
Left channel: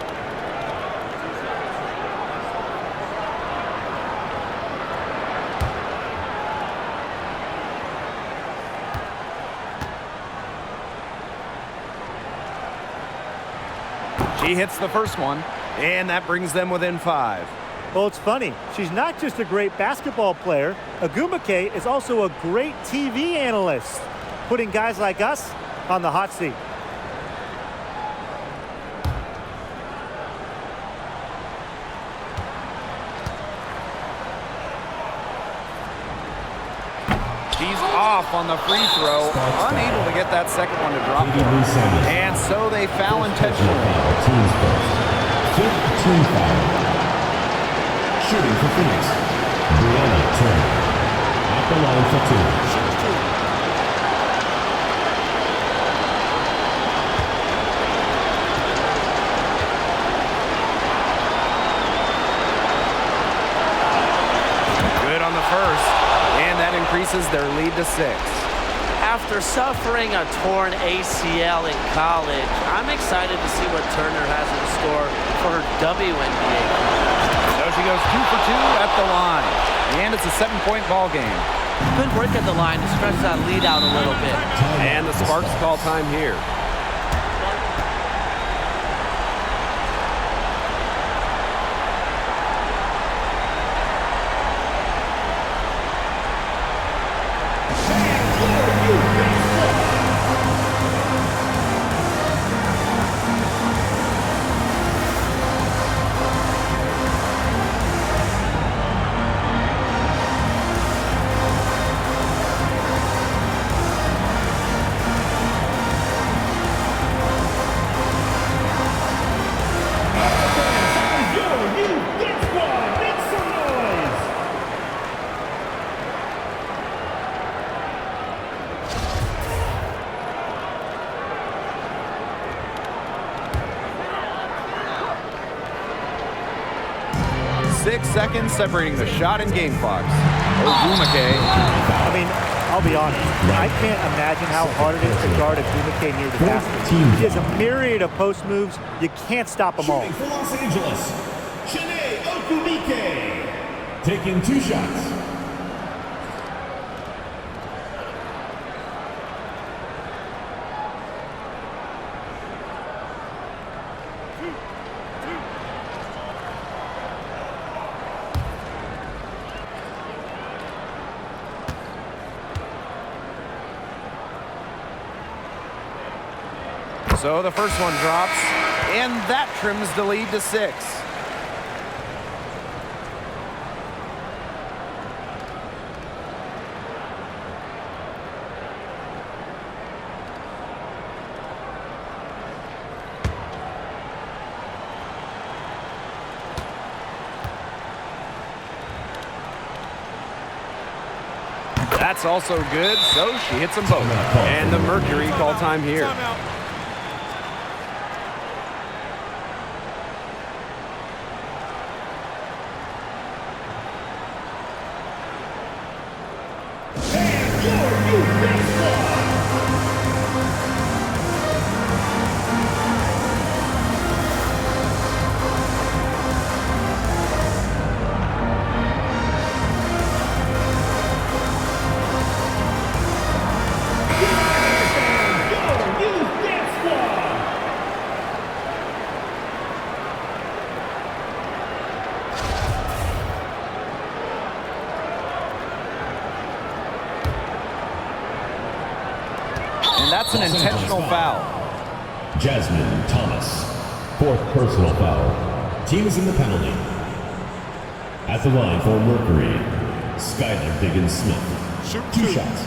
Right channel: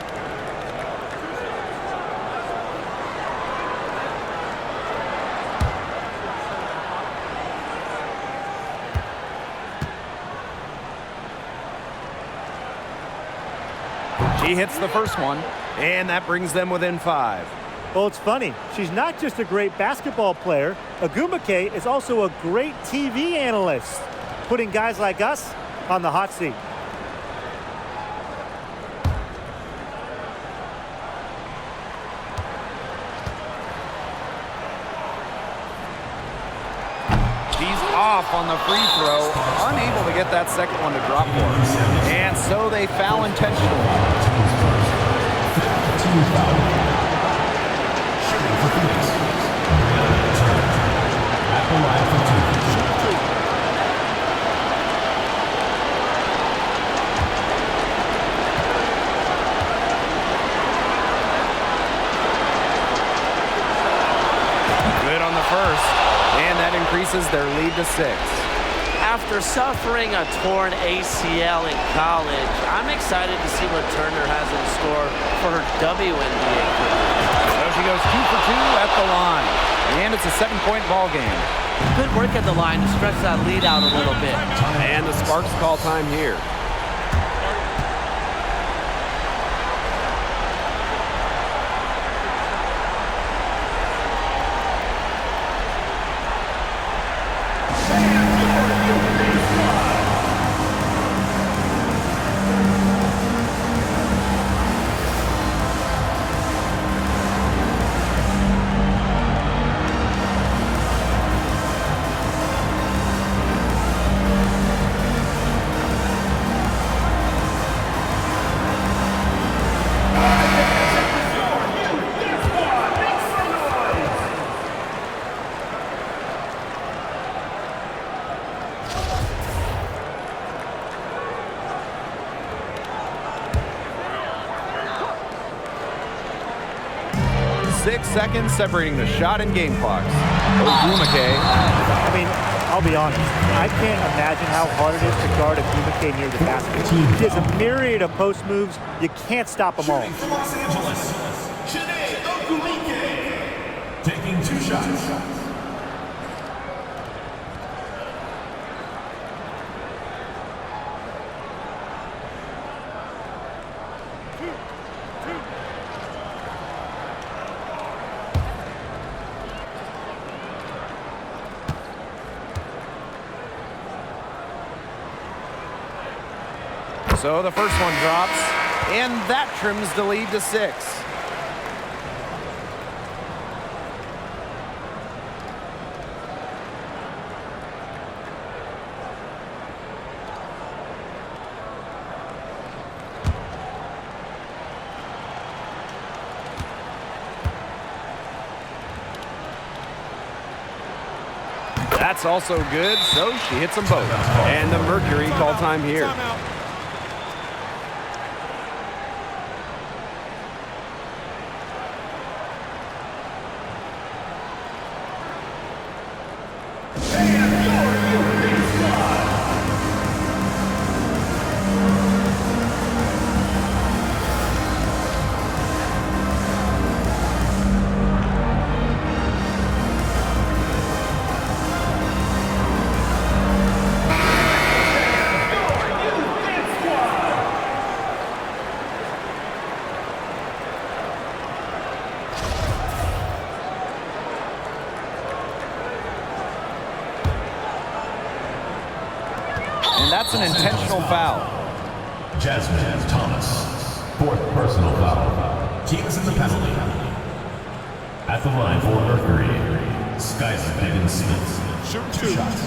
She hits the first one, and that brings them within 5. Well, it's funny. She's not just a great basketball player. Ogumake is also a great TV analyst, putting guys like us on the hot seat. She's off on the free throw, unable to get that second one to drop for her. And so they foul intentionally. Teams first. 5th team foul. Shooting for Phoenix. Brianna Turner. At the line for 2. Shoot 2. Good on the first. And that increases their lead to 6. After suffering a torn ACL in college, I'm excited to see what Turner has in store for her WNBA career. So she goes 2 for 2 at the line. And it's a 7-point ball game. Good work at the line to stretch that lead out a little bit. And the Sparks call time here. Six seconds separating the shot and game clocks. Ogumake. I mean, I'll be honest. I can't imagine how hard it is to guard Ogumake near the basket. She has a myriad of post moves. You can't stop them all. Shooting for Los Angeles. Chiney Ogumake. Taking 2 shots. Two. So the first one drops, and that trims the lead to 6. That's also good, so she hits them both. And the Mercury call time here. Timeout. And that's an intentional foul. Jasmine Thomas, 4th personal foul. Team is in the penalty. At the line for Mercury, Skylar Diggins-Smith. Shoot 2 2. shots.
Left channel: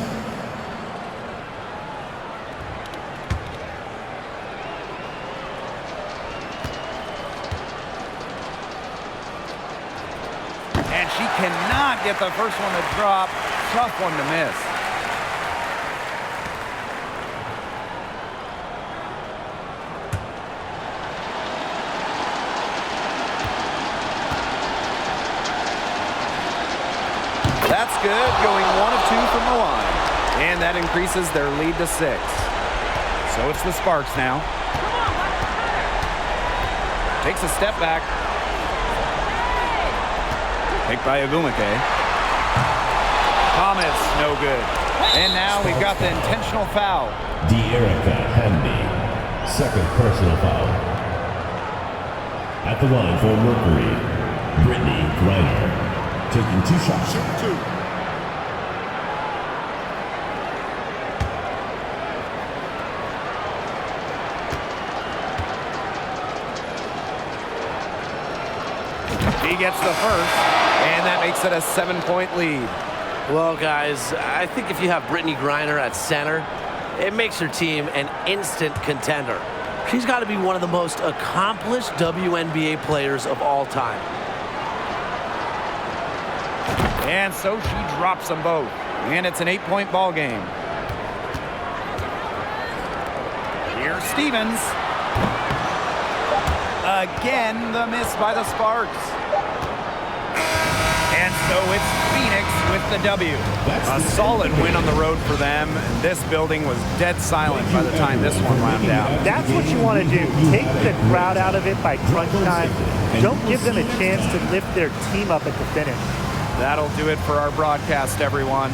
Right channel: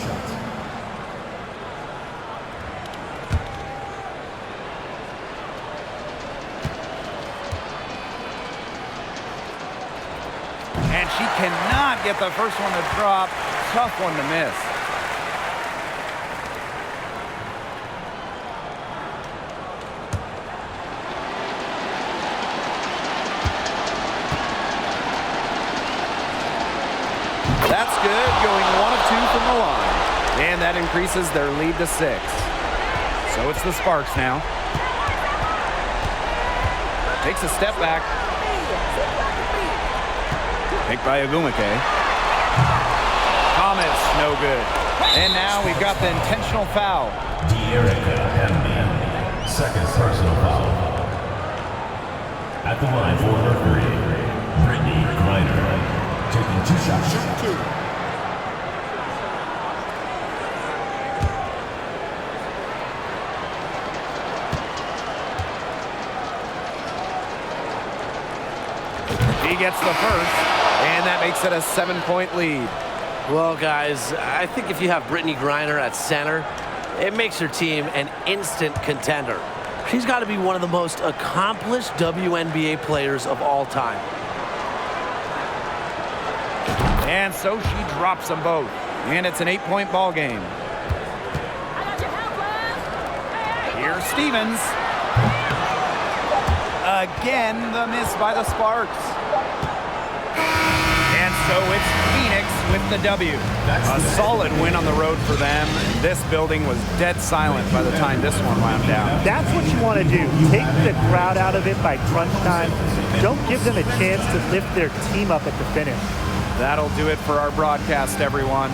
And she cannot get the first one to drop. Tough one to miss. That's good, going 1 of 2 from the line. And that increases their lead to 6. So it's the Sparks now. Takes a step back. Picked by Agumake. Thomas, no good. And now we've got the intentional foul. De'Erica Hemby, 2nd personal foul. At the line for Mercury, Brittany Griner, taking 2 shots. Shoot 2. She gets the first, and that makes it a 7-point lead. Well, guys, I think if you have Brittany Griner at center, it makes your team an instant contender. She's got to be one of the most accomplished WNBA players of all time. And so she drops them both. And it's an 8-point ball game. Here's Stevens. Again, the miss by the Sparks. And so it's Phoenix with the W. A solid win on the road for them. And this building was dead silent by the time this one wound down. That's what you want to do. Take the crowd out of it by crunch time. Don't give them a chance to lift their team up at the finish. That'll do it for our broadcast, everyone.